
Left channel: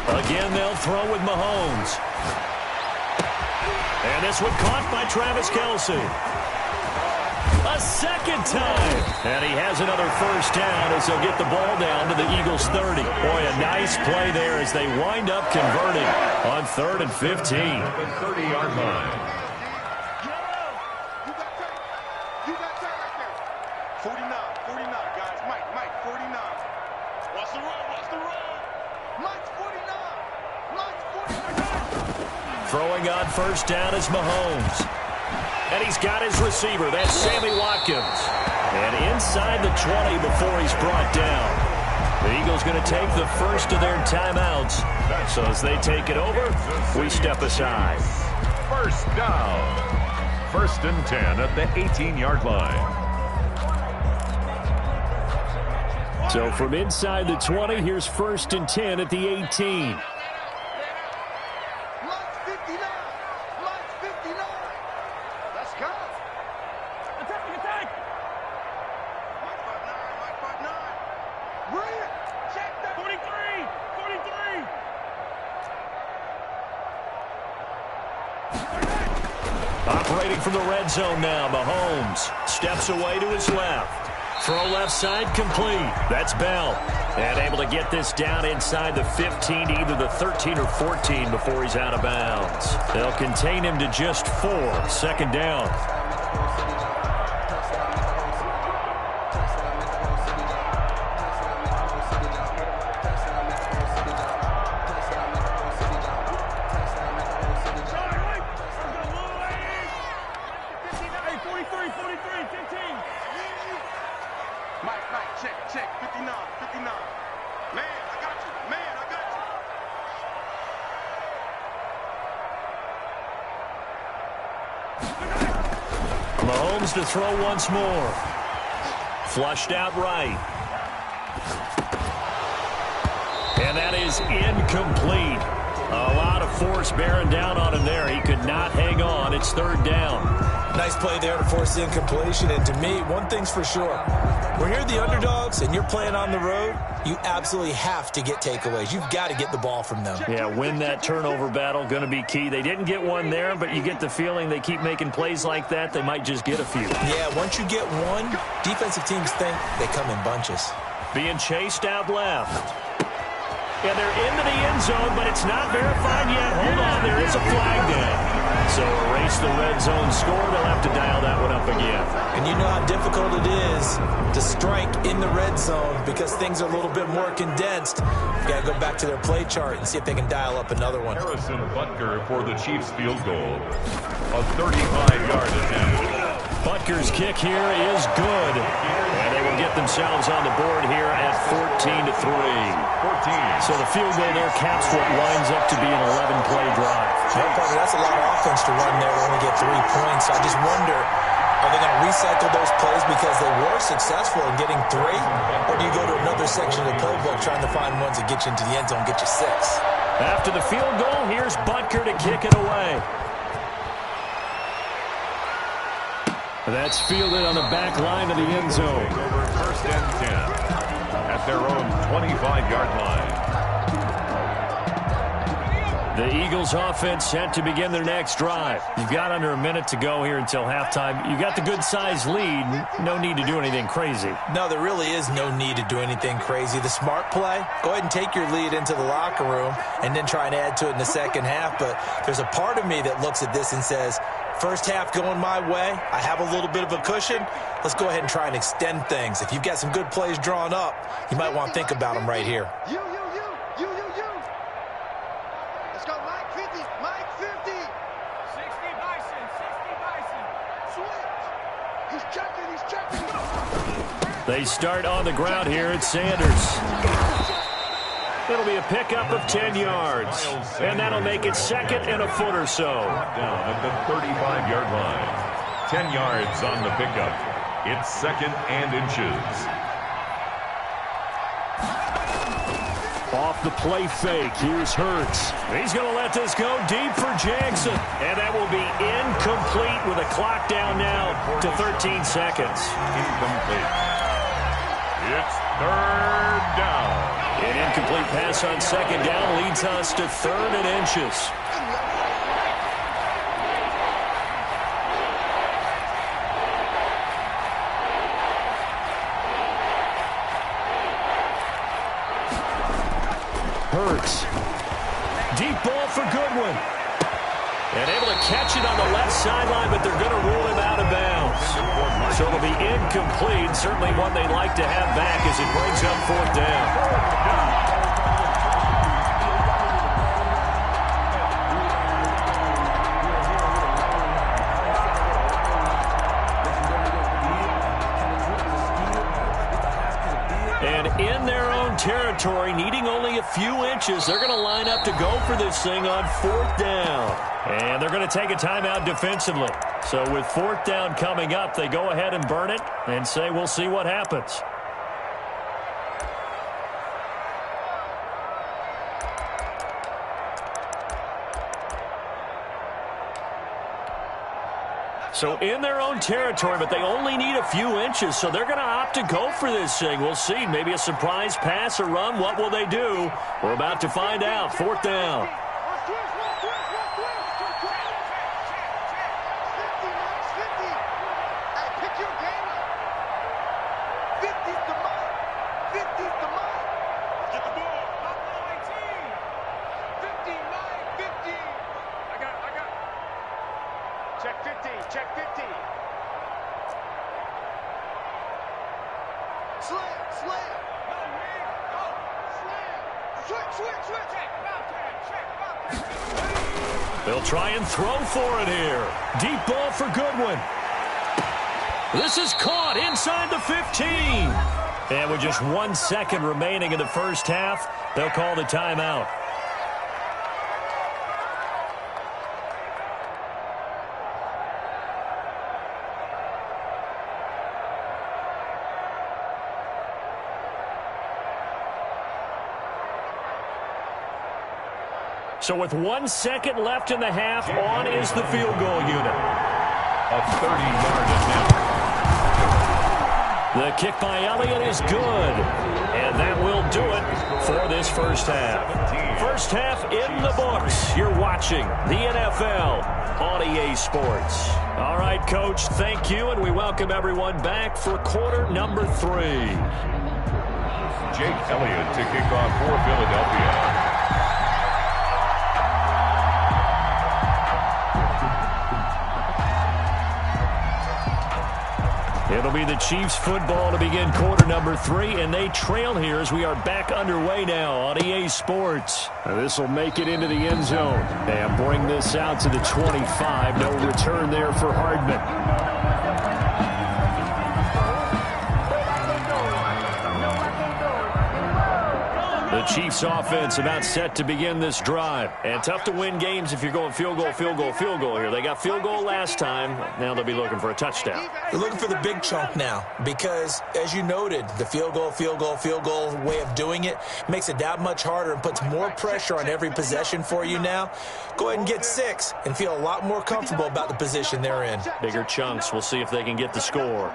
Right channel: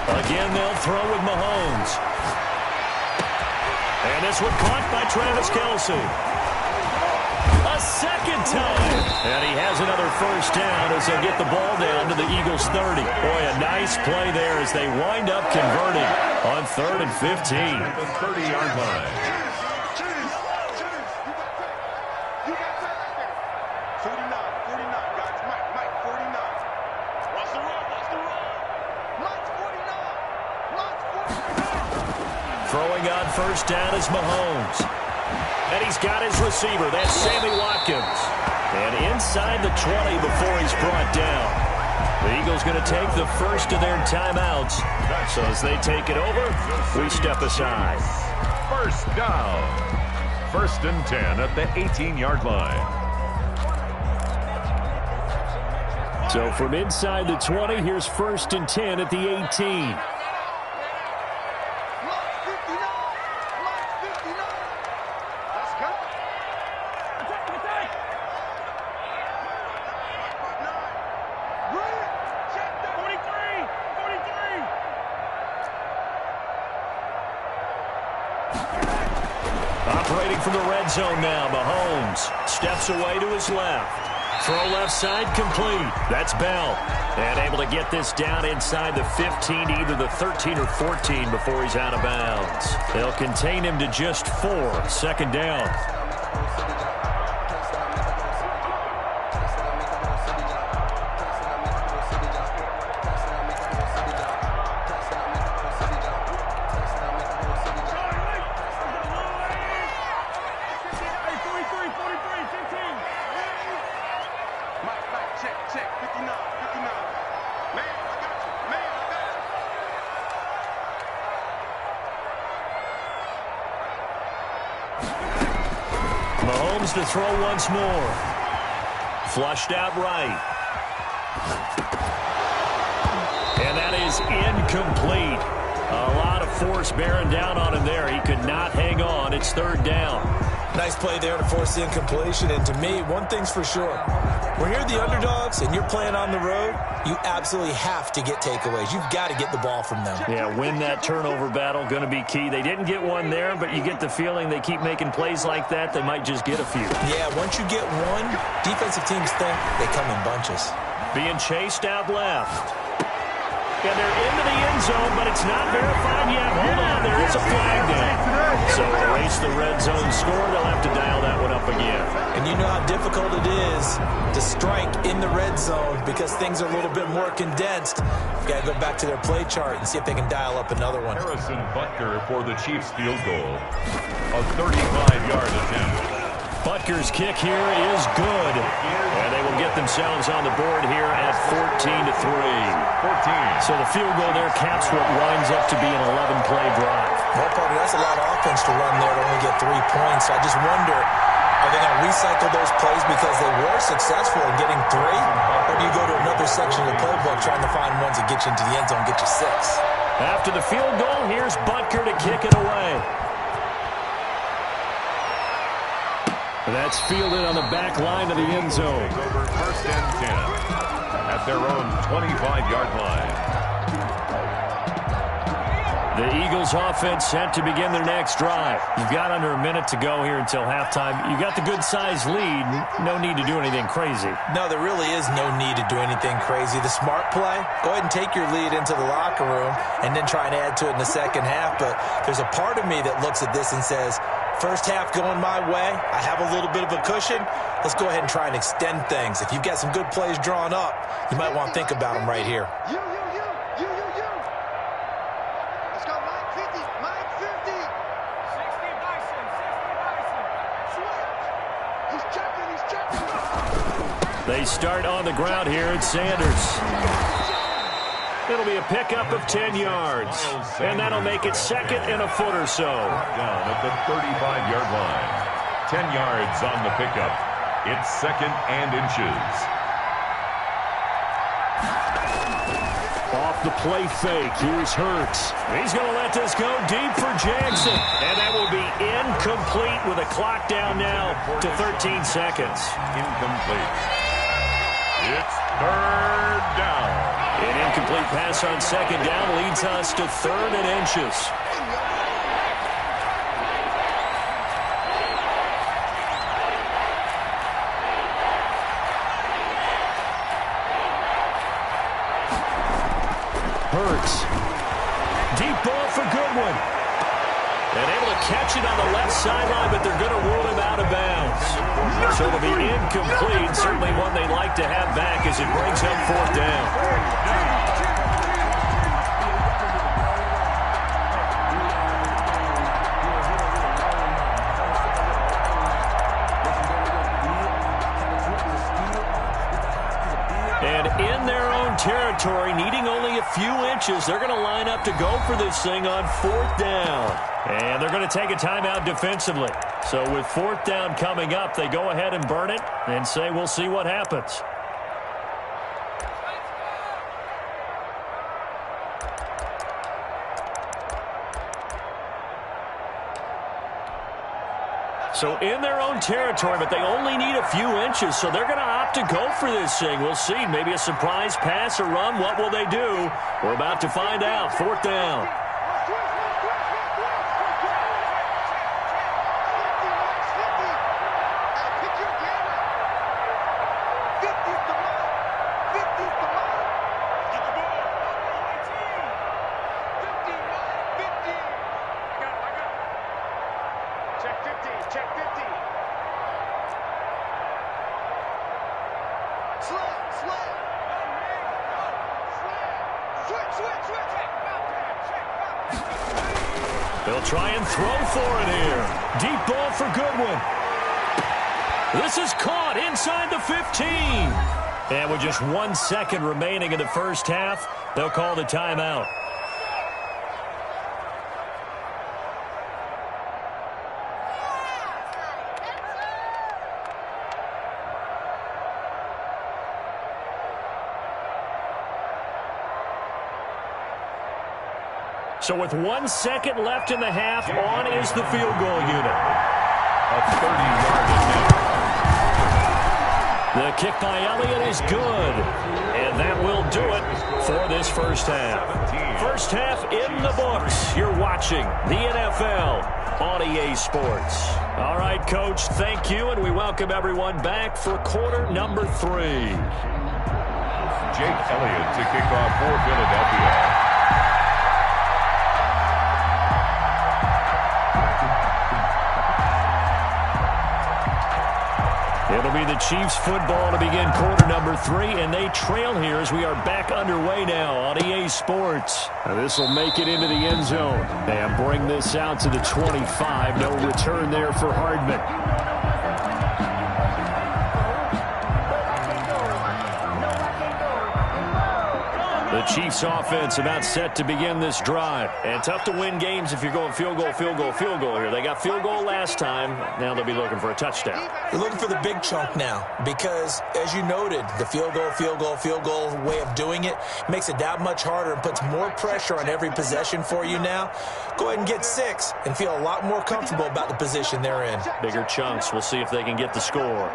Again, they'll throw with Mahomes. And this one caught by Travis Kelce. A second time. And he has another first down as they'll get the ball down to the Eagles' 30. Boy, a nice play there as they wind up converting on 3rd and 15. At the 30-yard line. You got time right there. 49, guys. Mike, 49. Watch the run. Mike's 49. Throwing on first down is Mahomes. And he's got his receiver. That's Sammy Watkins. And inside the 20 before he's brought down. The Eagles going to take the first of their timeouts. So as they take it over, we step aside. First down. 1st and 10 at the 18-yard line. So from inside the 20, here's 1st and 10 at the 18. Operating from the red zone now, Mahomes steps away to his left. Throw left side complete. That's Bell. And able to get this down inside the 15 to either the 13 or 14 before he's out of bounds. They'll contain him to just 4. 2nd down. Check, 59. Man, I got you. Mahomes to throw once more. Flushed out right. And that is incomplete. A lot of force bearing down on him there. He could not hang on. It's 3rd down. Nice play there to force the incompletion. And to me, one thing's for sure. When you're the underdogs and you're playing on the road, you absolutely have to get takeaways. You've got to get the ball from them. Yeah, win that turnover battle, going to be key. They didn't get one there, but you get the feeling they keep making plays like that, they might just get a few. Yeah, once you get one, defensive teams think they come in bunches. Being chased out left. And they're into the end zone, but it's not verified yet. Hold on, there is a flag down. So erase the red zone score. They'll have to dial that one up again. And you know how difficult it is to strike in the red zone because things are a little bit more condensed. You got to go back to their play chart and see if they can dial up another one. Harrison Butker for the Chiefs field goal. A 35-yard attempt. Butker's kick here is good. And they will get themselves on the board here at 14-3. 14. So the field goal there caps what winds up to be an 11-play drive. Well, partner, that's a lot of offense to run there to only get 3 points. I just wonder, are they going to recycle those plays because they were successful in getting 3? Or do you go to another section of the playbook trying to find ones that get you into the end zone, get you 6? After the field goal, here's Butker to kick it away. That's fielded on the back line of the end zone. Over first and 10 at their own 25-yard line. The Eagles offense set to begin their next drive. You've got under a minute to go here until halftime. You got the good-sized lead. No need to do anything crazy. No, there really is no need to do anything crazy. The smart play, go ahead and take your lead into the locker room and then try and add to it in the second half. But there's a part of me that looks at this and says, first half going my way, I have a little bit of a cushion. Let's go ahead and try and extend things. If you've got some good plays drawn up, you might want to think about them right here. You. Let's go, Mike 50, Mike 50. 60 Bison. Switch. He's checking. They start on the ground here at Sanders. It'll be a pickup of 10 yards. And that'll make it second and a foot or so. Down at the 35-yard line. 10 yards on the pickup. It's second and inches. Off the play fake, here's Hurts. He's going to let this go deep for Jackson. And that will be incomplete with a clock down now to 13 seconds. Incomplete. It's third down. An incomplete pass on second down leads us to third and inches. Hurts. Deep ball for Goodwin. And able to catch it on the left sideline, but they're going to rule him out of bounds. So it'll be incomplete. Certainly one they'd like to have back as it brings up fourth down. And in their own territory, needing only a few inches, they're going to line up to go for this thing on fourth down. And they're going to take a timeout defensively. So with fourth down coming up, they go ahead and burn it and say, we'll see what happens. So in their own territory, but they only need a few inches, so they're going to opt to go for this thing. We'll see. Maybe a surprise pass or run. What will they do? We're about to find out. Fourth down. Check 50. Slam. Go, Mig. Go. Slam. Switch. Check. They'll try and throw for it here. Deep ball for Goodwin. This is caught inside the 15. And with just 1 second remaining in the first half, they'll call the timeout. So with 1 second left in the half, on is the field goal unit. A 30-yard attempt. The kick by Elliott is good. And that will do it for this first half. First half in the books. You're watching the NFL on EA Sports. All right, Coach, thank you, and we welcome everyone back for quarter number 3. Jake Elliott to kick off for Philadelphia. It'll be the Chiefs football to begin quarter number 3, and they trail here as we are back underway now on EA Sports. This will make it into the end zone and bring this out to the 25. No return there for Hardman. The Chiefs offense about set to begin this drive. And tough to win games if you're going field goal, field goal, field goal here. They got field goal last time. Now they'll be looking for a touchdown. They're looking for the big chunk now because, as you noted, the field goal way of doing it makes it that much harder and puts more pressure on every possession for you now. Go ahead and get 6 and feel a lot more comfortable about the position they're in. Bigger chunks. We'll see if they can get the score.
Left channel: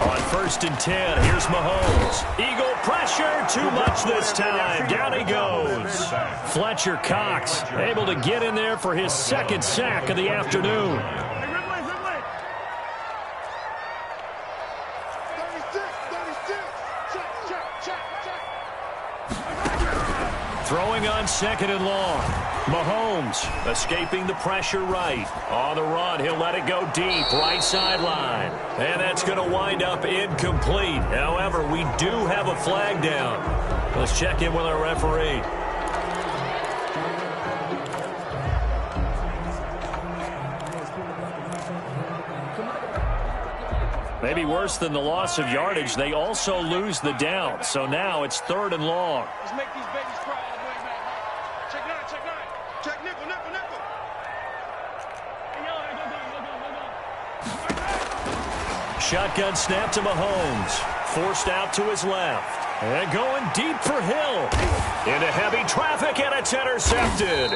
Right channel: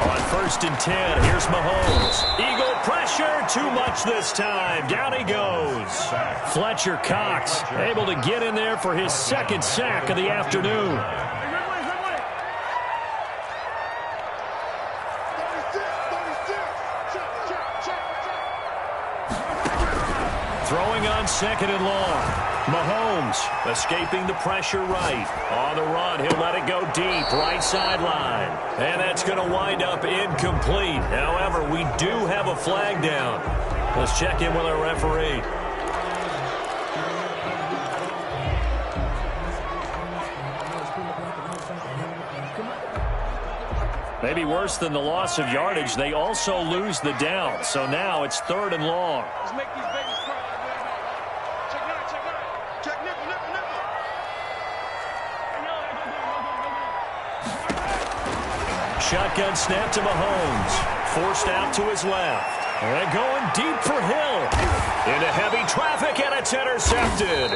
On 1st and 10, here's Mahomes. Eagle pressure, too much this time. Down he goes. Fletcher Cox able to get in there for his 2nd sack of the afternoon. 36. Check. Throwing on 2nd and long. Mahomes escaping the pressure right. On the run, he'll let it go deep, right sideline. And that's going to wind up incomplete. However, we do have a flag down. Let's check in with our referee. Maybe worse than the loss of yardage, they also lose the down. So now it's 3rd and long. Let's make these babies cry all the way back. Check 9. Check nickel. Hey, yo, Shotgun snap to Mahomes. Forced out to his left. And going deep for Hill. Into heavy traffic, and it's intercepted.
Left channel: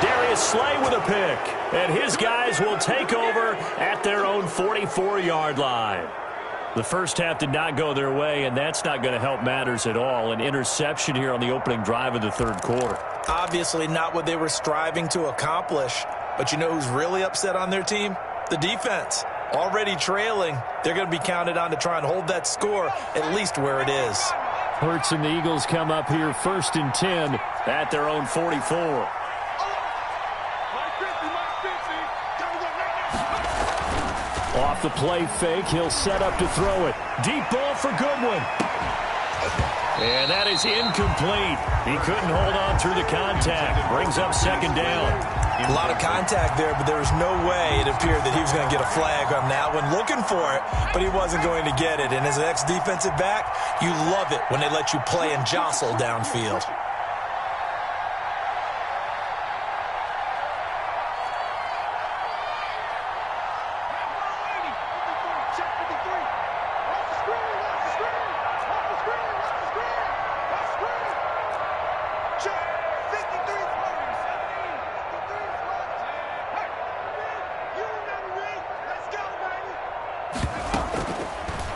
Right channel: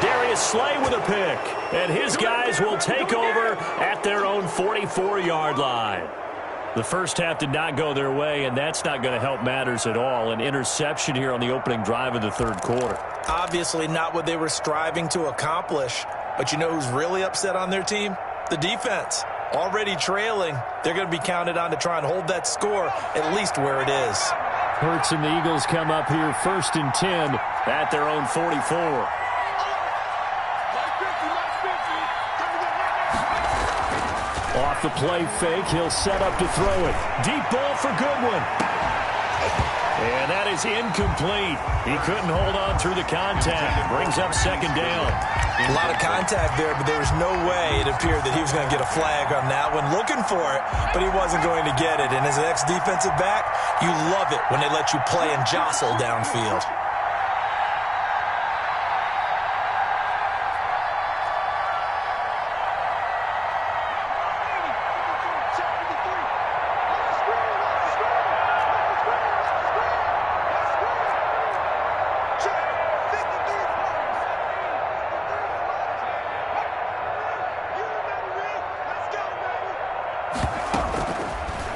Darius Slay with a pick. And his guys will take over at their own 44-yard line. The first half did not go their way, and that's not going to help matters at all. An interception here on the opening drive of the 3rd quarter. Obviously not what they were striving to accomplish. But you know who's really upset on their team? The defense. Already trailing. They're going to be counted on to try and hold that score at least where it is. Hurts and the Eagles come up here 1st and 10 at their own 44. Off the play fake, he'll set up to throw it. Deep ball for Goodwin. And that is incomplete. He couldn't hold on through the contact. Brings up 2nd down. A lot of contact there, but there was no way it appeared that he was going to get a flag on that one. Looking for it, but he wasn't going to get it. And as an ex-defensive back, you love it when they let you play and jostle downfield.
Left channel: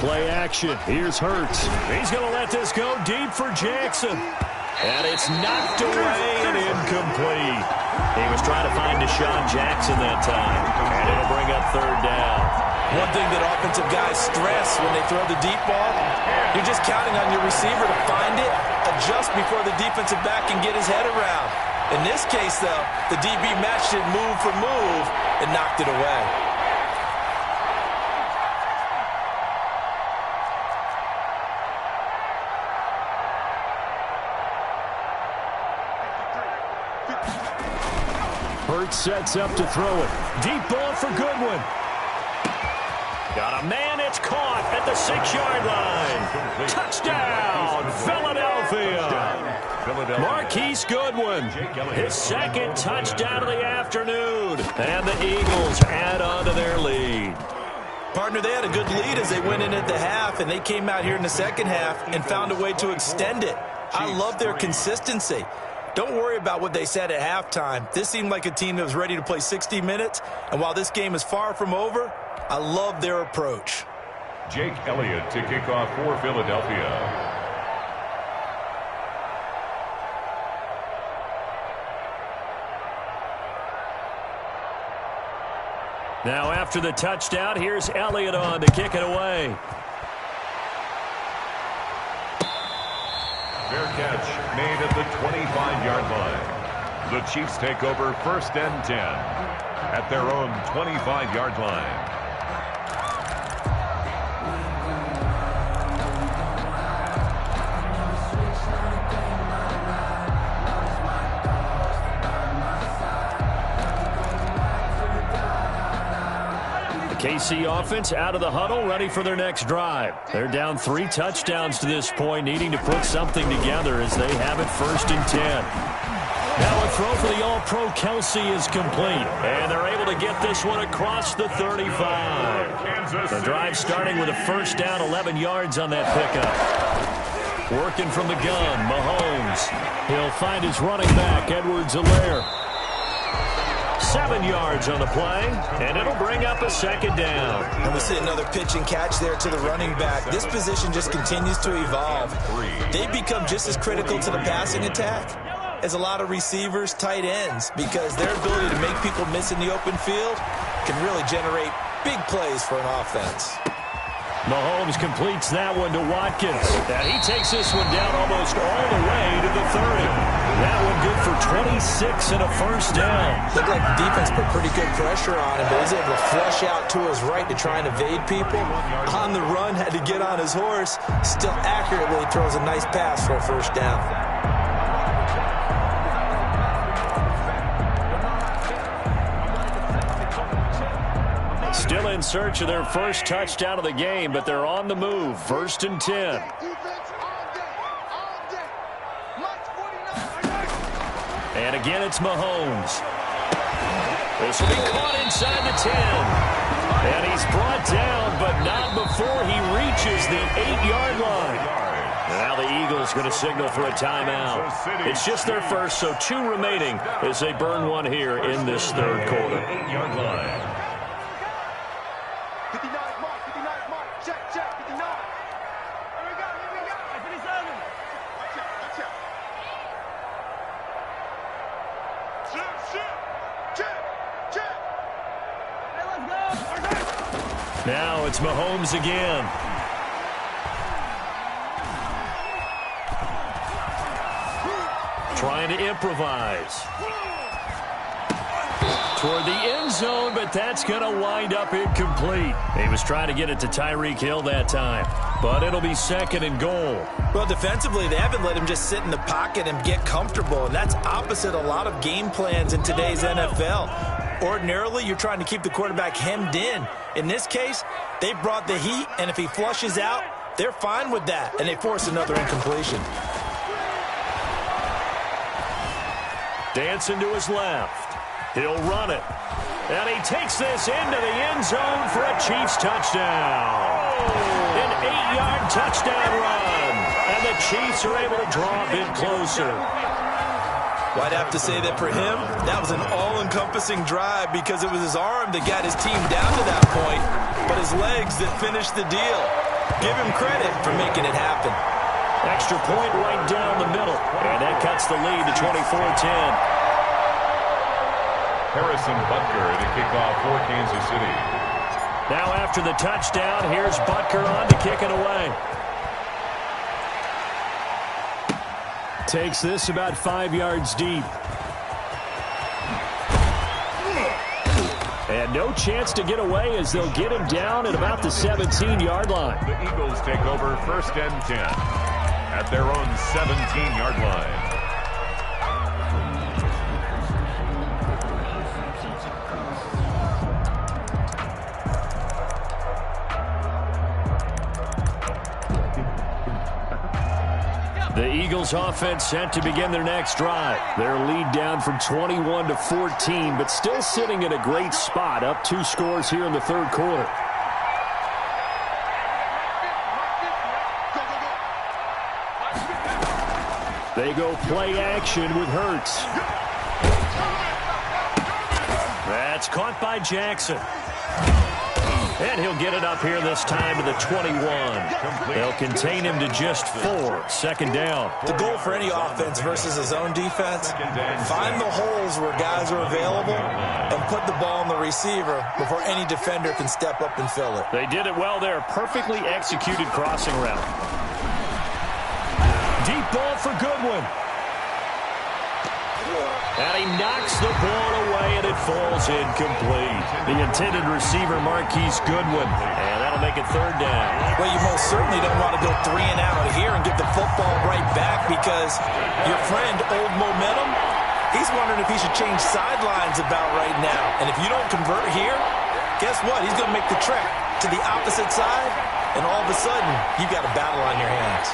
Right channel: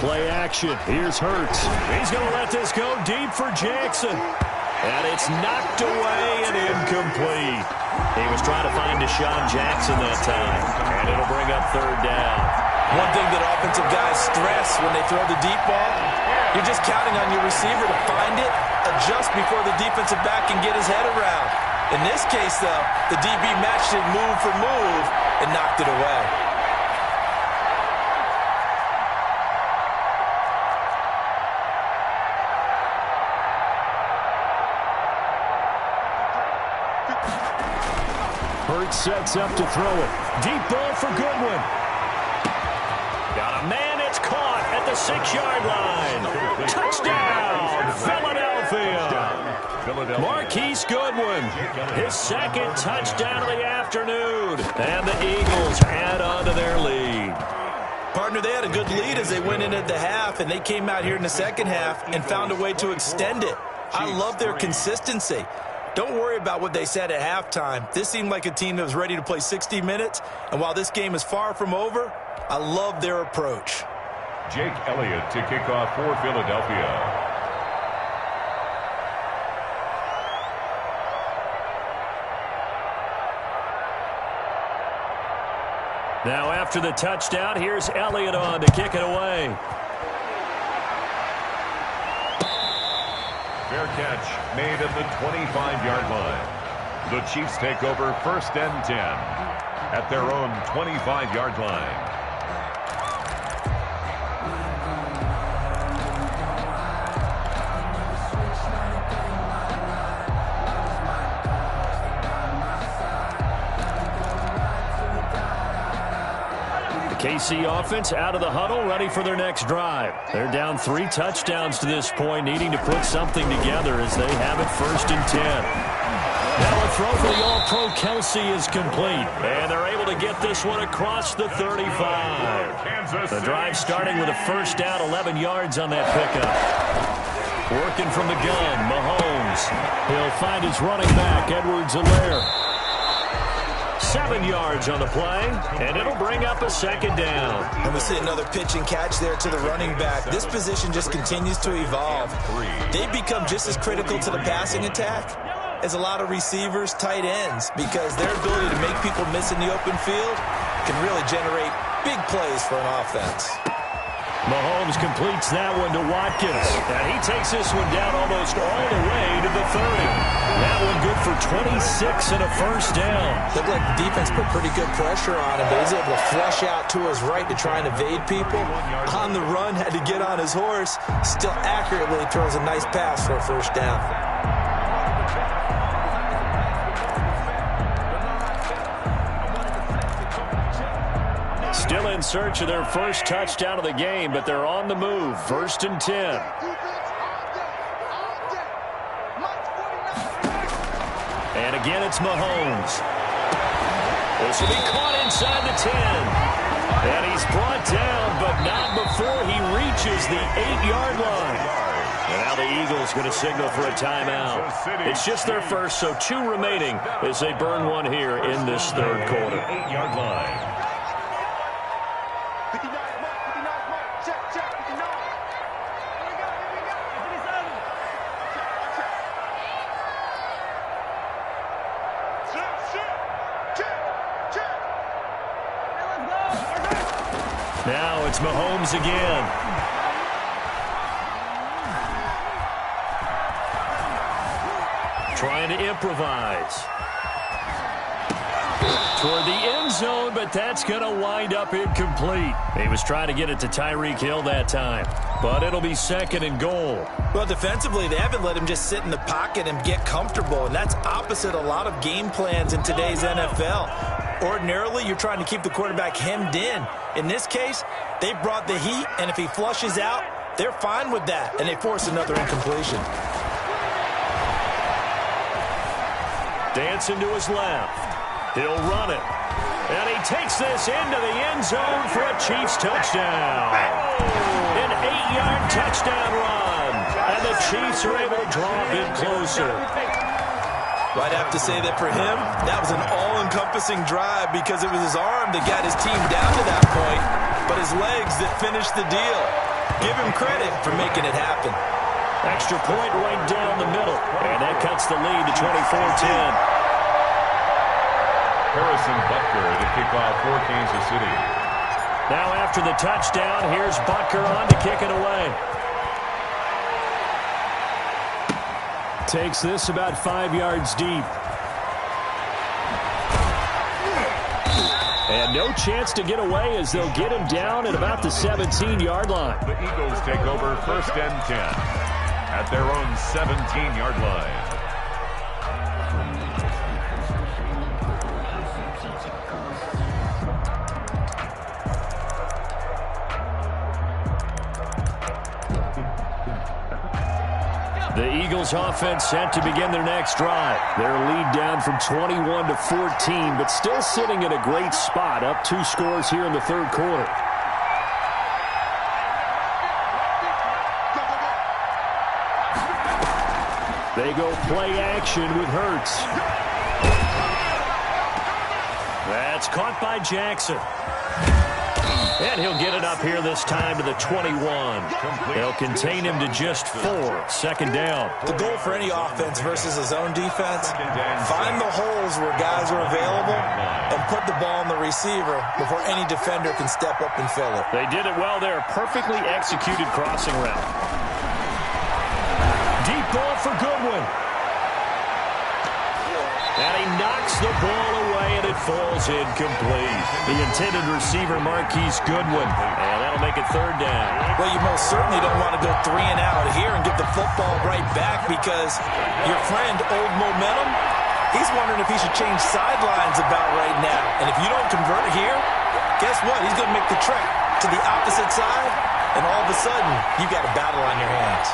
Play action. Here's Hurts. He's going to let this go deep for Jackson. And it's knocked away and incomplete. He was trying to find Deshaun Jackson that time. And it'll bring up 3rd down. One thing that offensive guys stress when they throw the deep ball, you're just counting on your receiver to find it, adjust before the defensive back can get his head around. In this case, though, the DB matched it move for move and knocked it away. Hurts sets up to throw it. Deep ball for Goodwin. Got a man, it's caught at the 6-yard line. Touchdown, Philadelphia. Marquise Goodwin, his 2nd touchdown of the afternoon. And the Eagles add on to their lead. Partner, they had a good lead as they went in at the half, and they came out here in the 2nd half and found a way to extend it. I love their consistency. Don't worry about what they said at halftime. This seemed like a team that was ready to play 60 minutes, and while this game is far from over, I love their approach. Jake Elliott to kick off for Philadelphia. Now after the touchdown, here's Elliott on to kick it away. Fair catch made at the 25-yard line. The Chiefs take over 1st and 10 at their own 25-yard line. KC offense out of the huddle, ready for their next drive. They're down 3 touchdowns to this point, needing to put something together as they have it 1st and 10. Now a throw for the All-Pro Kelsey is complete, and they're able to get this one across the 35. The drive starting with a 1st down, 11 yards on that pickup. Working from the gun, Mahomes. He'll find his running back, Edwards-Helaire. 7 yards on the play, and it'll bring up a 2nd down. And we see another pitch and catch there to the running back. This position just continues to evolve. They become just as critical to the passing attack as a lot of receivers, tight ends, because their ability to make people miss in the open field can really generate big plays for an offense. Mahomes completes that one to Watkins. And he takes this one down almost all the way to the 30. That one good for 26 and a 1st down. Looked like the defense put pretty good pressure on him, but he's able to flush out to his right to try and evade people. On the run, had to get on his horse. Still accurately throws a nice pass for a 1st down. Still in search of their 1st touchdown of the game, but they're on the move. 1st and 10. And again, it's Mahomes. This will be caught inside the 10. And he's brought down, but not before he reaches the 8-yard line. And now the Eagles going to signal for a timeout. It's just their 1st, so 2 remaining as they burn one here in this 3rd quarter. 8-yard line. 59 mark, 59 mark. Check, 59. Here we go. 57. Check. Hey, let's go. Now it's Mahomes again. Trying to improvise. Toward the end zone, but that's going to wind up incomplete. He was trying to get it to Tyreek Hill that time, but it'll be 2nd and goal. Well, defensively, they haven't let him just sit in the pocket and get comfortable, and that's opposite a lot of game plans in today's NFL. Ordinarily, you're trying to keep the quarterback hemmed in. In this case, they brought the heat, and if he flushes out, they're fine with that, and they force another incompletion. Dancing to his left. He'll run it. And he takes this into the end zone for a Chiefs touchdown. An 8-yard touchdown run. And the Chiefs are able to draw a bit closer. Well, I'd have to say that for him, that was an all-encompassing drive because it was his arm that got his team down to that point, but his legs that finished the deal. Give him credit for making it happen. Extra point right down the middle. And that cuts the lead to 24-10. Harrison Butker to kick off for Kansas City. Now after the touchdown, here's Butker on to kick it away. Takes this about 5 yards deep. And no chance to get away as they'll get him down at about the 17-yard line. The Eagles take over 1st and 10 at their own 17-yard line. The Eagles offense set to begin their next drive. Their lead down from 21 to 14, but still sitting in a great spot, up 2 scores here in the 3rd quarter. They go play action with Hurts. That's caught by Jackson. And he'll get it up here this time to the 21. They'll contain him to just 4. 2nd down. The goal for any offense versus a zone defense, find the holes where guys are available and put the ball on the receiver before any defender can step up and fill it. They did it well there. Perfectly executed crossing route. Deep ball for Goodwin. And he knocks the ball away, and it falls incomplete. The intended receiver, Marquise Goodwin. And that'll make it 3rd down. Well, you most certainly don't want to go 3 and out here and get the football right back because your friend, Old Momentum, he's wondering if he should change sidelines about right now. And if you don't convert here, guess what? He's going to make the trek to the opposite side, and all of a sudden, you've got a battle on your hands.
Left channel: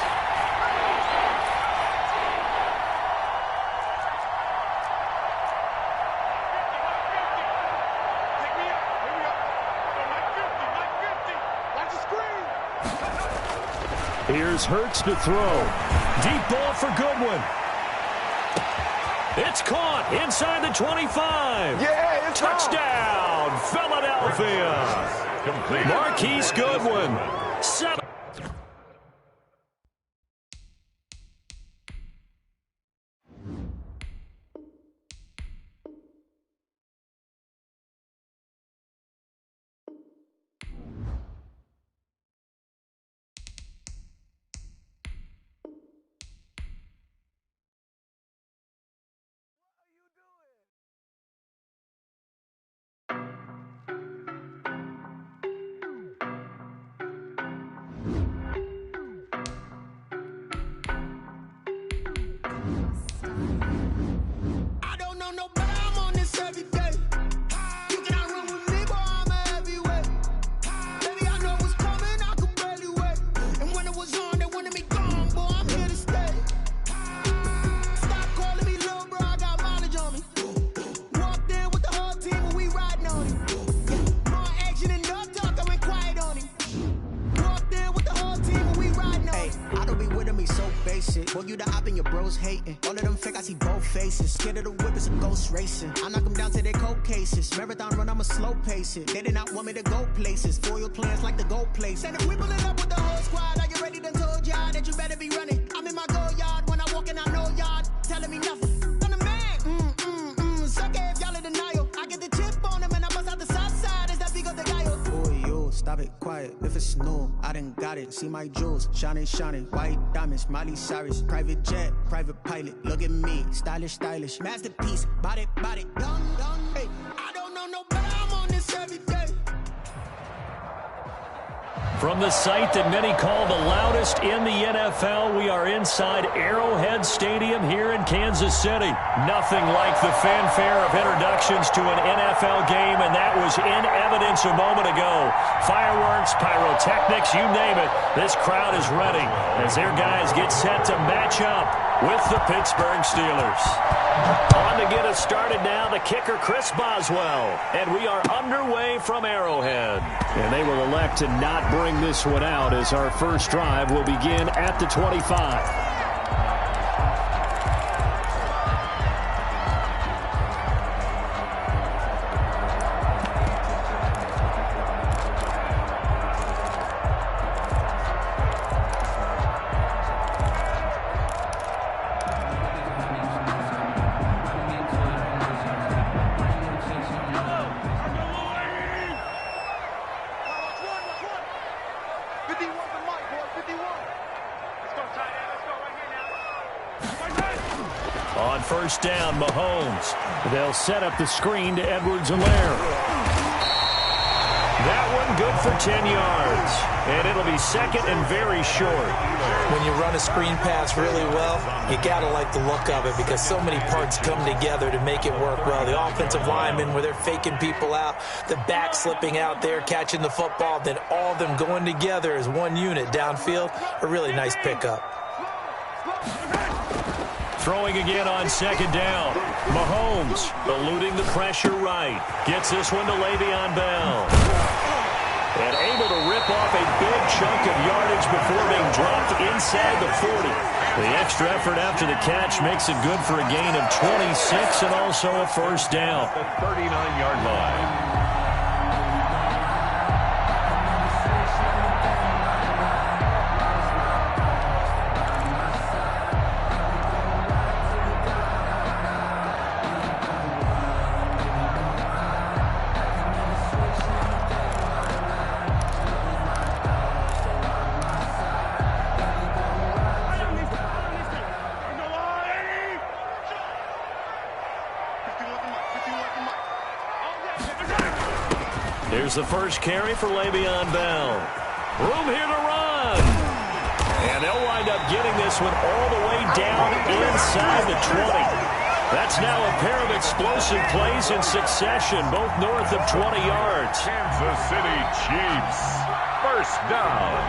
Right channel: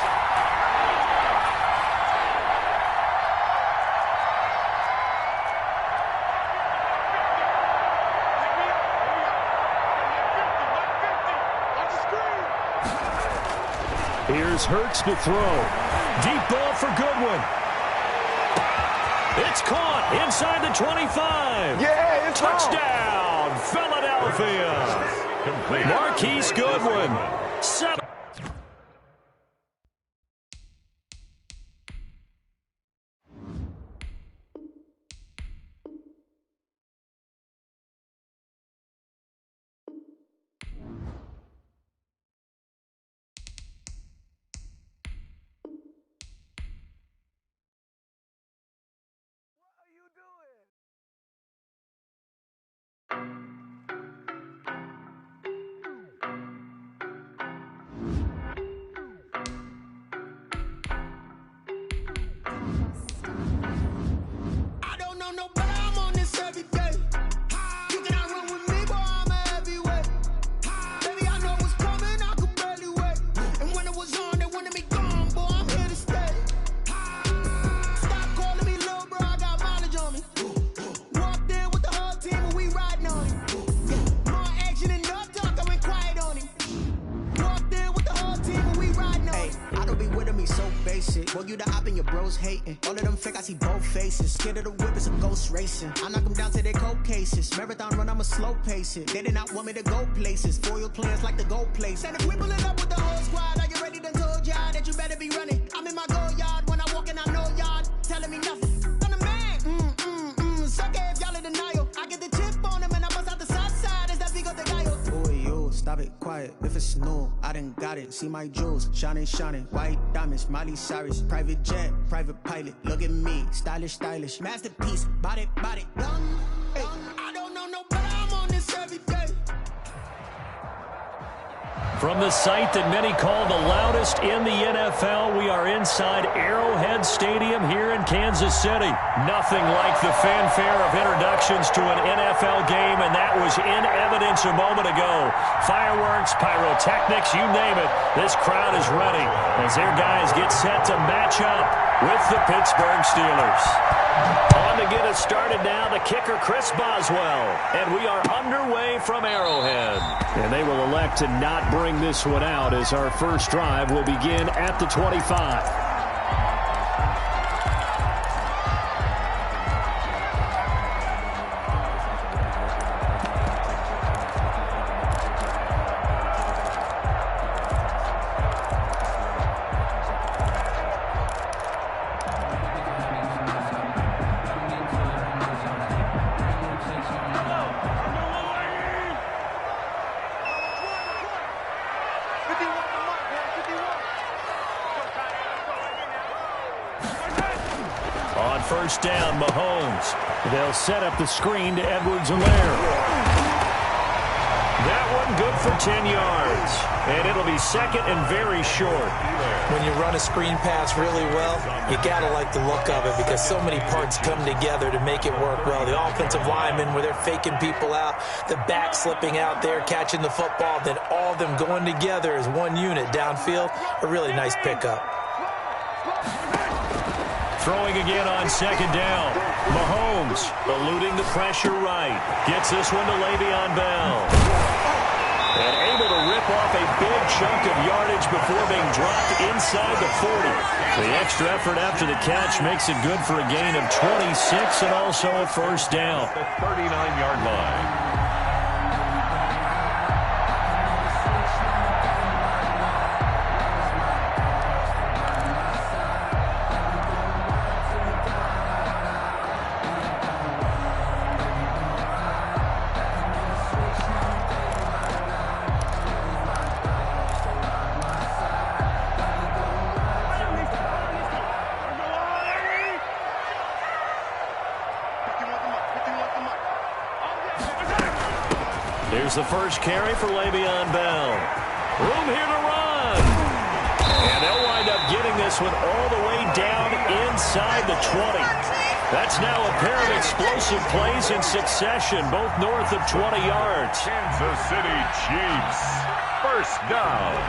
Here's Hurts to throw. Deep ball for Goodwin. It's caught inside the 25. Yeah, it's touchdown, Philadelphia. Complete. Marquise Goodwin. 7. Boy, you the op and your bros hating. All of them fake, I see both faces. Scared of the whip, it's a ghost racing. I knock them down to their cold cases. Marathon run, I'ma slow pace it. They did not want me to go places. Foil plans like the gold place. And if we pulling up with the whole squad, are you ready? Done told y'all that you better be running. I'm in my go yard. When I walk in, I know y'all telling me nothing. I'm the man. Suck it if y'all in denial. I get the chip on them and I bust out the south side. Is that Vigo the guy? Boy, yo, stop it, quiet. If it's new, I done got it. See my jewels, shining, white diamonds, Miley Cyrus, private jet, private pilot. Look at me, stylish, masterpiece, body, young. Hey, I don't know no better. I'm on this every day. From the site that many call the loudest in the NFL, we are inside Arrowhead Stadium here in Kansas City. Nothing like the fanfare of introductions to an NFL game, and that was in evidence a moment ago. Fireworks, pyrotechnics, you name it. This crowd is ready as their guys get set to match up with the Pittsburgh Steelers. On to get us started now, the kicker, Chris Boswell. And we are underway from Arrowhead. And they will elect to not bring this one out as our first drive will begin at the 25. On first down, Mahomes. They'll set up the screen to Edwards-Helaire. That one good for 10 yards. And it'll be second and very short. When you run a screen pass really well, you got to like the look of it because so many parts come together to make it work well. The offensive linemen, where they're faking people out, the back slipping out there, catching the football, then all of them going together as one unit downfield. A really nice pickup. Throwing again on second down. Mahomes eluding the pressure right. Gets this one to Le'Veon Bell. And able to rip off a big chunk of yardage before being dropped inside the 40. The extra effort after the catch makes it good for a gain of 26 and also a first down. The 39-yard line. Here's the first carry for Le'Veon Bell. Room here to run. And they'll wind up getting this one all the way down inside the 20. That's now a pair of explosive plays in succession, both north of 20 yards. Kansas City Chiefs. First down.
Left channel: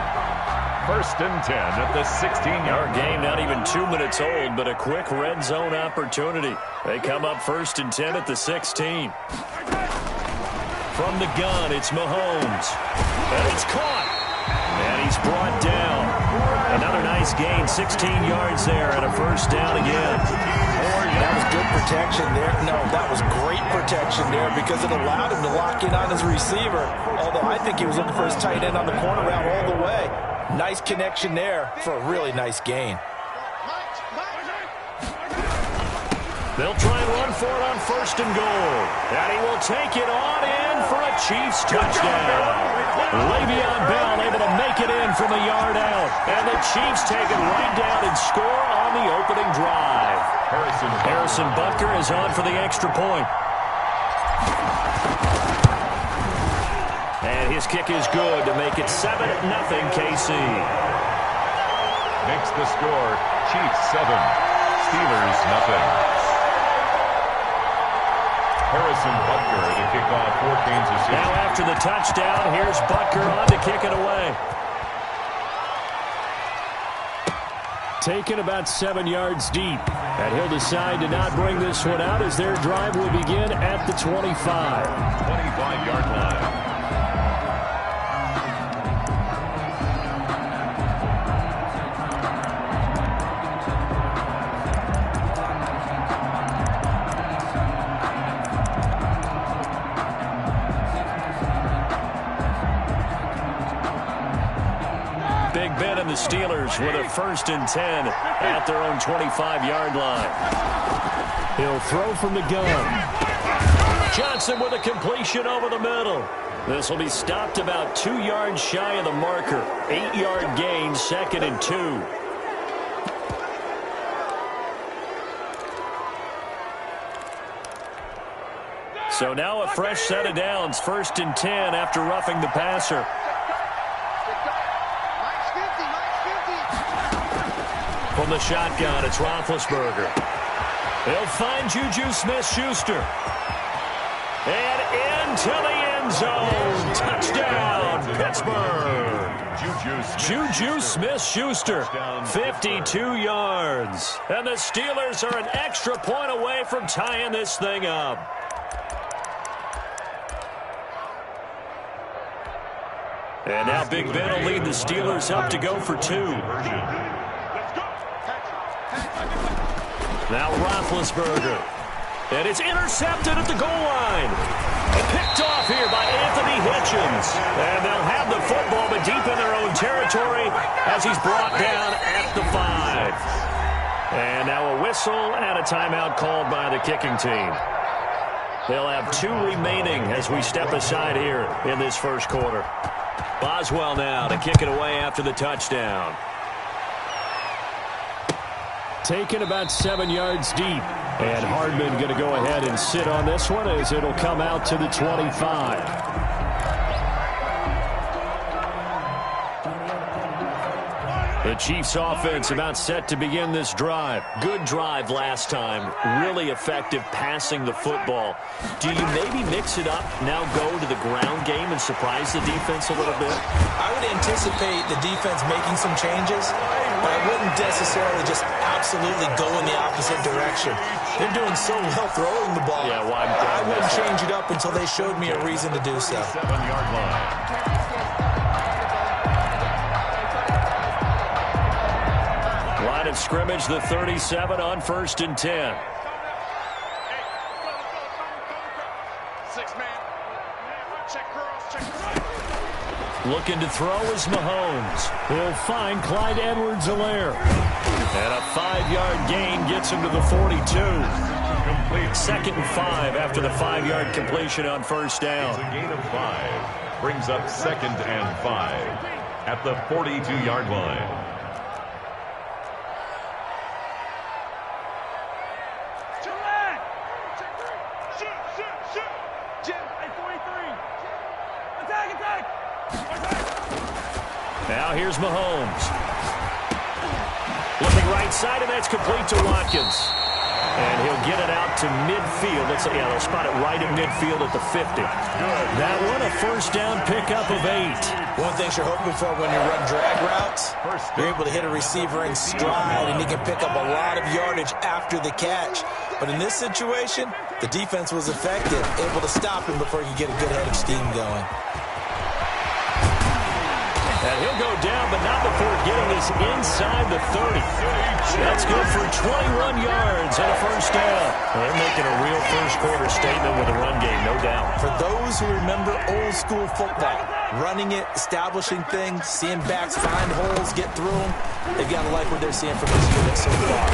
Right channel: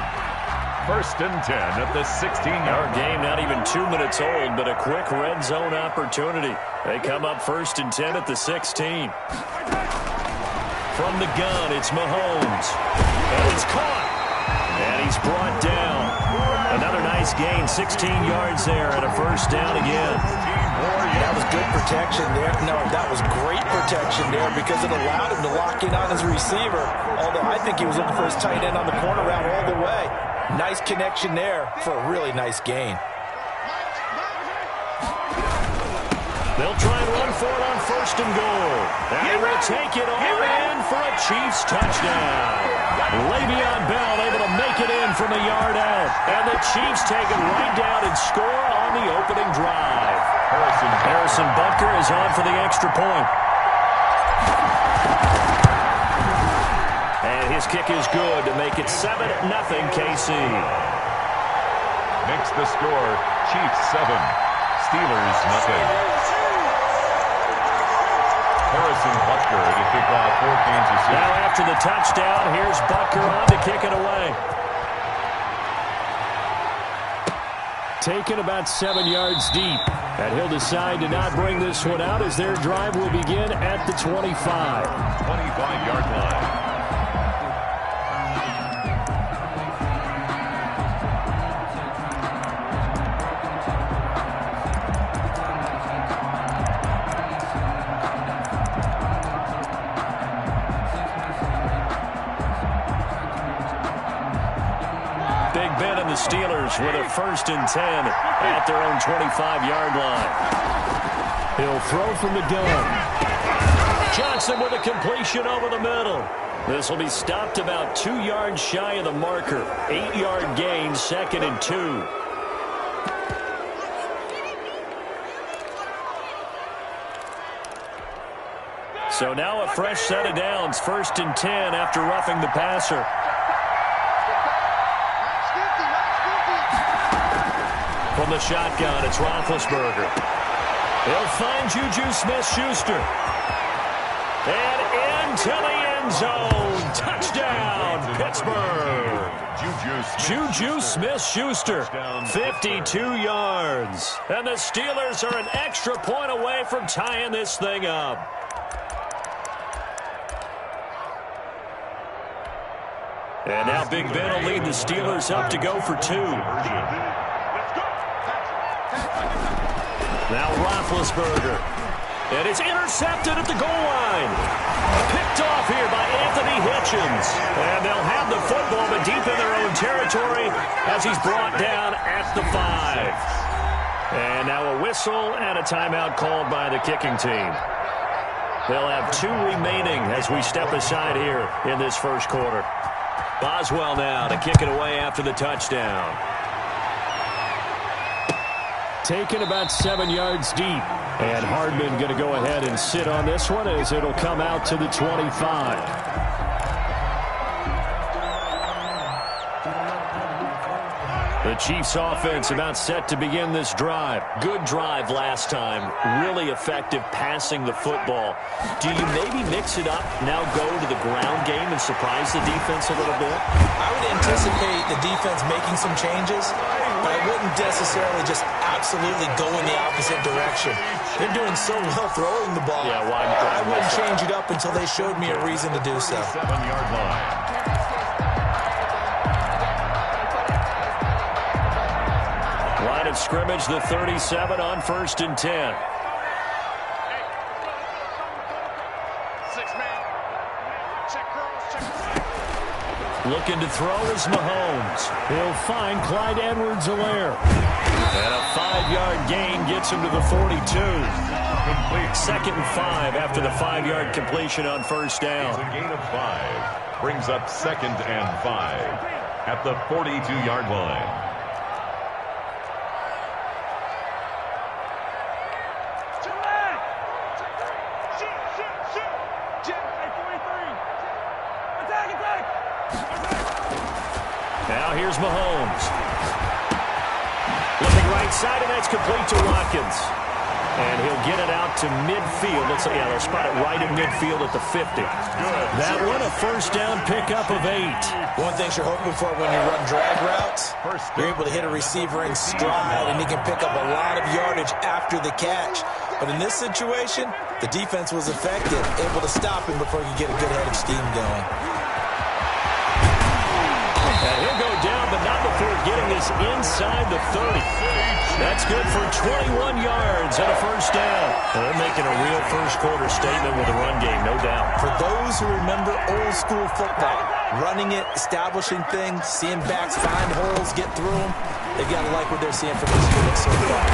1st and 10 at the 16-yard Our line. game not even 2 minutes old, but a quick red zone opportunity. They come up 1st and 10 at the 16. From the gun, it's Mahomes. And it's caught. And he's brought down. Another nice gain, 16 yards there, and a first down again. That was good protection there. No, that was great protection there because it allowed him to lock in on his receiver. Although I think he was looking for his tight end on the corner route all the way. Nice connection there for a really nice gain. They'll try and run for it on 1st and goal. And he will take it on in for a Chiefs touchdown. Le'Veon Bell able to make it in from a yard out. And the Chiefs take it right down and score on the opening drive. Harrison Butker is on for the extra point. And his kick is good to make it 7-0 KC. Makes the score Chiefs 7, Steelers nothing. Harrison Butker to kick off for Kansas City. Now after the touchdown, here's Butker on to kick it away. Taken about 7 yards deep. And he'll decide to not bring this one out as their drive will begin at the 25. 25-yard line. Big Ben and the Steelers with a 1st and 10 at their own 25-yard line. He'll throw from the gun. Johnson with a completion over the middle. This will be stopped about 2 yards shy of the marker. 8-yard gain, 2nd and 2. So now a fresh set of downs, 1st and 10 after roughing the passer. From the shotgun, it's Roethlisberger. He'll find Juju Smith-Schuster. And into the end zone. Touchdown, Pittsburgh. Juju Smith-Schuster, 52 yards. And the Steelers are an extra point away from tying this thing up. And now Big Ben will lead the Steelers up to go for 2. Now Roethlisberger. And it's intercepted at the goal line. Picked off here by Anthony Hitchens. And they'll have the football, but deep in their own territory as he's brought down at the 5. And now a whistle and a timeout called by the kicking team. They'll have 2 remaining as we step aside here in this first quarter. Boswell now to kick it away after the touchdown. Taken about 7 yards deep. And Hardman going to go ahead and sit on this one as it'll come out to the 25. The Chiefs offense about set to begin this drive. Good drive last time. Really effective passing the football. Do you maybe mix it up, now go to the ground game and surprise the defense a little bit? I would anticipate the defense making some changes, but I wouldn't necessarily just absolutely go in the opposite direction. They're doing so well throwing the ball. Yeah, why I wouldn't change it up until they showed me a reason to do so. 7-yard line. Line of scrimmage, the 37 on 1st and 10. Looking to throw is Mahomes. He'll find Clyde Edwards-Helaire. And a 5-yard gain gets him to the 42. Complete. 2nd and 5 after the 5-yard completion on 1st down. It's a gain of 5. Brings up 2nd and 5 at the 42-yard line. Now here's Mahomes. Looking right side, and that's complete to Watkins. And he'll get it out to midfield. Yeah, they'll spot it right at midfield at the 50. That one, a first down pickup of 8. One thing you're hoping for when you run drag routes, you're able to hit a receiver in stride, and he can pick up a lot of yardage after the catch. But in this situation, the defense was effective, able to stop him before he could get a good head of steam going. And he'll go down, but not before getting this inside the 30. That's good for 21 yards and a first down. Well, they're making a real first-quarter statement with the run game, no doubt. For those who remember old-school football, running it, establishing things, seeing backs find holes, get through them, they've got to like what they're seeing from this unit so far.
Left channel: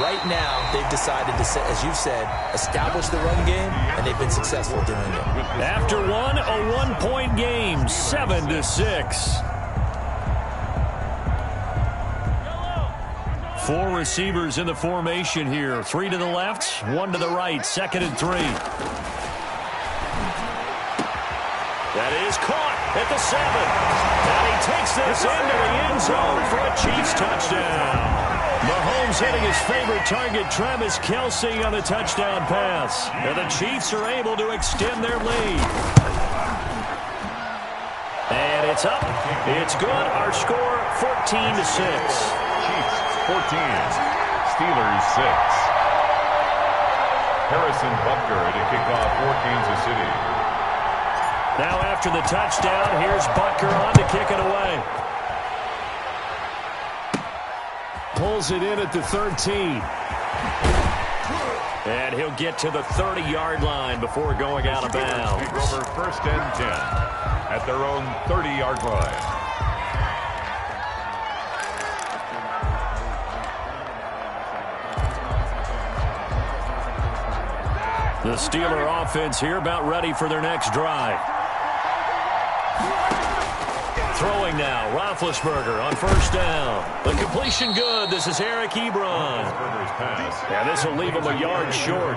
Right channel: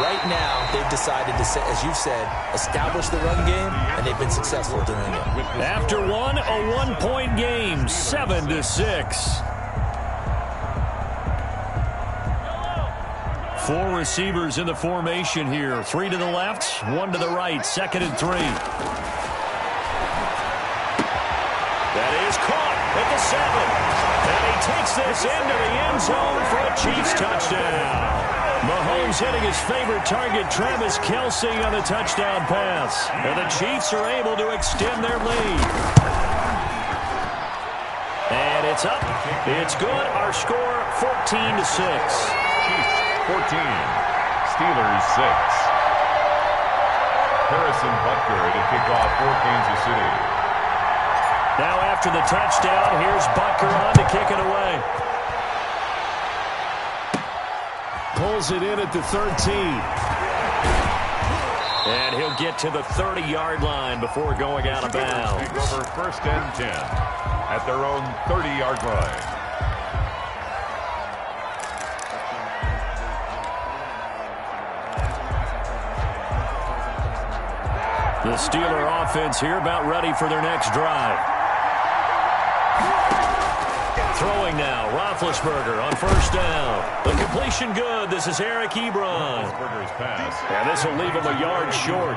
Right now, they've decided to, as you've said, establish the run game, and they've been successful doing it. After one, a one-point game, 7-6. 4 receivers in the formation here. 3 to the left, 1 to the right. 2nd and 3. That is caught at the 7. And he takes this into the end zone for a Chiefs touchdown. Mahomes hitting his favorite target, Travis Kelce, on the touchdown pass. And the Chiefs are able to extend their lead. And it's up. It's good. Our score, 14-6. Chiefs 14, Steelers 6. Harrison Butker to kick off for Kansas City. Now after the touchdown, here's Butker on to kick it away. Pulls it in at the 13. And he'll get to the 30-yard line before going out of bounds. Take over 1st and 10 at their own 30-yard line. The Steeler offense here about ready for their next drive. Throwing now, Roethlisberger on 1st down. The completion good. This is Eric Ebron. And this will leave him a yard short.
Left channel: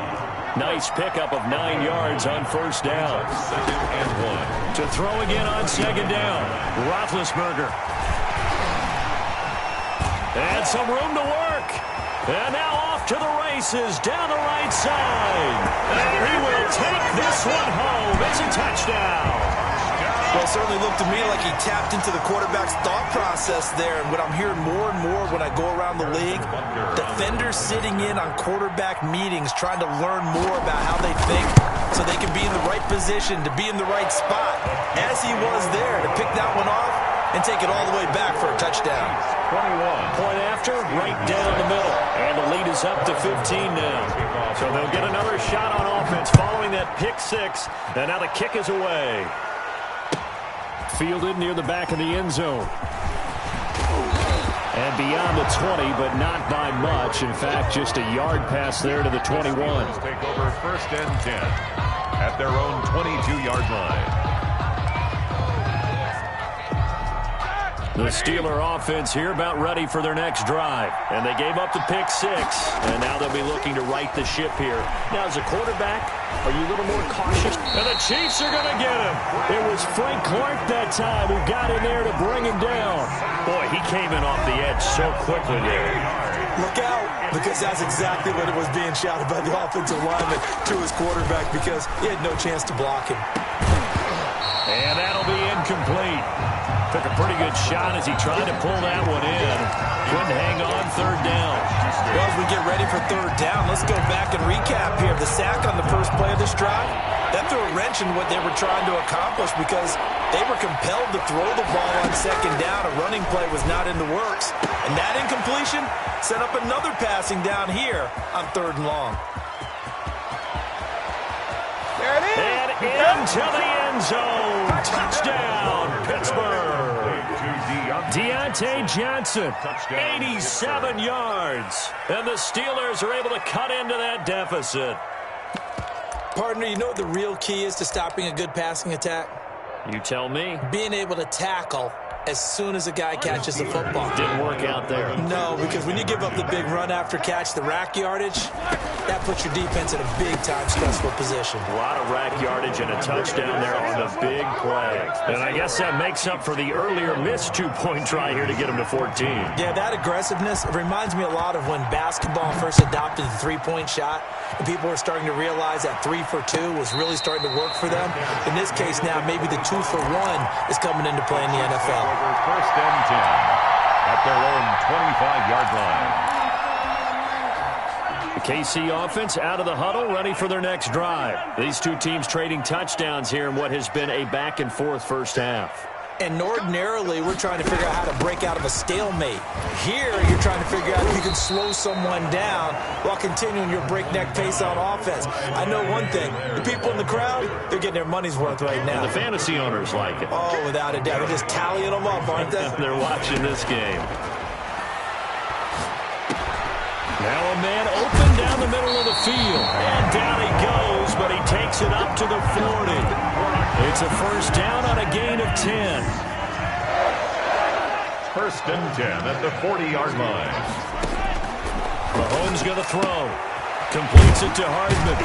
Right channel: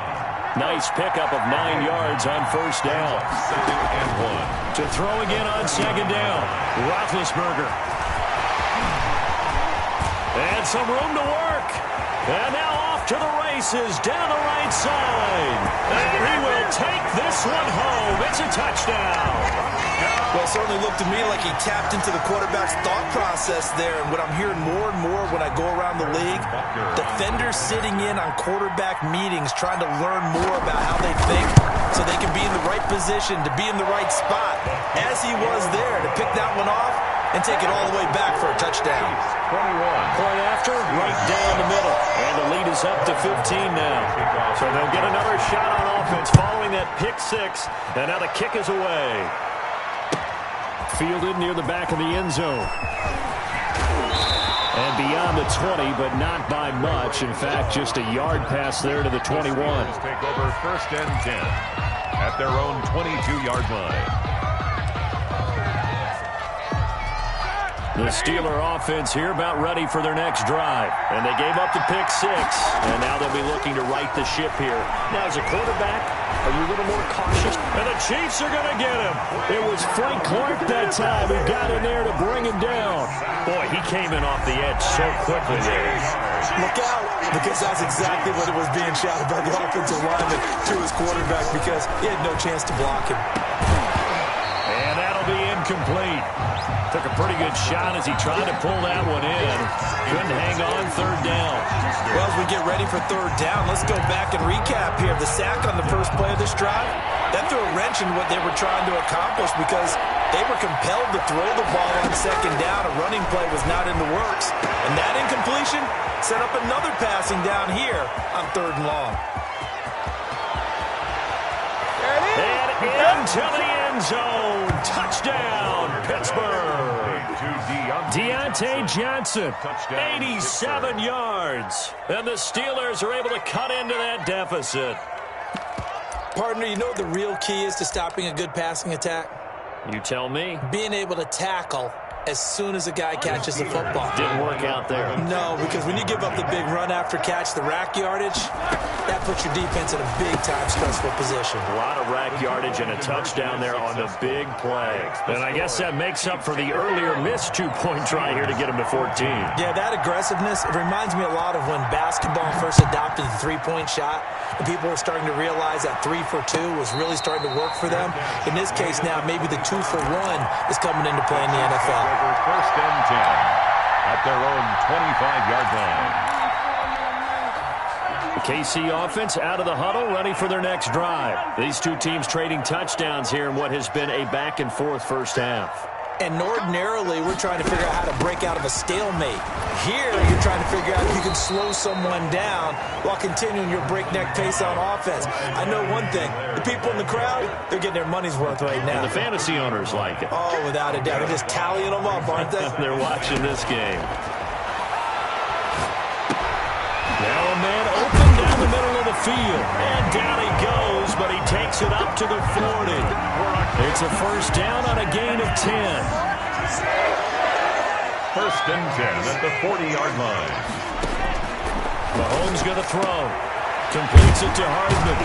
Nice pickup of 9 yards on 1st down. 2nd and 1. To throw again on 2nd down, Roethlisberger. And some room to work. And now off to the races down the right side. And he will take this one home. It's a touchdown. Well, it certainly looked to me like he tapped into the quarterback's thought process there. And what I'm hearing more and more when I go around the league, defenders sitting in on quarterback meetings trying to learn more about how they think so they can be in the right position, to be in the right spot, as he was there, to pick that one off and take it all the way back for a touchdown. 21. Point after, right down the middle. And the lead is up to 15 now. So they'll get another shot on offense following that pick 6. And now the kick is away. Fielded near the back of the end zone. And beyond the 20, but not by much. In fact, just a yard pass there to the 21. Take over 1st and 10 at their own 22-yard line. The Steeler offense here about ready for their next drive. And they gave up the pick 6. And now they'll be looking to right the ship here. Now, as a quarterback, are you a little more cautious? And the Chiefs are going to get him. It was Frank Clark that time who got in there to bring him down. Boy, he came in off the edge so quickly there. Look out, because that's exactly what it was being shouted by the offensive lineman to his quarterback, because he had no chance to block him. And that'll be incomplete. Took a pretty good shot as he tried to pull that one in. Couldn't hang on 3rd down. Well, as we get ready for 3rd down, let's go back and recap here. The sack on the first play of this drive, that threw a wrench in what they were trying to accomplish because they were compelled to throw the ball on 2nd down. A running play was not in the works. And that incompletion set up another passing down here on 3rd and long. There it is. And into the end zone. Touchdown, Pittsburgh. Deontay Johnson, 87 yards. And the Steelers are able to cut into that deficit. Partner, you know what the real key is to stopping a good passing attack? You tell me. Being able to tackle as soon as a guy catches the football. Didn't work out there. No, because when you give up the big run after catch, the rack yardage, that puts your defense in a big-time stressful position. A lot of rack yardage and a touchdown there on the big play. And I guess that makes up for the earlier missed two-point try here to get him to 14. Yeah, that aggressiveness, it reminds me a lot of when basketball first adopted the three-point shot, and people were starting to realize that 3 for 2 was really starting to work for them. In this case now, maybe the 2 for 1 is coming into play in the NFL. Over first and 10 at their own 25-yard line. The KC offense out of the huddle, ready for their next drive. These two teams trading touchdowns here in what has been a back-and-forth first half. And ordinarily, we're trying to figure out how to break out of a stalemate. Here, you're trying to figure out if you can slow someone down while continuing your breakneck pace on offense. I know one thing. The people in the crowd, they're getting their money's worth right now. And the fantasy owners like it. Oh, without a doubt. They're just tallying them up, aren't they? They're watching this game. Now a man open down the middle of the field. And down he goes, but he takes it up to the 40. It's a first down on a gain of 10. First and 10 at the 40-yard line. Mahomes going to throw. Completes it to Hardman.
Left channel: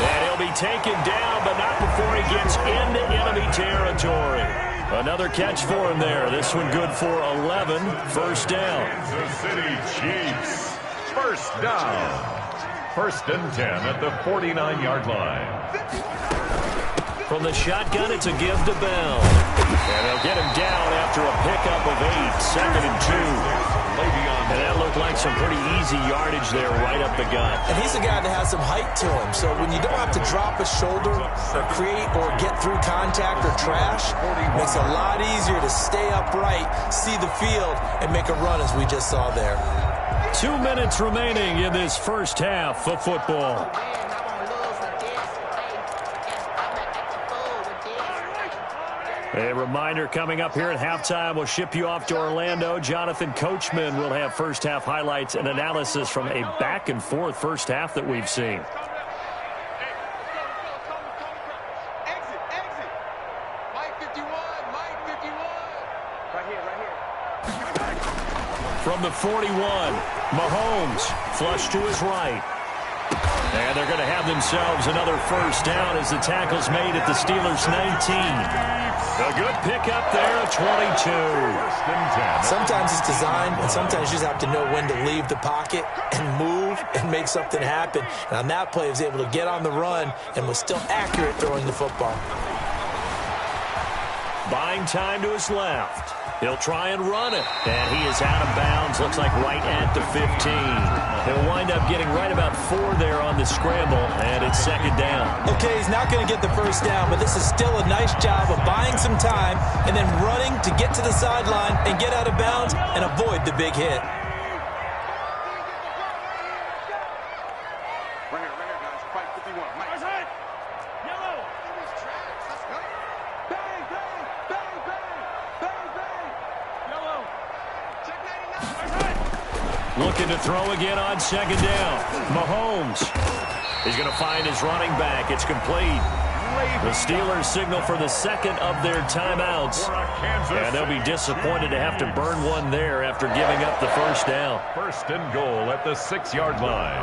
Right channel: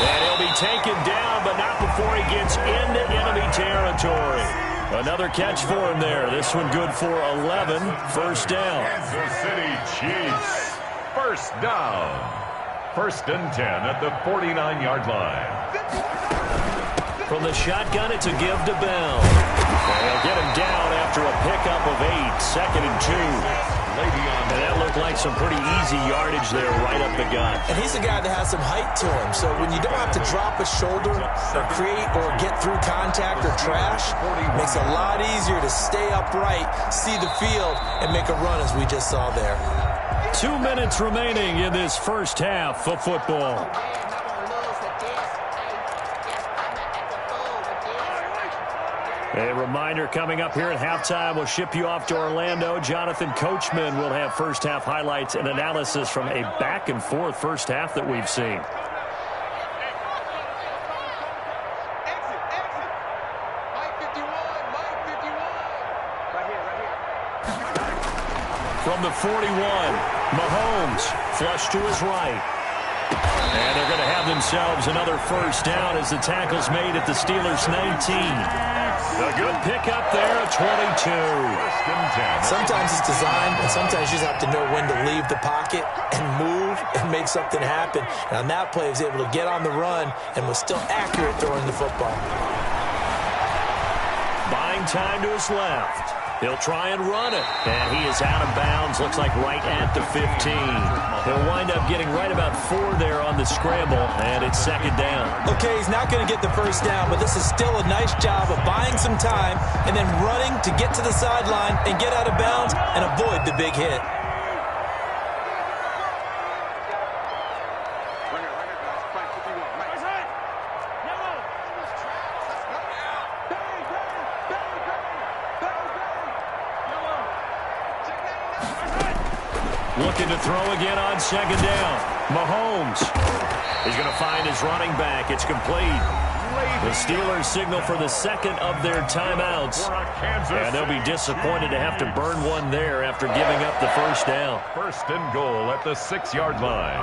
And he'll be taken down, but not before he gets into enemy territory. Another catch for him there. This one good for 11. First down. Kansas City Chiefs. First down. First and 10 at the 49-yard line. From the shotgun, it's a give to Bell. And they'll get him down after a pickup of 8. Second and 2. And that looked like some pretty easy yardage there right up the gut. And he's a guy that has some height to him. So when you don't have to drop a shoulder or create or get through contact or trash, it makes it a lot easier to stay upright, see the field, and make a run as we just saw there. 2 minutes remaining in this first half of football. A reminder coming up here at halftime. We'll ship you off to Orlando. Jonathan Coachman will have first half highlights and analysis from a back-and-forth first half that we've seen. Exit. Mike 51. Right here. From the 41, Mahomes flush to his right. And they're going to have themselves another first down as the tackle's made at the Steelers' 19. A good pickup there at 22. First and 10. Sometimes it's designed, and sometimes you just have to know when to leave the pocket and move and make something happen. And on that play, he was able to get on the run and was still accurate throwing the football. Buying time to his left. He'll try and run it. And he is out of bounds. Looks like right at the 15. He'll wind up getting right about 4 there on the scramble. And it's second down. Okay, he's not going to get the first down, but this is still a nice job of buying some time and then running to get to the sideline and get out of bounds and avoid the big hit. Right here, guys. Fight 51. Mike. Yellow. Let's go. Bang. Yellow. Check 99. Looking to throw again on second down. Mahomes. He's going to find his running back. It's complete. The Steelers signal for the second of their timeouts. And they'll be disappointed to have to burn one there after giving up the first down. First and goal at the 6-yard line.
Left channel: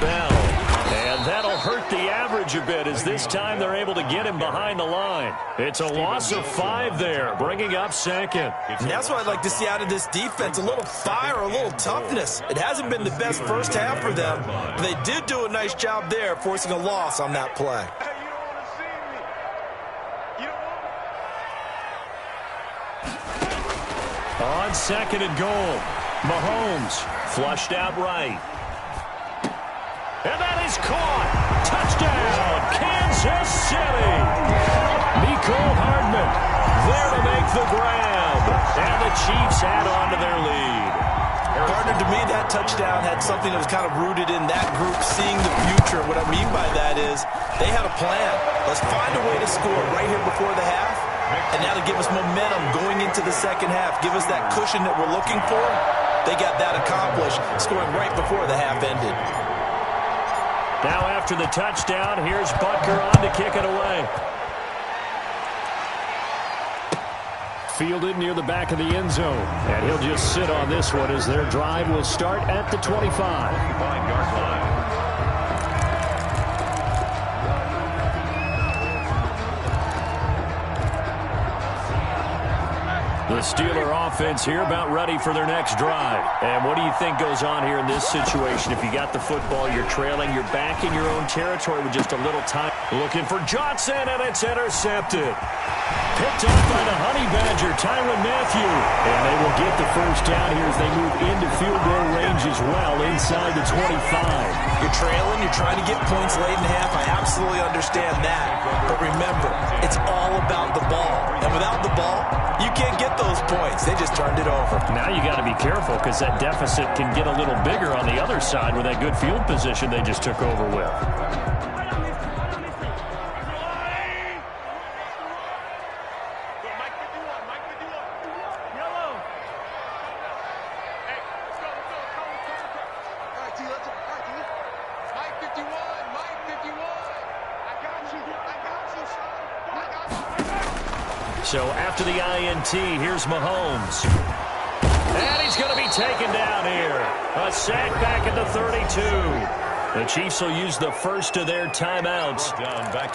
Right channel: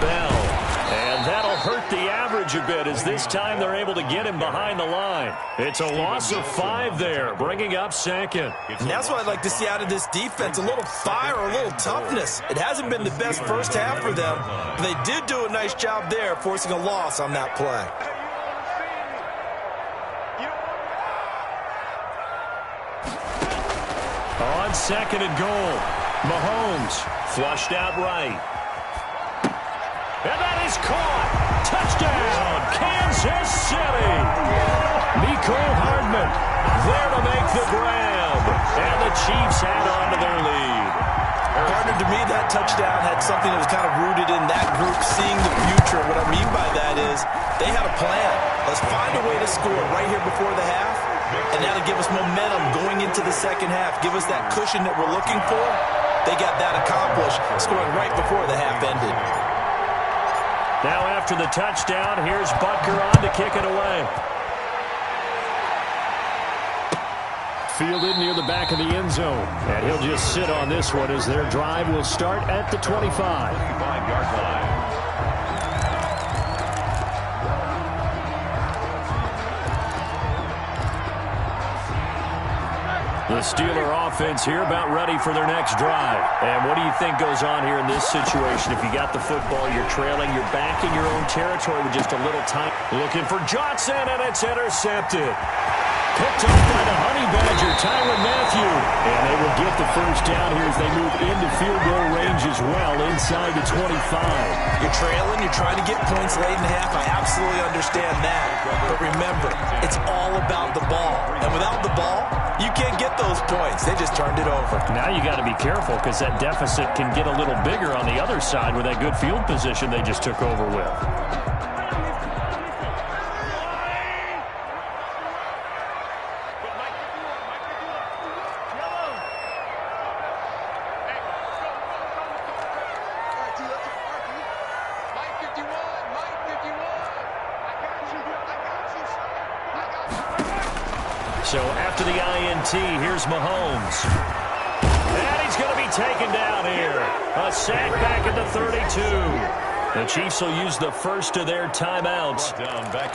Bell. And that'll hurt the average a bit as this time they're able to get him behind the line. It's a loss of 5 there, bringing up second. And that's what I'd like to see out of this defense, a little fire, a little toughness. It hasn't been the best first half for them, but they did do a nice job there, forcing a loss on that play. On second and goal, Mahomes flushed out right. And that is caught. Touchdown, Kansas City. Mecole Hardman there to make the grab. And the Chiefs add on to their lead. Partner, to me, that touchdown had something that was kind of rooted in that group seeing the future. What I mean by that is they had a plan. Let's find a way to score right here before the half. And that'll give us momentum going into the second half. Give us that cushion that we're looking for. They got that accomplished, scoring right before the half ended. Now after the touchdown, here's Butker on to kick it away. Fielded near the back of the end zone. And he'll just sit on this one as their drive will start at the 25. 25-yard line. The Steeler offense here about ready for their next drive. And what do you think goes on here in this situation? If you got the football, you're trailing, you're back in your own territory with just a little time. Looking for Johnson, and it's intercepted. Picked off by the Honey Badger, Tyrann Mathieu. And they will get the first down here as they move into field goal range as well inside the 25. You're trailing, you're trying to get points late in half. I absolutely understand that. But remember, it's all about the ball. And without the ball, you can't get those points. They just turned it over. Now you got to be careful because that deficit can get a little bigger on the other side with that good field position they just took over with. So after the INT, here's Mahomes. And he's going to be taken down here. A sack back at the 32. The Chiefs will use the first of their timeouts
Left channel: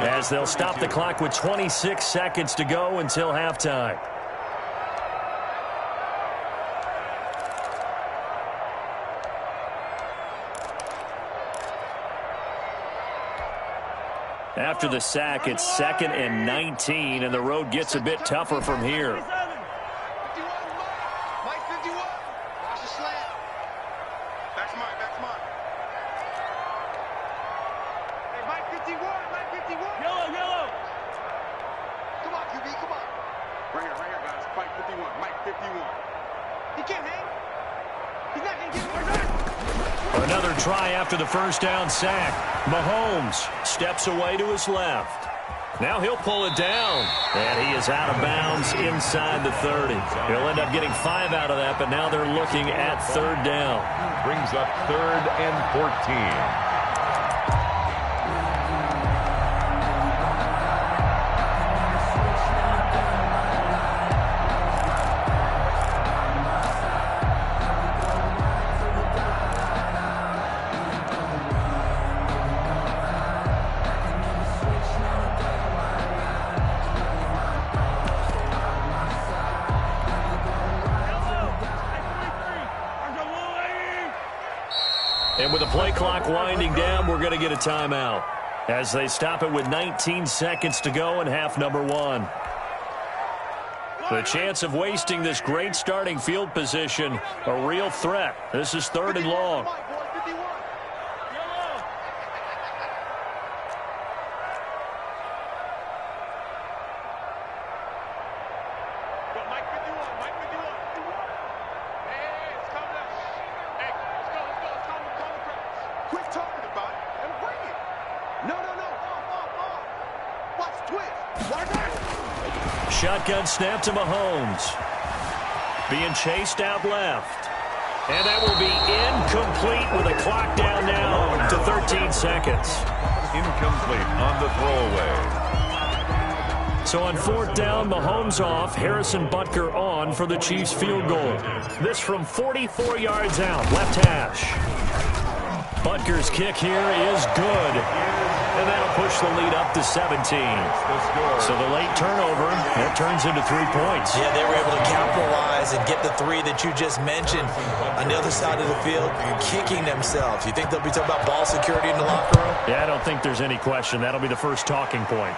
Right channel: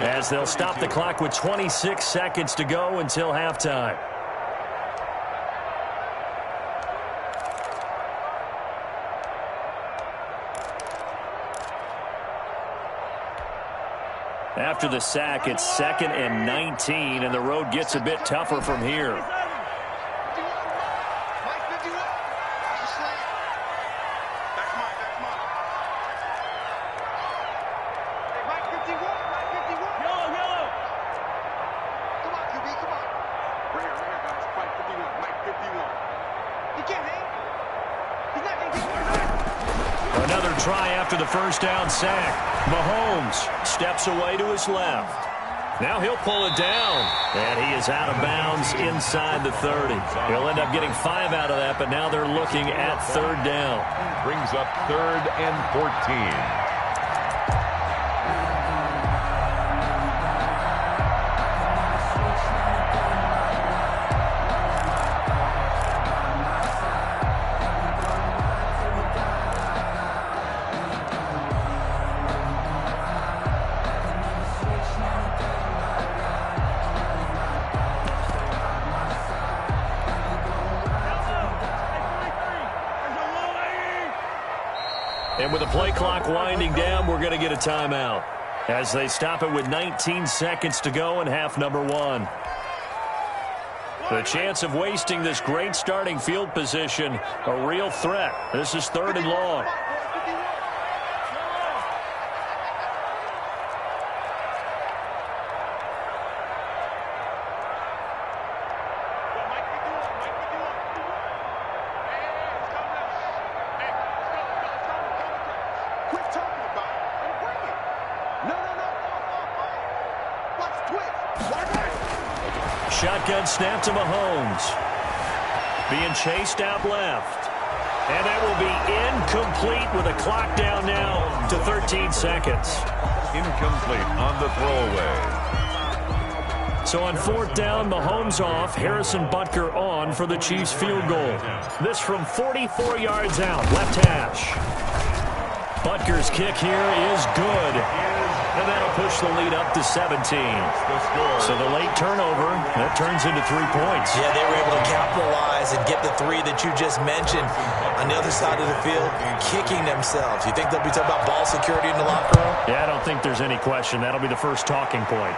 as they'll stop the clock with 26 seconds to go until halftime. After the sack, it's 2nd and 19, and the road gets a bit tougher from here. Mike 51. Watch the slant. Back's mine. Hey, Mike 51. Yellow. Come on, QB, come on. Right here, guys. Mike 51. Mike 51. He can't hang. He's not going to get one. Another try after the first down sack. Mahomes steps away to his left. Now he'll pull it down. And he is out of bounds inside the 30. He'll end up getting 5 out of that, but now they're looking at 3rd down. Brings up 3rd and 14. And with the play clock winding down, we're going to get a timeout as they stop it with 19 seconds to go in half number 1. The chance of wasting this great starting field position, a real threat. This is 3rd and long. Shotgun snap to Mahomes. Being chased out left. And that will be incomplete with a clock down now to 13 seconds. Incomplete on the throwaway. So on 4th down, Mahomes off, Harrison Butker on for the Chiefs field goal. This from 44 yards out, left hash. Butker's kick here is good. And that'll push the lead up to 17. So the late turnover, that turns into 3 points. Yeah, they were able to capitalize and get the 3 that you just mentioned. On the other side of the field, kicking themselves. You think they'll be talking about ball security in the locker room? Yeah, I don't think there's any question. That'll be the first talking point.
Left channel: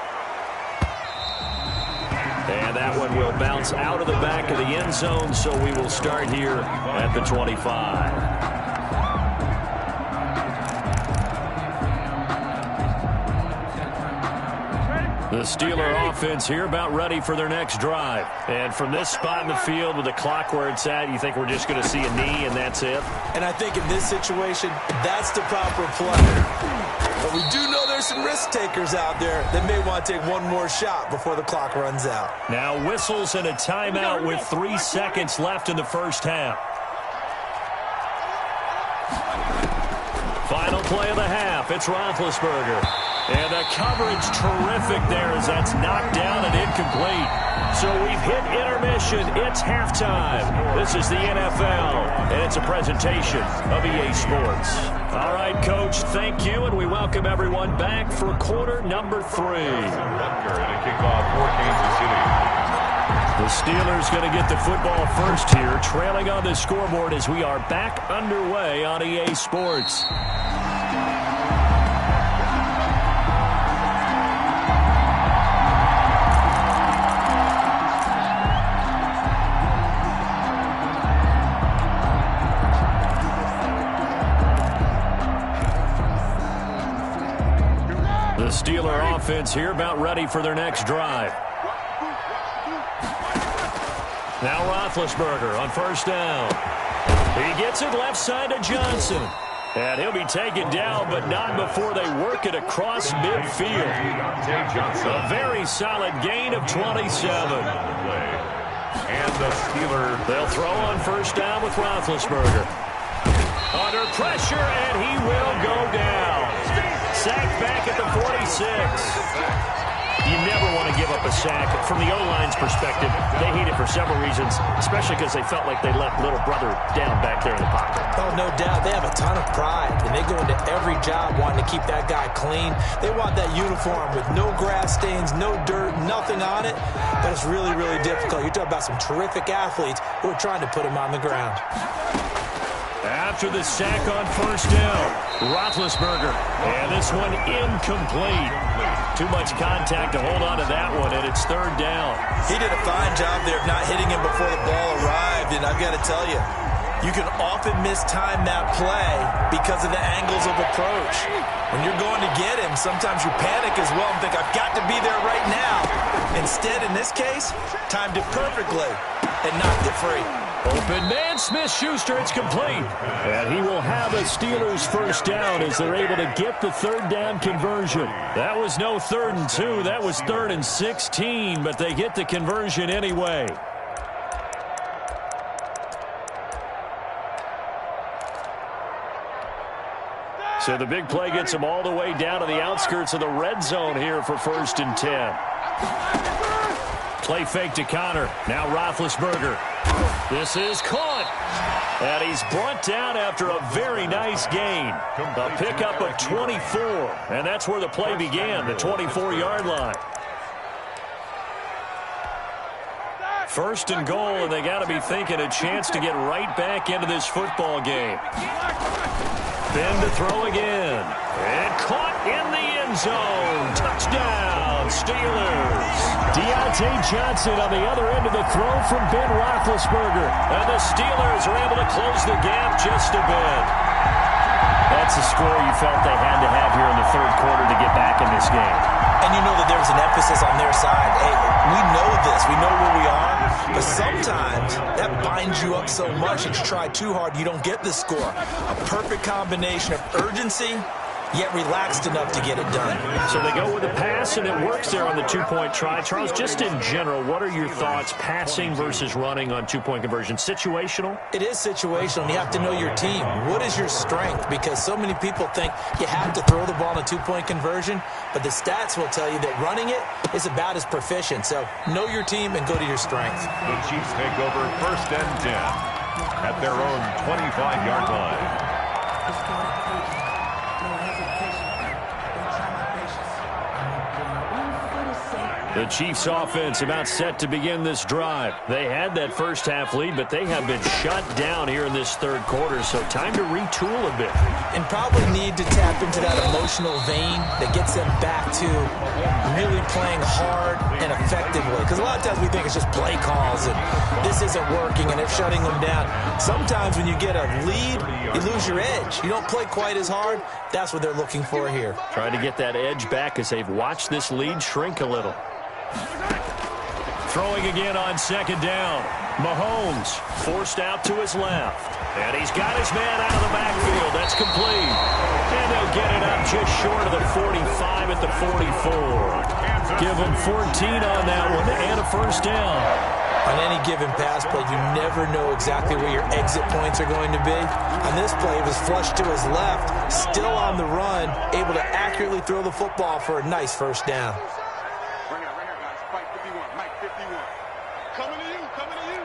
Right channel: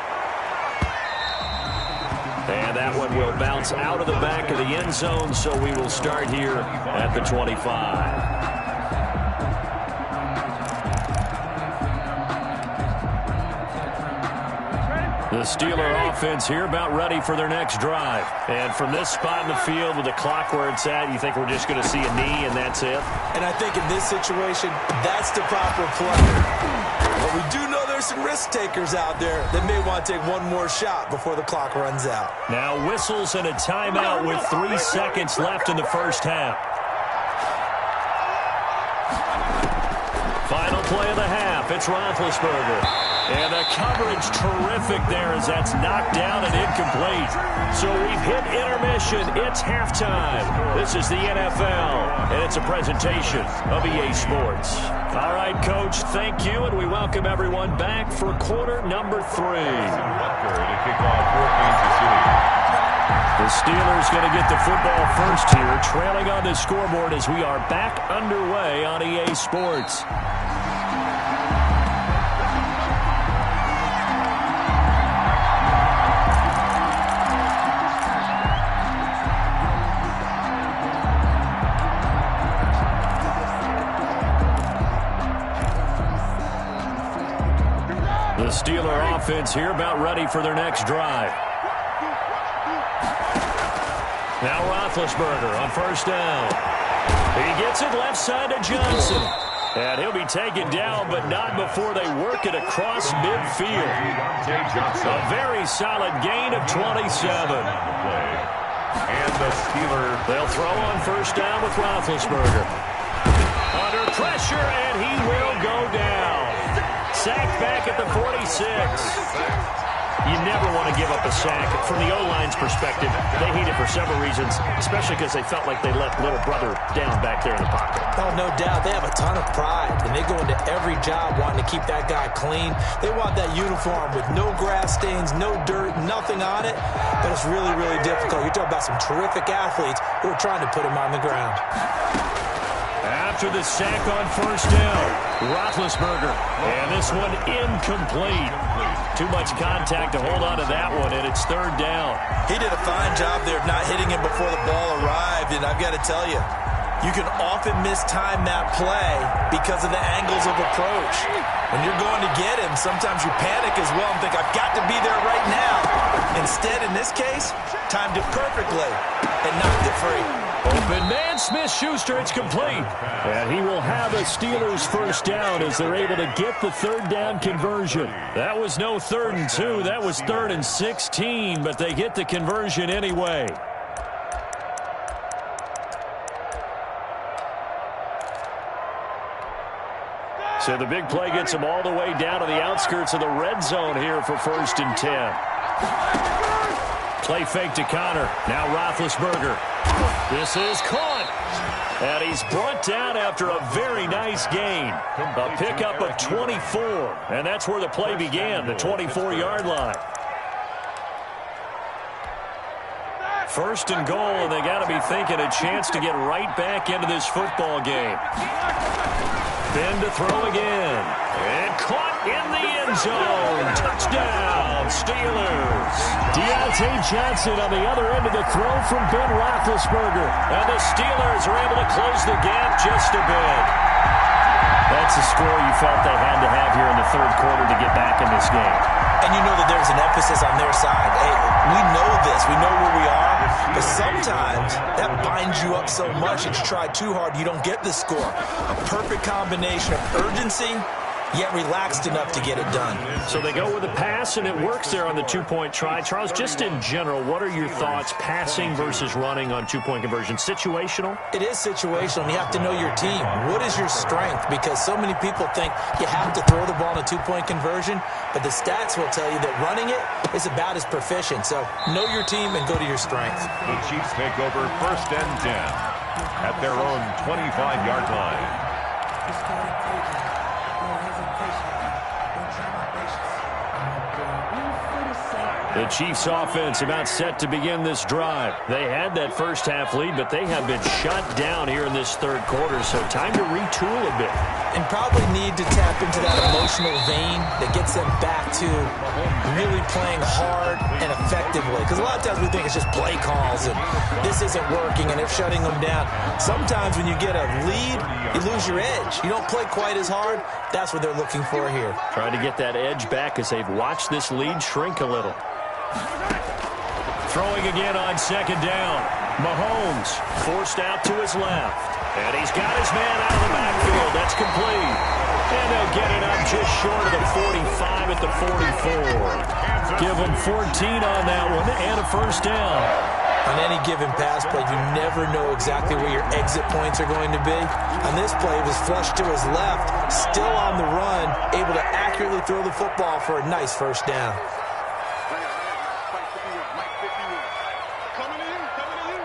And that one will bounce out of the back of the end zone, so we will start here at the 25. The Steeler offense here about ready for their next drive. And from this spot in the field with the clock where it's at, you think we're just going to see a knee and that's it? And I think in this situation, that's the proper play. But we do know there's some risk takers out there that may want to take one more shot before the clock runs out. Now whistles and a timeout with 3 seconds left in the first half. Final play of the half. It's Roethlisberger. And the coverage terrific there as that's knocked down and incomplete. So we've hit intermission. It's halftime. This is the NFL, and it's a presentation of EA Sports. All right, Coach, thank you, and we welcome everyone back for quarter number 3. Butker to kick off for Kansas City. The Steelers going to get the football first here, trailing on the scoreboard as we are back underway on EA Sports. The Steeler offense here about ready for their next drive. Now Roethlisberger on first down. He gets it left side to Johnson. And he'll be taken down, but not before they work it across midfield. A very solid gain of 27. And the Steelers. They'll throw on first down with Roethlisberger. Under pressure, and he will go down. Sacked back at the 46. You never want to give up a sack. From the O-line's perspective, they hate it for several reasons, especially because they felt like they left little brother down back there in the pocket. Oh, no doubt. They have a ton of pride, and they go into every job wanting to keep that guy clean. They want that uniform with no grass stains, no dirt, nothing on it, but it's really, really difficult. You're talking about some terrific athletes who are trying to put him on the ground. After the sack on first down, Roethlisberger, and this one incomplete. Too much contact to hold on to that one, and it's third down. He did a fine job there of not hitting him before the ball arrived, and I've got to tell you, you can often mistime that play because of the angles of approach. When you're going to get him, sometimes you panic as well and think, I've got to be there right now. Instead, in this case, timed it perfectly and knocked it free. Open man, Smith-Schuster, it's complete. And he will have a Steelers first down as they're able to get the third down conversion. That was no 3rd and 2, that was 3rd and 16, but they get the conversion anyway. So the big play gets them all the way down to the outskirts of the red zone here for 1st and 10. Play fake to Connor. Now Roethlisberger. This is caught. And he's brought down after a very nice gain. A pickup of 24. And that's where the play began, the 24-yard line. 1st and goal, and they got to be thinking a chance to get right back into this football game. Ben to throw again. And caught in the end zone. Touchdown, Steelers. Deontay Johnson on the other end of the throw from Ben Roethlisberger. And the Steelers are able to close the gap just a bit. That's a score you felt they had to have here in the 3rd quarter to get back in this game. And you know that there's an emphasis on their side. Hey, we know this. We know where we are. But sometimes that binds you up so much that you try too hard, you don't get the score. A perfect combination of urgency, yet relaxed enough to get it done. So they go with a pass, and it works there on the 2-point try. Charles, just in general, what are your thoughts passing versus running on 2-point conversion? Situational? It is situational, and you have to know your team. What is your strength? Because so many people think you have to throw the ball in a 2-point conversion, but the stats will tell you that running it is about as proficient. So know your team and go to your strength. The Chiefs take over 1st and 10 at their own 25-yard line. The Chiefs offense about set to begin this drive. They had that first half lead, but they have been shut down here in this 3rd quarter, so time to retool a bit. And probably need to tap into that emotional vein that gets them back to really playing hard and effectively. Because a lot of times we think it's just play calls and this isn't working and they're shutting them down. Sometimes when you get a lead, you lose your edge. You don't play quite as hard. That's what they're looking for here. Trying to get that edge back as they've watched this lead shrink a little. Throwing again on 2nd down. Mahomes forced out to his left. And he's got his man out of the backfield. That's complete. And they'll get it up just short of the 45 at the 44. Give them 14 on that one and a first down. On any given pass play, you never know exactly where your exit points are going to be. On this play, it was flushed to his left, still on the run, able to accurately throw the football for a nice first down. Right here, guys. Fight 51. Mike 51. Coming to you. Coming to you.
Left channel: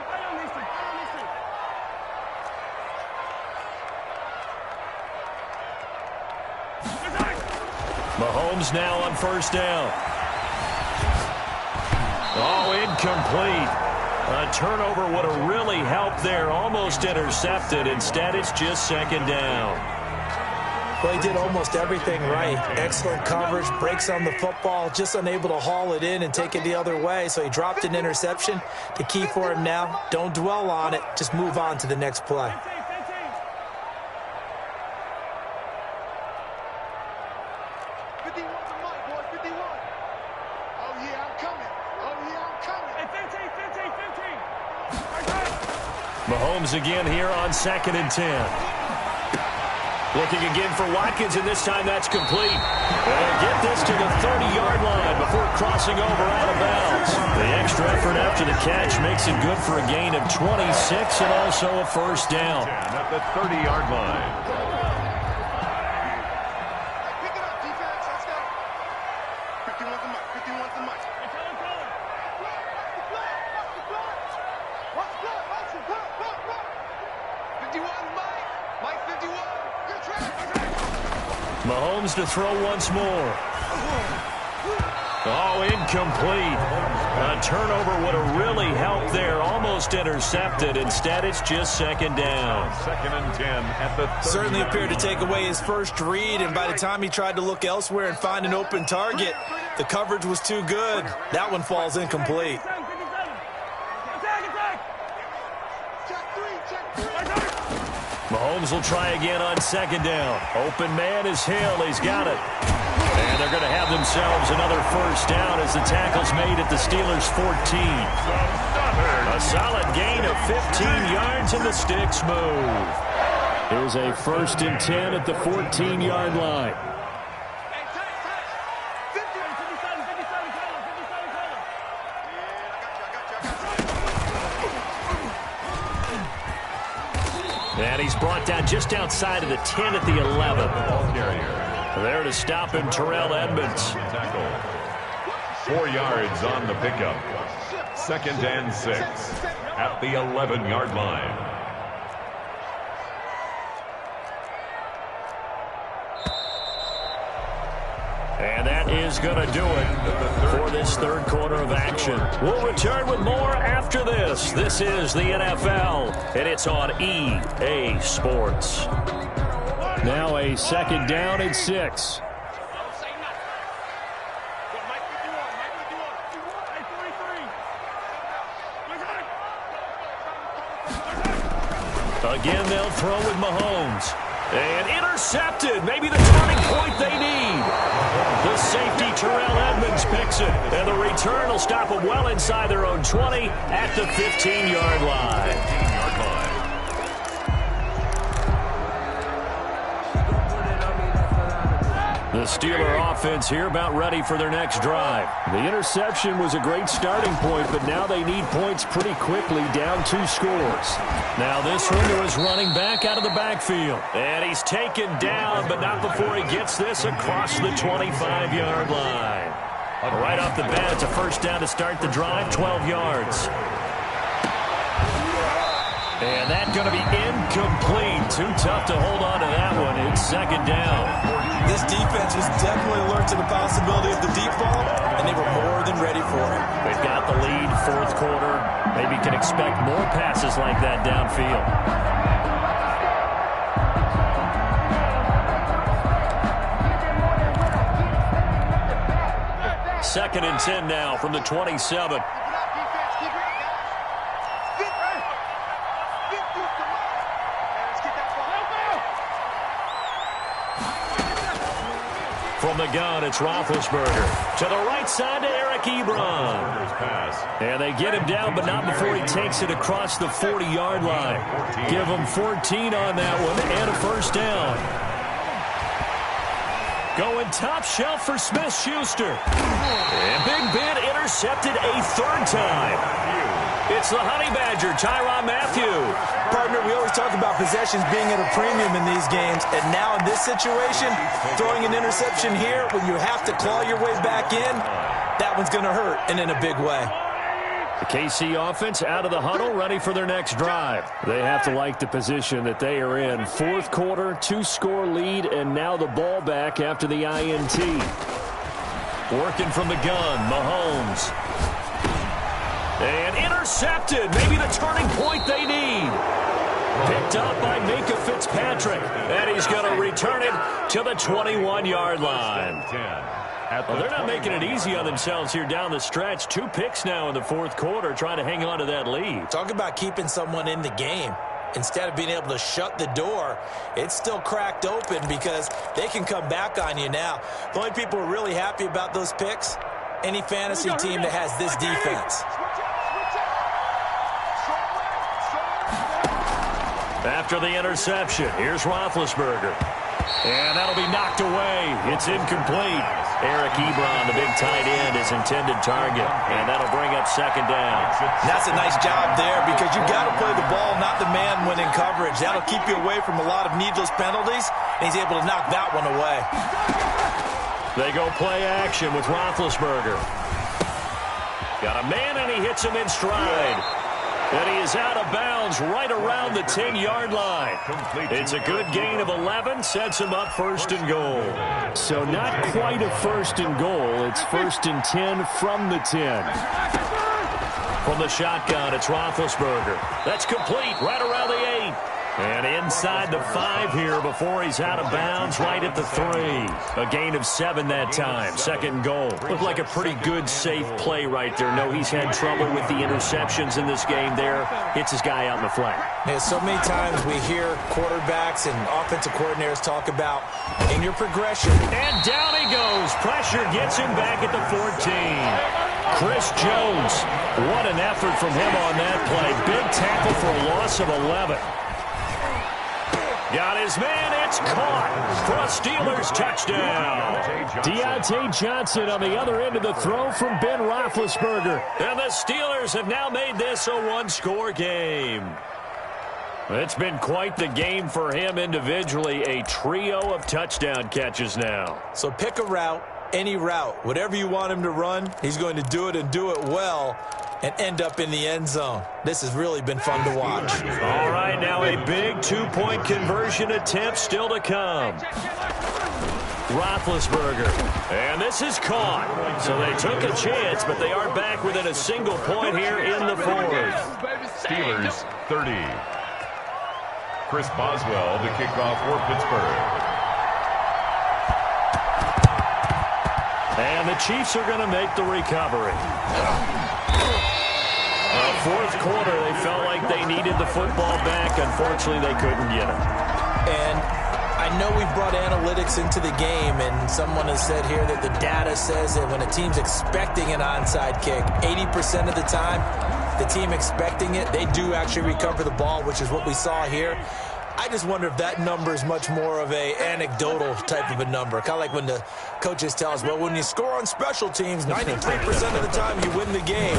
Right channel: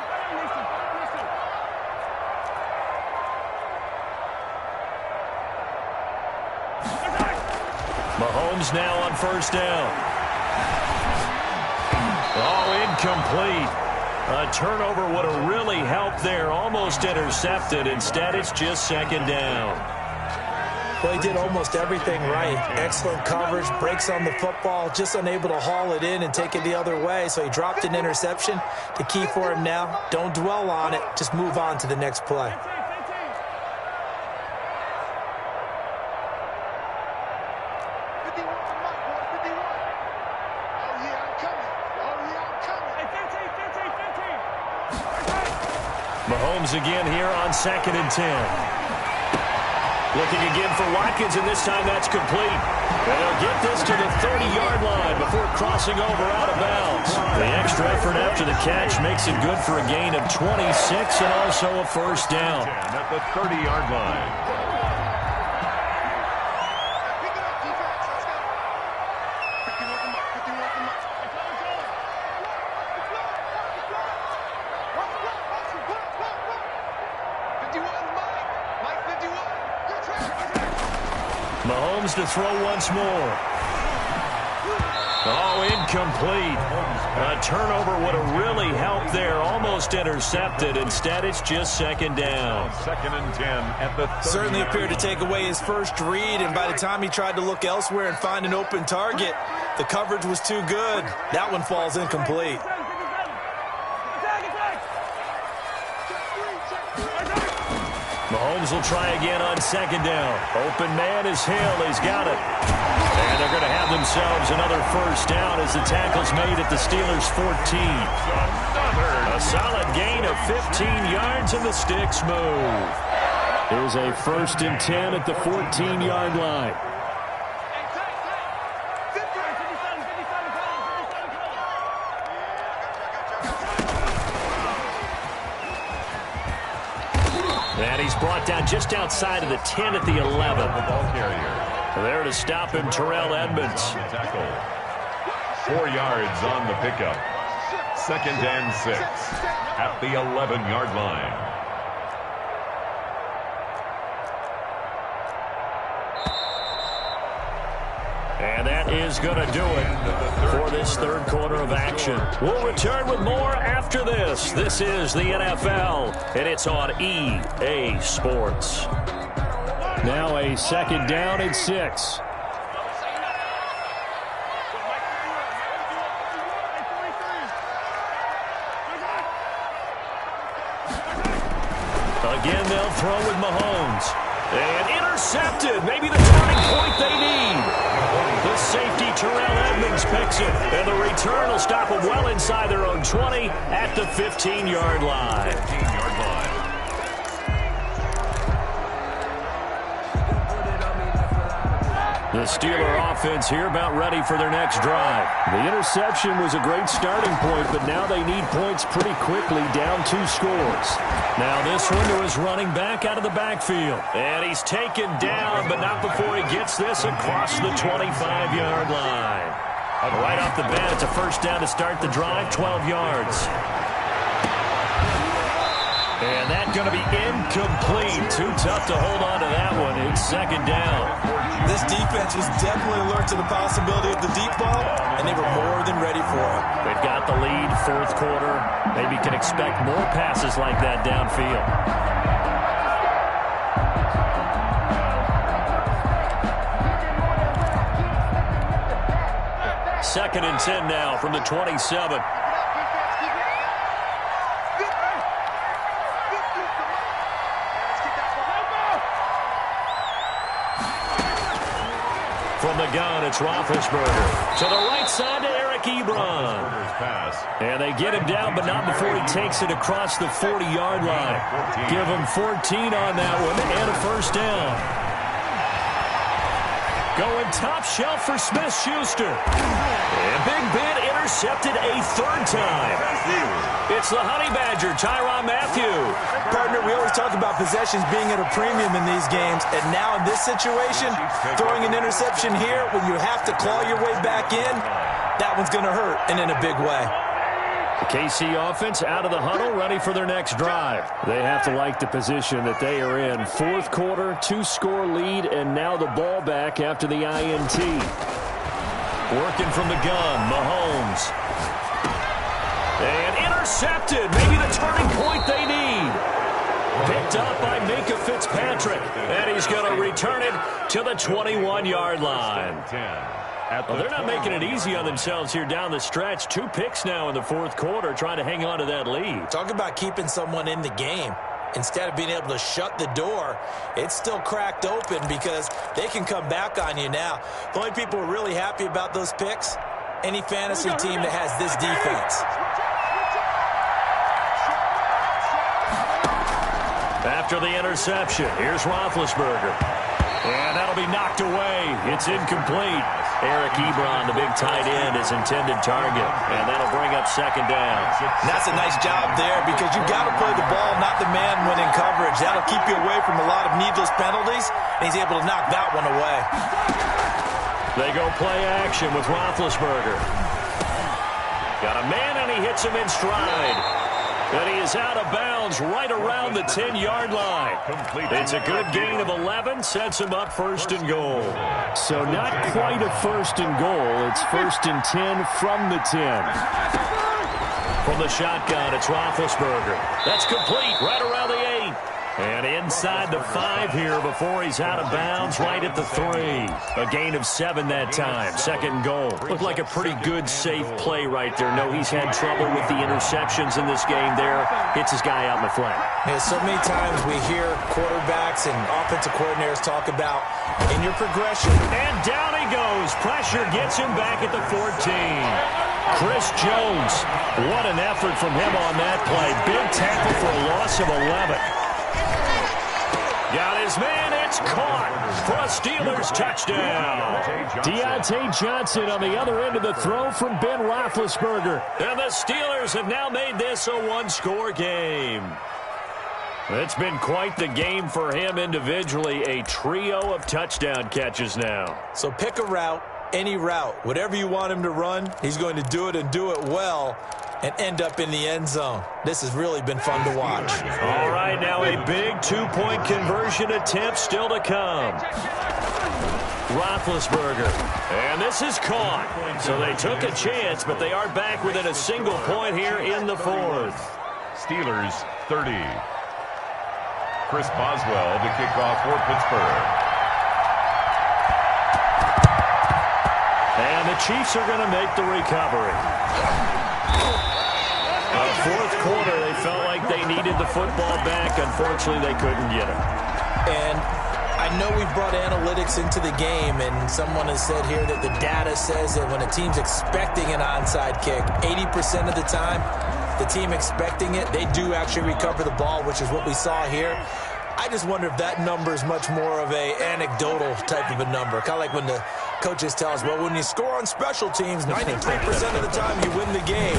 Mahomes now on first down. Oh, incomplete. A turnover would have really helped there. Almost intercepted. Instead, it's just second down. Well, he did almost everything right. Excellent coverage, breaks on the football, just unable to haul it in and take it the other way. So he dropped an interception. The key for him now, don't dwell on it. Just move on to the next play. Mahomes again here on 2nd and 10. Looking again for Watkins, and this time that's complete. And they'll get this to the 30-yard line before crossing over out of bounds. The extra effort after the catch makes it good for a gain of 26 and also a first down. At the 30-yard line. Pick it up, defense. Let's go. 51 to Mike. 51 to Mike. Watch the block. 51, Mike. Mike 51. Good track. Mahomes to throw once more. Oh, incomplete. A turnover would have really helped there. Almost intercepted. Instead, it's just second down. 2nd and 10 at the 30. Certainly appeared to take away his first read, and by the time he tried to look elsewhere and find an open target, the coverage was too good. That one falls incomplete. Mahomes will try again on second down. Open man is Hill. He's got it. And they're going to have themselves another first down as the tackle's made at the Steelers' 14. A solid gain of 15 yards and the sticks move. Here's a 1st and 10 at the 14-yard line. And he's brought down just outside of the 10 at the 11. Ball carrier. There to stop him, Terrell Edmonds. Tackle. 4 yards on the pickup. 2nd and 6 at the 11-yard line. And that is going to do it for this third quarter of action. We'll return with more after this. This is the NFL, and it's on EA Sports. Now a 2nd down and 6. Again, they'll throw with Mahomes. And intercepted. Maybe the turning point they need. The safety, Terrell Edmonds, picks it. And the return will stop them well inside their own 20 at the 15-yard line. 15-yard line. The Steeler offense here about ready for their next drive. The interception was a great starting point, but now they need points pretty quickly, down 2 scores. Now this one to his running back out of the backfield. And he's taken down, but not before he gets this across the 25-yard line. Right off the bat, it's a first down to start the drive, 12 yards. And that's going to be incomplete. Too tough to hold on to that one. It's 2nd down. This defense was definitely alert to the possibility of the deep ball, and they were more than ready for it. They've got the lead, 4th quarter. Maybe can expect more passes like that downfield. 2nd and 10 now from the 27. From the gun, it's Roethlisberger. To the right side to Eric Ebron. And they get him down, but not before he takes it across the 40-yard line. Give him 14 on that one and a first down. Going top shelf for Smith-Schuster. And Big Ben intercepted a 3rd time. It's the Honey Badger, Tyrann Mathieu. Partner, we always talk about possessions being at a premium in these games, and now in this situation, throwing an interception here when you have to claw your way back in, that one's going to hurt, and in a big way. The KC offense out of the huddle, ready for their next drive. They have to like the position that they are in. Fourth quarter, 2-score lead, and now the ball back after the INT. Working from the gun, Mahomes. And intercepted, maybe the turning point they need. Picked up by Minka Fitzpatrick, and he's going to return it to the 21-yard line. Well, they're not making it easy on themselves here down the stretch. 2 picks now in the fourth quarter, trying to hang on to that lead. Talk about keeping someone in the game. Instead of being able to shut the door, it's still cracked open because they can come back on you now. The only people who are really happy about those picks, any fantasy team that has this defense. After the interception, here's Roethlisberger. And that'll be knocked away. It's incomplete. Eric Ebron, the big tight end, is intended target. And that'll bring up second down. And that's a nice job there because you've got to play the ball, not the man when in coverage. That'll keep you away from a lot of needless penalties, and he's able to knock that one away. They go play action with Roethlisberger. Got a man, and he hits him in stride. And he is out of bounds right around the 10-yard line. It's a good gain of 11, sets him up first and goal. So not quite a first and goal. It's first and 10 from the 10. From the shotgun, it's Roethlisberger. That's complete right around the 8. And inside the 5 here before he's out of bounds right at the 3. A gain of 7 that time. Second and goal. Looked like a pretty good, safe play right there. No, he's had trouble with the interceptions in this game there. Hits his guy out in the flat. Yeah, so many times we hear quarterbacks and offensive coordinators talk about in your progression. And down he goes. Pressure gets him back at the 14. Chris Jones. What an effort from him on that play. Big tackle for a loss of 11. Got his man, it's caught for a Steelers touchdown. Deontay Johnson on the other end of the throw from Ben Roethlisberger. And the Steelers have now made this a one-score game. It's been quite the game for him individually. A trio of touchdown catches now. So pick a route, any route. Whatever you want him to run, he's going to do it and do it well and end up in the end zone. This has really been fun to watch. All right, now a big two-point conversion attempt still to come. Roethlisberger, and this is caught. So they took a chance, but they are back within a single point here in the fourth. Steelers 30. Chris Boswell to kick off for Pittsburgh. And the Chiefs are going to make the recovery. Fourth quarter, they felt like they needed the football back. Unfortunately, they couldn't get it. And I know we've brought analytics into the game, and someone has said here that the data says that when a team's expecting an onside kick, 80% of the time, the team expecting it, they do actually recover the ball, which is what we saw here. I just wonder if that number is much more of a anecdotal type of a number. Kind of like when the coaches tell us, well, when you score on special teams, 93% of the time you win the game.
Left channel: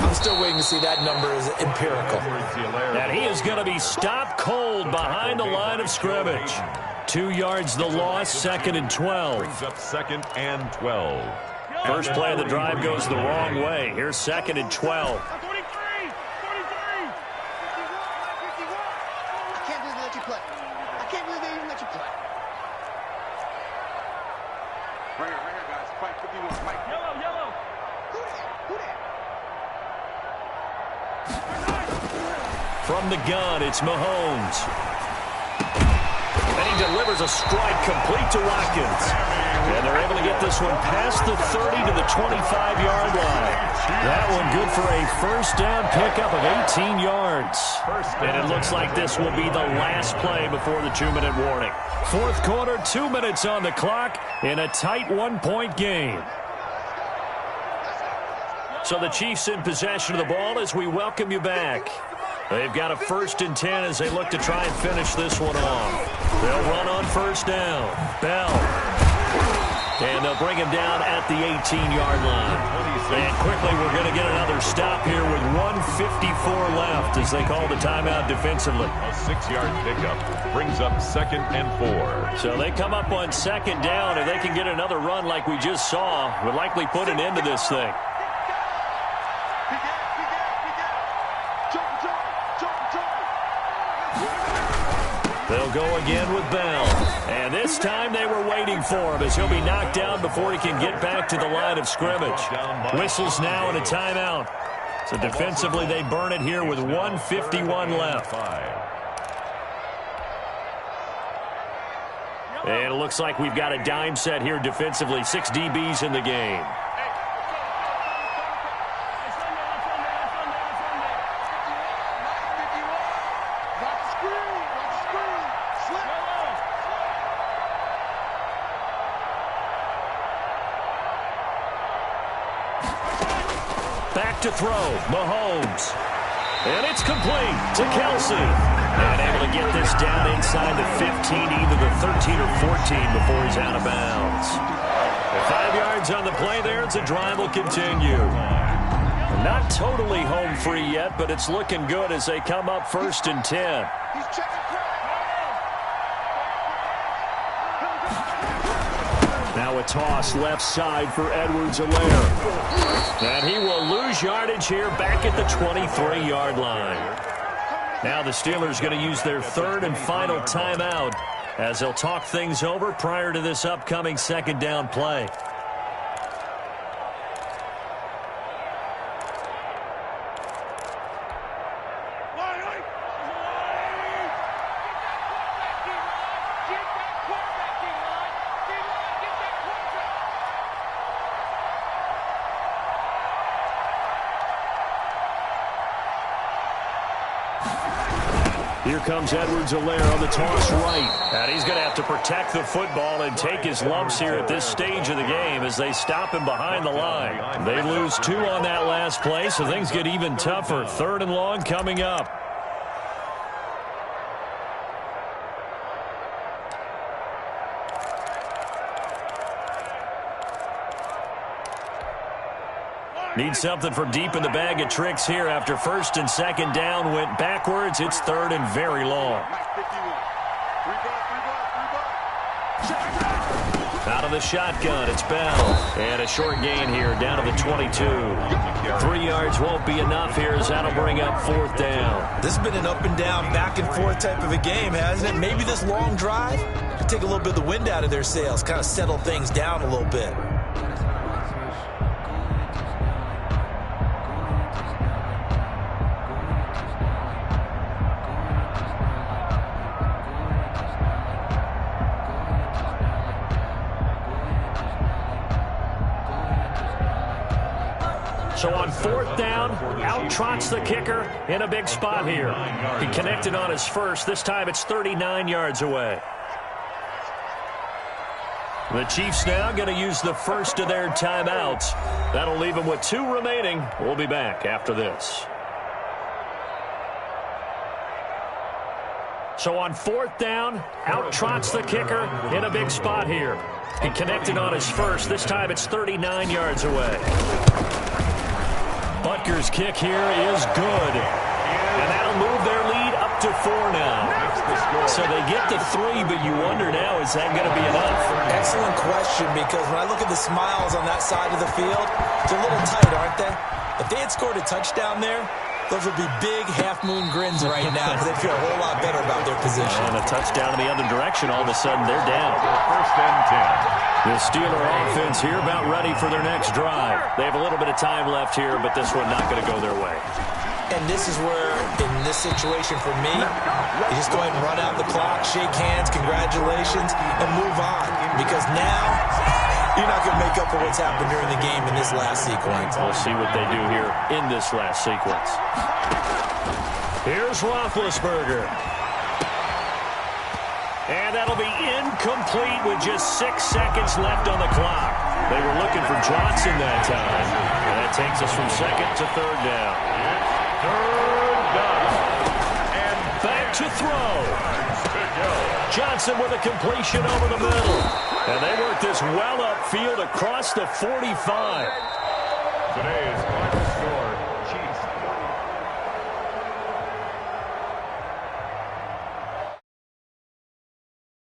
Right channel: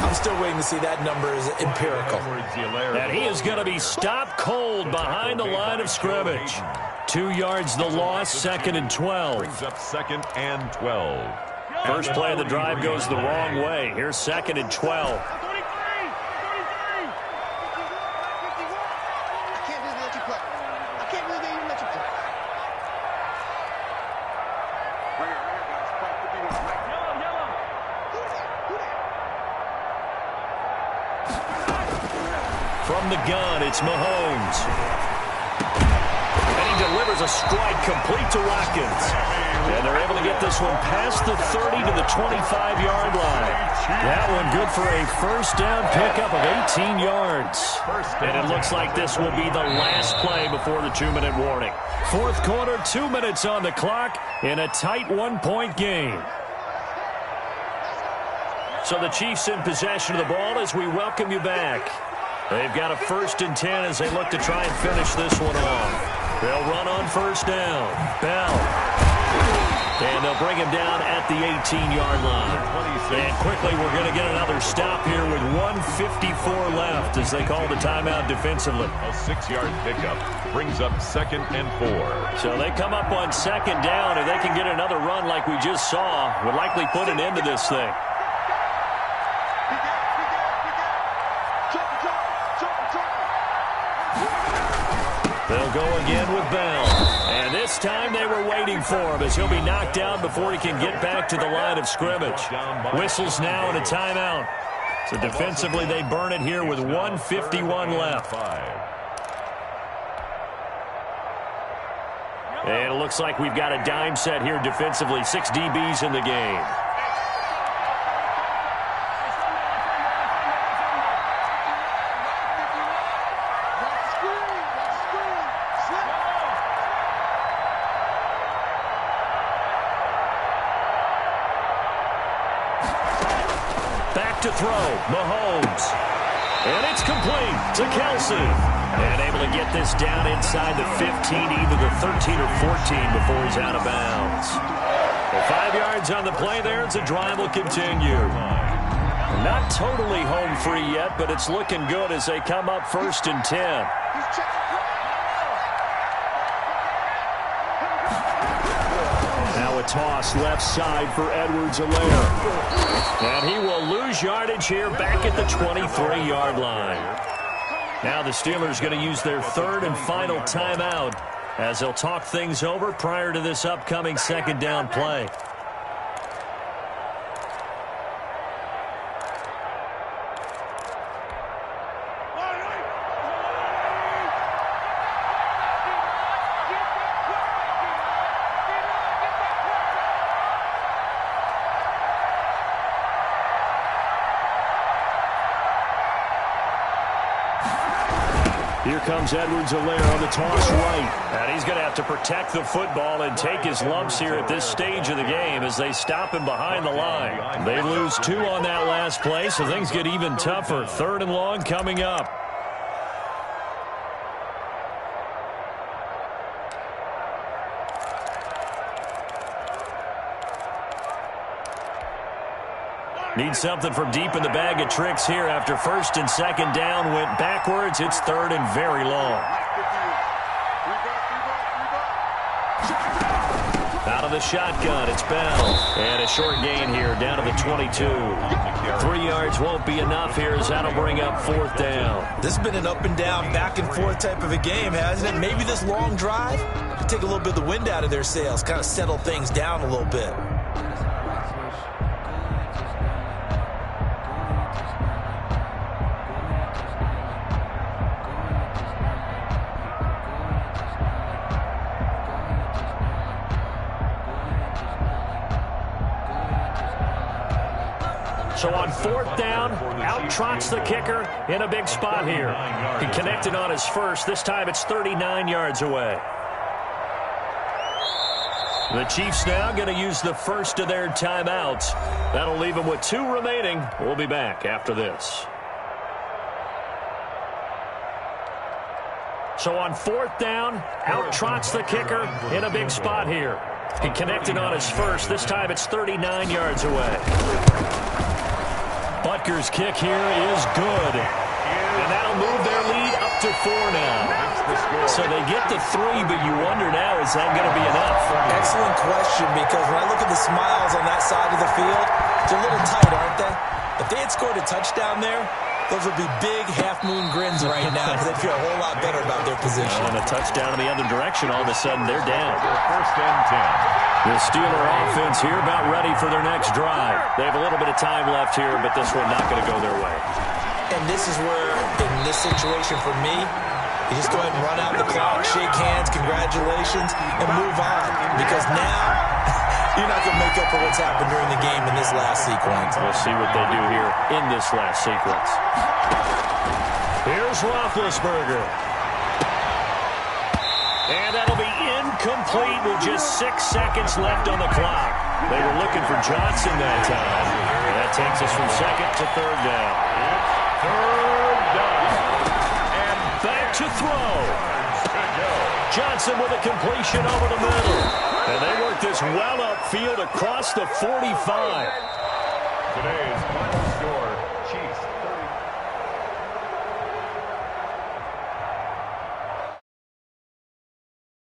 I'm still waiting to see that number is empirical. And he is going to be stopped cold behind the line of scrimmage. 2 yards the loss, second and 12. Brings up second and 12. First play of the drive goes the wrong way. Here's second and 12. From the gun, it's Mahomes. And he delivers a strike complete to Watkins. And they're able to get this one past the 30 to the 25-yard line. That one good for a first down pickup of 18 yards. And it looks like this will be the last play before the 2-minute warning. Fourth quarter, 2 minutes on the clock in a tight one-point game. So the Chiefs in possession of the ball as we welcome you back. They've got a first and 10 as they look to try and finish this one off. They'll run on first down. Bell. And they'll bring him down at the 18-yard line. And quickly, we're going to get another stop here with 1:54 left as they call the timeout defensively. A 6-yard pickup brings up 2nd and 4. So they come up on 2nd down. If they can get another run like we just saw, would likely put an end to this thing. They'll go again with Bell. And this time they were waiting for him as he'll be knocked down before he can get back to the line of scrimmage. Whistles now and a timeout. So defensively they burn it here with 1:51 left. And it looks like we've got a dime set here defensively. 6 DBs in the game. Back to throw, Mahomes. And it's complete to Kelsey. And able to get this down inside the 15, either the 13 or 14 before he's out of bounds. And 5 yards on the play there as the drive will continue. Not totally home free yet, but it's looking good as they come up 1st and 10. Now a toss left side for Edwards-Helaire. And he will lose yardage here back at the 23-yard line. Now the Steelers going to use their 3rd and final timeout as they'll talk things over prior to this upcoming 2nd down play. Here comes Edwards-Helaire on the toss right. And he's going to have to protect the football and take his lumps here at this stage of the game as they stop him behind the line. They lose 2 on that last play, so things get even tougher. 3rd and long coming up. Need something from deep in the bag of tricks here after 1st and 2nd down went backwards. It's 3rd and very long. Out of the shotgun, it's Bell. And a short gain here down to the 22. 3 yards won't be enough here as that'll bring up 4th down. This has been an up and down, back and forth type of a game, hasn't it? Maybe this long drive could take a little bit of the wind out of their sails, kind of settle things down a little bit. So on 4th down, out trots the kicker in a big spot here. He connected on his first. This time it's 39 yards away. The Chiefs now going to use the first of their timeouts. That'll leave them with 2 remaining. We'll be back after this. So on 4th down, out trots the kicker in a big spot here. He connected on his first. This time it's 39 yards away. Butker's kick here is good. And that'll move their lead up to 4 now. So they get to 3, but you wonder now, is that going to be enough? Excellent question, because when I look at the smiles on that side of the field, they're a little tight, aren't they? If they had scored a touchdown there, those would be big half-moon grins right now because they feel a whole lot better about their position. And a touchdown in the other direction, all of a sudden they're down. 1st and 10. The Steeler offense here about ready for their next drive. They have a little bit of time left here, but this one not going to go their way. And this is where, in this situation for me, you just go ahead and run out the clock, shake hands, congratulations, and move on. Because now, you're not going to make up for what's happened during the game in this last sequence. We'll see what they do here in this last sequence. Here's Roethlisberger. And that'll be incomplete with just 6 seconds left on the clock. They were looking for Johnson that time. And that takes us from 2nd to 3rd down. It's 3rd down. And back to throw. Johnson with a completion over the middle. And they work this well up upfield across the 45. Today's final score, Chiefs 30.